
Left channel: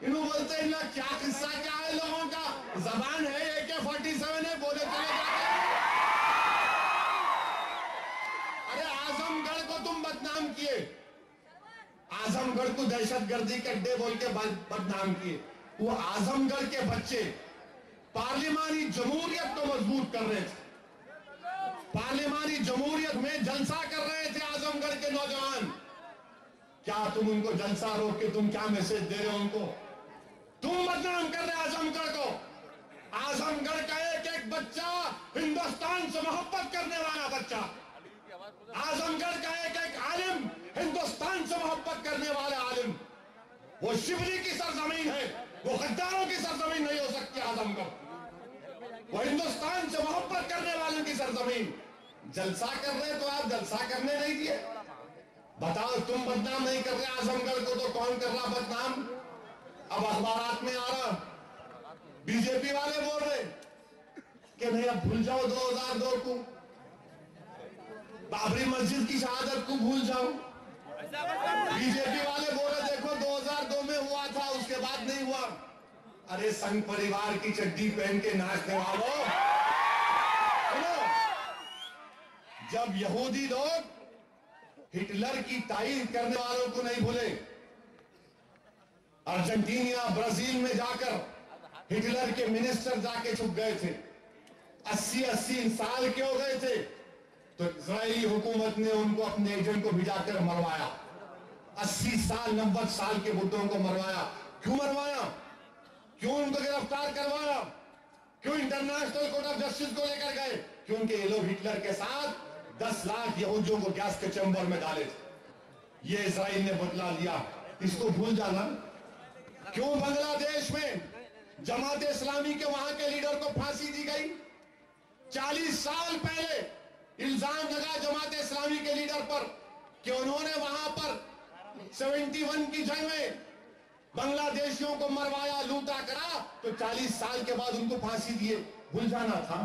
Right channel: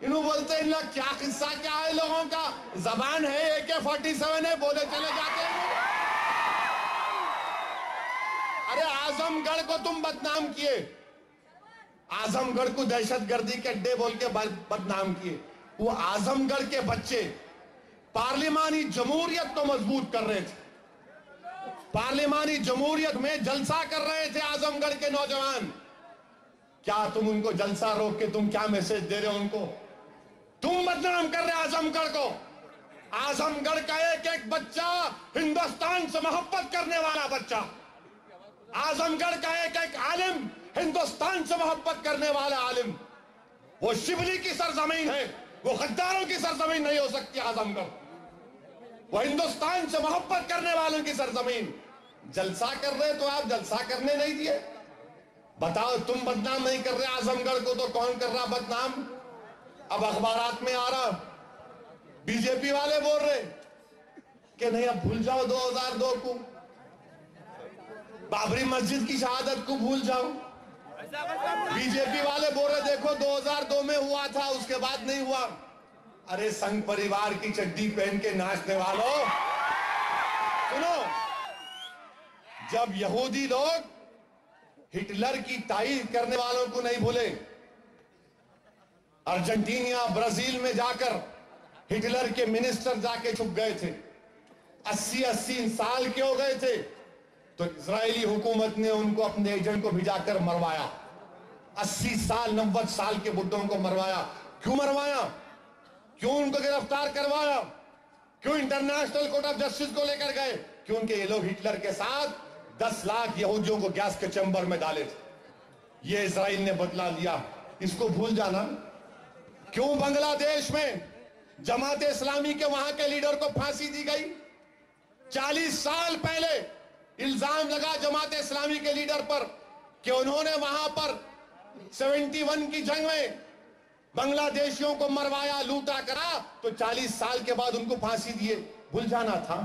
इन्हों बोलते हैं ना क्या किस्सा क्या है लोगों का, जबान है AK-47 है, बोले चले जाते हैं। अरे आजमगढ़ को तुम बदनाम किए, आजमगढ़ को दहशतगर्दी के अड्डे बोल के बदनाम किए। वो आजमगढ़ के बच्चे पार्लिमानी जमहूरियत को मजबूत कर रहे थे, पार्लिमानी जमहूरियत में जलसा कर रहे थे आजमगढ़ के नौजवान। क्या तुम उनको जलसा रोक के तुम क्या मैसेज दे रहे हो उनको? तुम बदनाम कर रहे आजमगढ़ को। आजमगढ़ का एक एक बच्चा हिंदुस्तान से मोहब्बत करने वाला बच्चा, आजमगढ़ का एक एक आलिम हिंदुस्तान से मोहब्बत करने वाला आलिम। वो शिवली की सरजमीन है, वो गद्दारों की सरजमीन नहीं हो सकती आजमगढ़। वो हिंदुस्तान से मोहब्बत करने वालों की सरजमीन। जलसा कर रहे तो आप जलसा करने नहीं दिए। बताओ तुम बदनाम नहीं कर रहे आजमगढ़ को तो कौन कर रहा बदनाम? अब अखबारात में आ रहा, बीजेपी वाले बोल रहे कि नहीं अब भूल जाओ 2002 को, बाबरी मस्जिद की शहादत को भूल जाओ। बीजेपी वाले बोल रहे देखो 2002 में हुआ था, उसके बाद नहीं हुआ। अरे संघ परिवार की चड्डी पहन के नाचने वालों सुनो, जब यहूदी लोग हिटलर की तारीफ करने वालों को नहीं भूले, अर्जेंटीना ब्राजील में जाकर हिटलर के मिनिस्टर जाके छुप गए थे, 80-80 साल के हो गए थे, तो इजरायली हुकूमत ने उनको अपने एजेंट को भिजाकर मरवाया। 80 साल 90 साल के बुड्ढों को मरवाया। क्यों मरवाया? क्यों उनको गिरफ्तार करवाया? क्यों इंटरनेशनल कोर्ट ऑफ जस्टिस को लेकर गए? क्योंकि ये लोग हिटलर के साथ 10 लाख यहूदियों को गैस के चैम्बर में डाले थे। ये इजराइल ने बदला लिया, इसको भूल जाना। क्यों बांग्लादेश में जमात इस्लामी के वहां के लीडर को फांसी दी गई? 40 साल पहले इल्जाम लगा जमात इस्लामी के लीडर पर कि उन्होंने वहां पर 71 की जंग में बांग्लादेशियों को मरवाया, लूटा करा, तो 40 साल के बाद उनको फांसी दिए। भूल जाना था,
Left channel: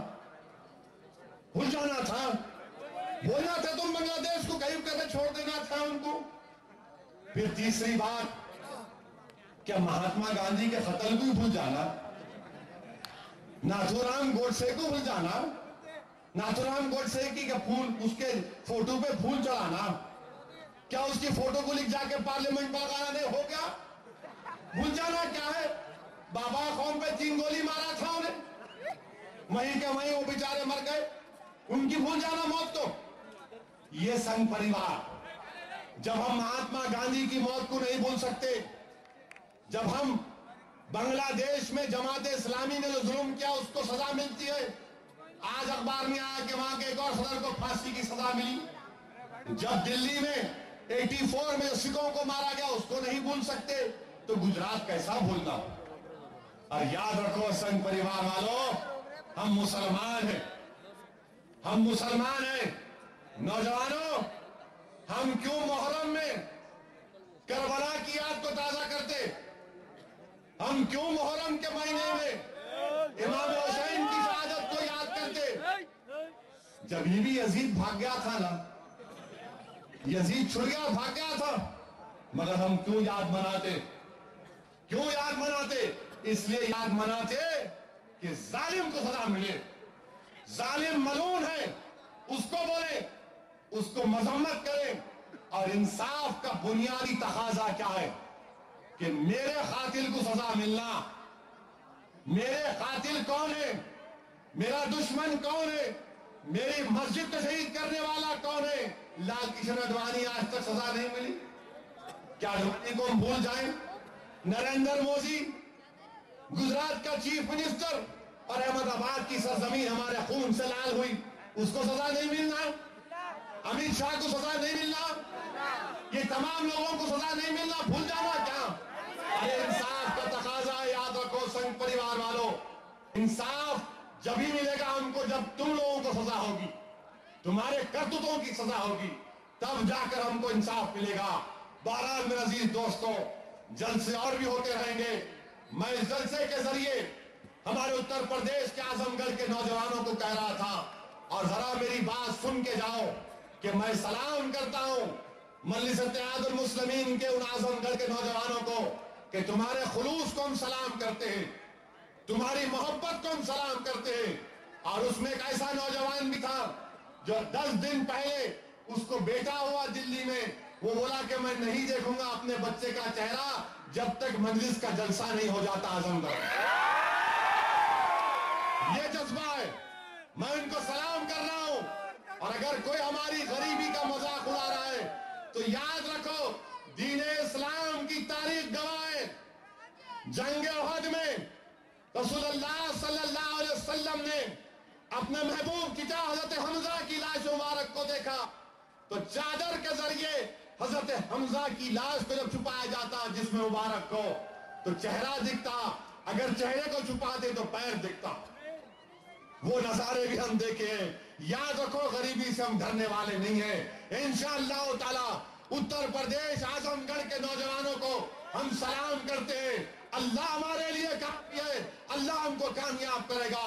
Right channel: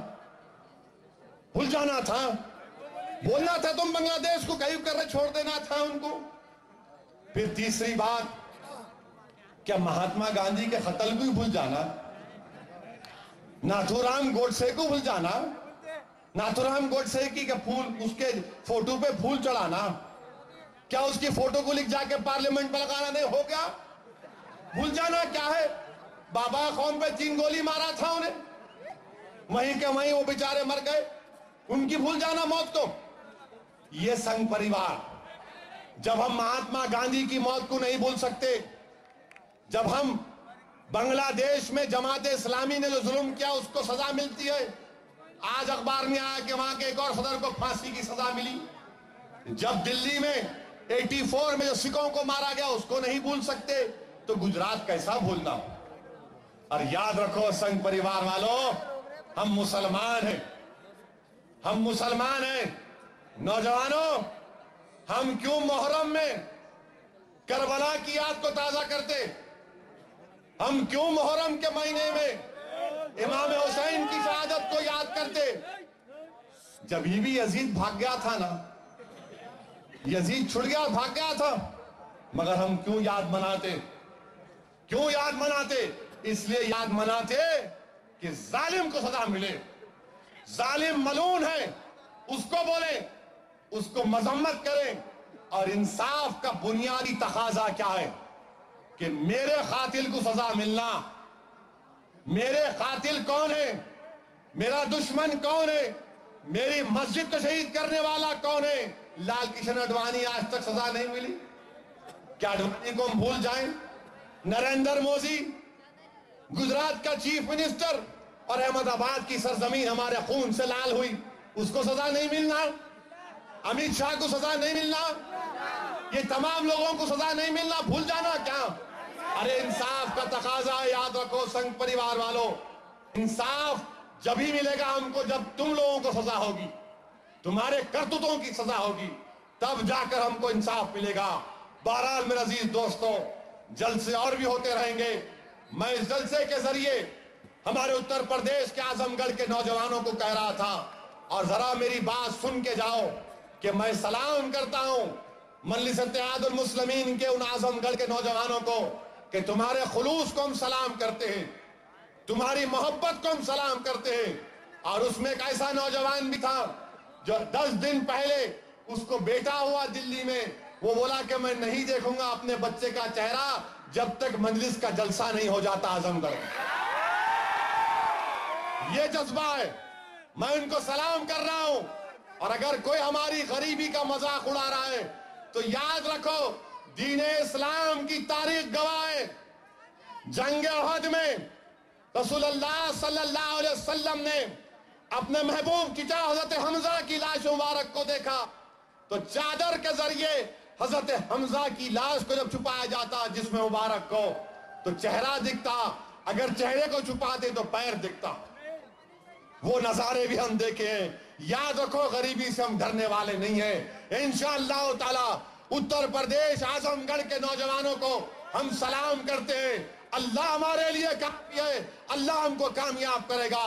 भूल जाना था, बोलना था तुम बांग्लादेश को गायब करके छोड़ देना था उनको। फिर तीसरी बात, क्या महात्मा गांधी के कत्ल को भूल जाना, नाथूराम गोडसे को भूल जाना, नाथूराम गोडसे की फूल उसके फोटो पे फूल चढ़ाना, क्या उसकी फोटो को लिख जाके पार्लियामेंट में लगाना नहीं हो गया? भूल जाना क्या है? बाबा कौम पे 3 गोली मारा था उन्हें, वहीं के वहीं वो बेचारे मर गए, उनकी भूल जाना मौत को। ये संघ परिवार, जब हम महात्मा गांधी की मौत को नहीं भूल सकते, जब हम बांग्लादेश में जमात इस्लामी ने जो जुल्म किया उसको सजा मिलती है, आज अखबार में आया कि वहां के एक और सदर को फांसी की सजा मिली, जब दिल्ली में 84 में जो सिखों को मारा गया उसको नहीं भूल सकते, तो गुजरात कैसा भूलना। और याद रखो संघ परिवार वालों, हम मुसलमान हैं, हम मुसलमान हैं। नौजवानों, हम क्यों मुहर्रम में करबला की याद को ताजा करते? हम क्यों मुहर्रम के महीने में इमाम हुसैन की शहादत को याद करते? जब ये भी यजीद भाग गया था ना, यजीद छुड़ गया, भाग गया था, मगर हम क्यों याद मनाते? क्यों याद मनाते? इसलिए याद मनाते कि जालिम को सजा मिले। जालिम मलून है, उसको बोले, उसको मजम्मत करें। और इंसाफ का बुनियादी तकाजा क्या है कि मेरे कातिल को सजा मिलना। मेरे कातिल कौन है, मेरा दुश्मन कौन है, मेरी मस्जिद को शहीद करने वाला कौन है? लाल कृष्ण आडवाणी आज तक सजा नहीं मिली। क्या आडवाणी को हम भूल जाएं? नरेंद्र मोदी, गुजरात का चीफ मिनिस्टर, और अहमदाबाद की सरजमीन हमारे खून से लाल हुई, उसको सजा नहीं मिलना? अमित शाह को सजा नहीं मिलना? ये तमाम लोगों को सजा नहीं मिलना? भूल जाना क्या? अरे इंसाफ का तकाजा, याद रखो संघ परिवार वालों, इंसाफ जब ही मिलेगा हमको जब तुम लोगों को सजा होगी, तुम्हारे करतूतों की सजा होगी, तब जाकर हमको इंसाफ मिलेगा। बहरहाल मेरे अजीज दोस्तों, जलसे और भी होते रहेंगे। मैं इस जलसे के जरिए हमारे उत्तर प्रदेश के आजमगढ़ के नौजवानों को कह रहा था, और जरा मेरी बात सुन के जाओ कि मैं सलाम करता हूं मजलिस इत्तेहादुल मुस्लिमीन के उन आजमगढ़ के नौजवानों को कि तुम्हारे खुलूस को हम सलाम करते हैं, तुम्हारी मोहब्बत को हम सलाम करते हैं। और उसमें एक ऐसा नौजवान भी था जो 10 दिन पहले उसको बेटा हुआ दिल्ली में, वो बोला कि मैं नहीं देखूंगा अपने बच्चे का चेहरा जब तक मजलिस का जलसा नहीं हो जाता आजमगढ़। ये जज्बा है, मैं उनको सलाम कर रहा हूं। और अगर कोई हमारी गरीबी का मजाक उड़ा रहा है तो याद रखो, दीन इस्लाम की तारीख गवाह है, जंग उहद में रसूलुल्लाह सल्लल्लाहु अलैहि वसल्लम ने अपने महबूब चचा हजरत हमजा की लाश मुबारक को देखा, तो चादर के जरिए हजरत हमजा की लाश को जब छुपाया जाता जिसमें मुबारक को, तो चेहरा दिखता, अगर चेहरे को छुपाते तो पैर दिखता। वो नजारे भी हम देखे हैं। याद रखो, गरीबी से हम डरने वाले नहीं हैं। इंशाअल्लाह ताला उत्तर प्रदेश आजमगढ़ के नौजवानों को हम सलाम करते हैं। अल्लाह हमारे लिए काफी है, अल्लाह हमको कामयाब करेगा।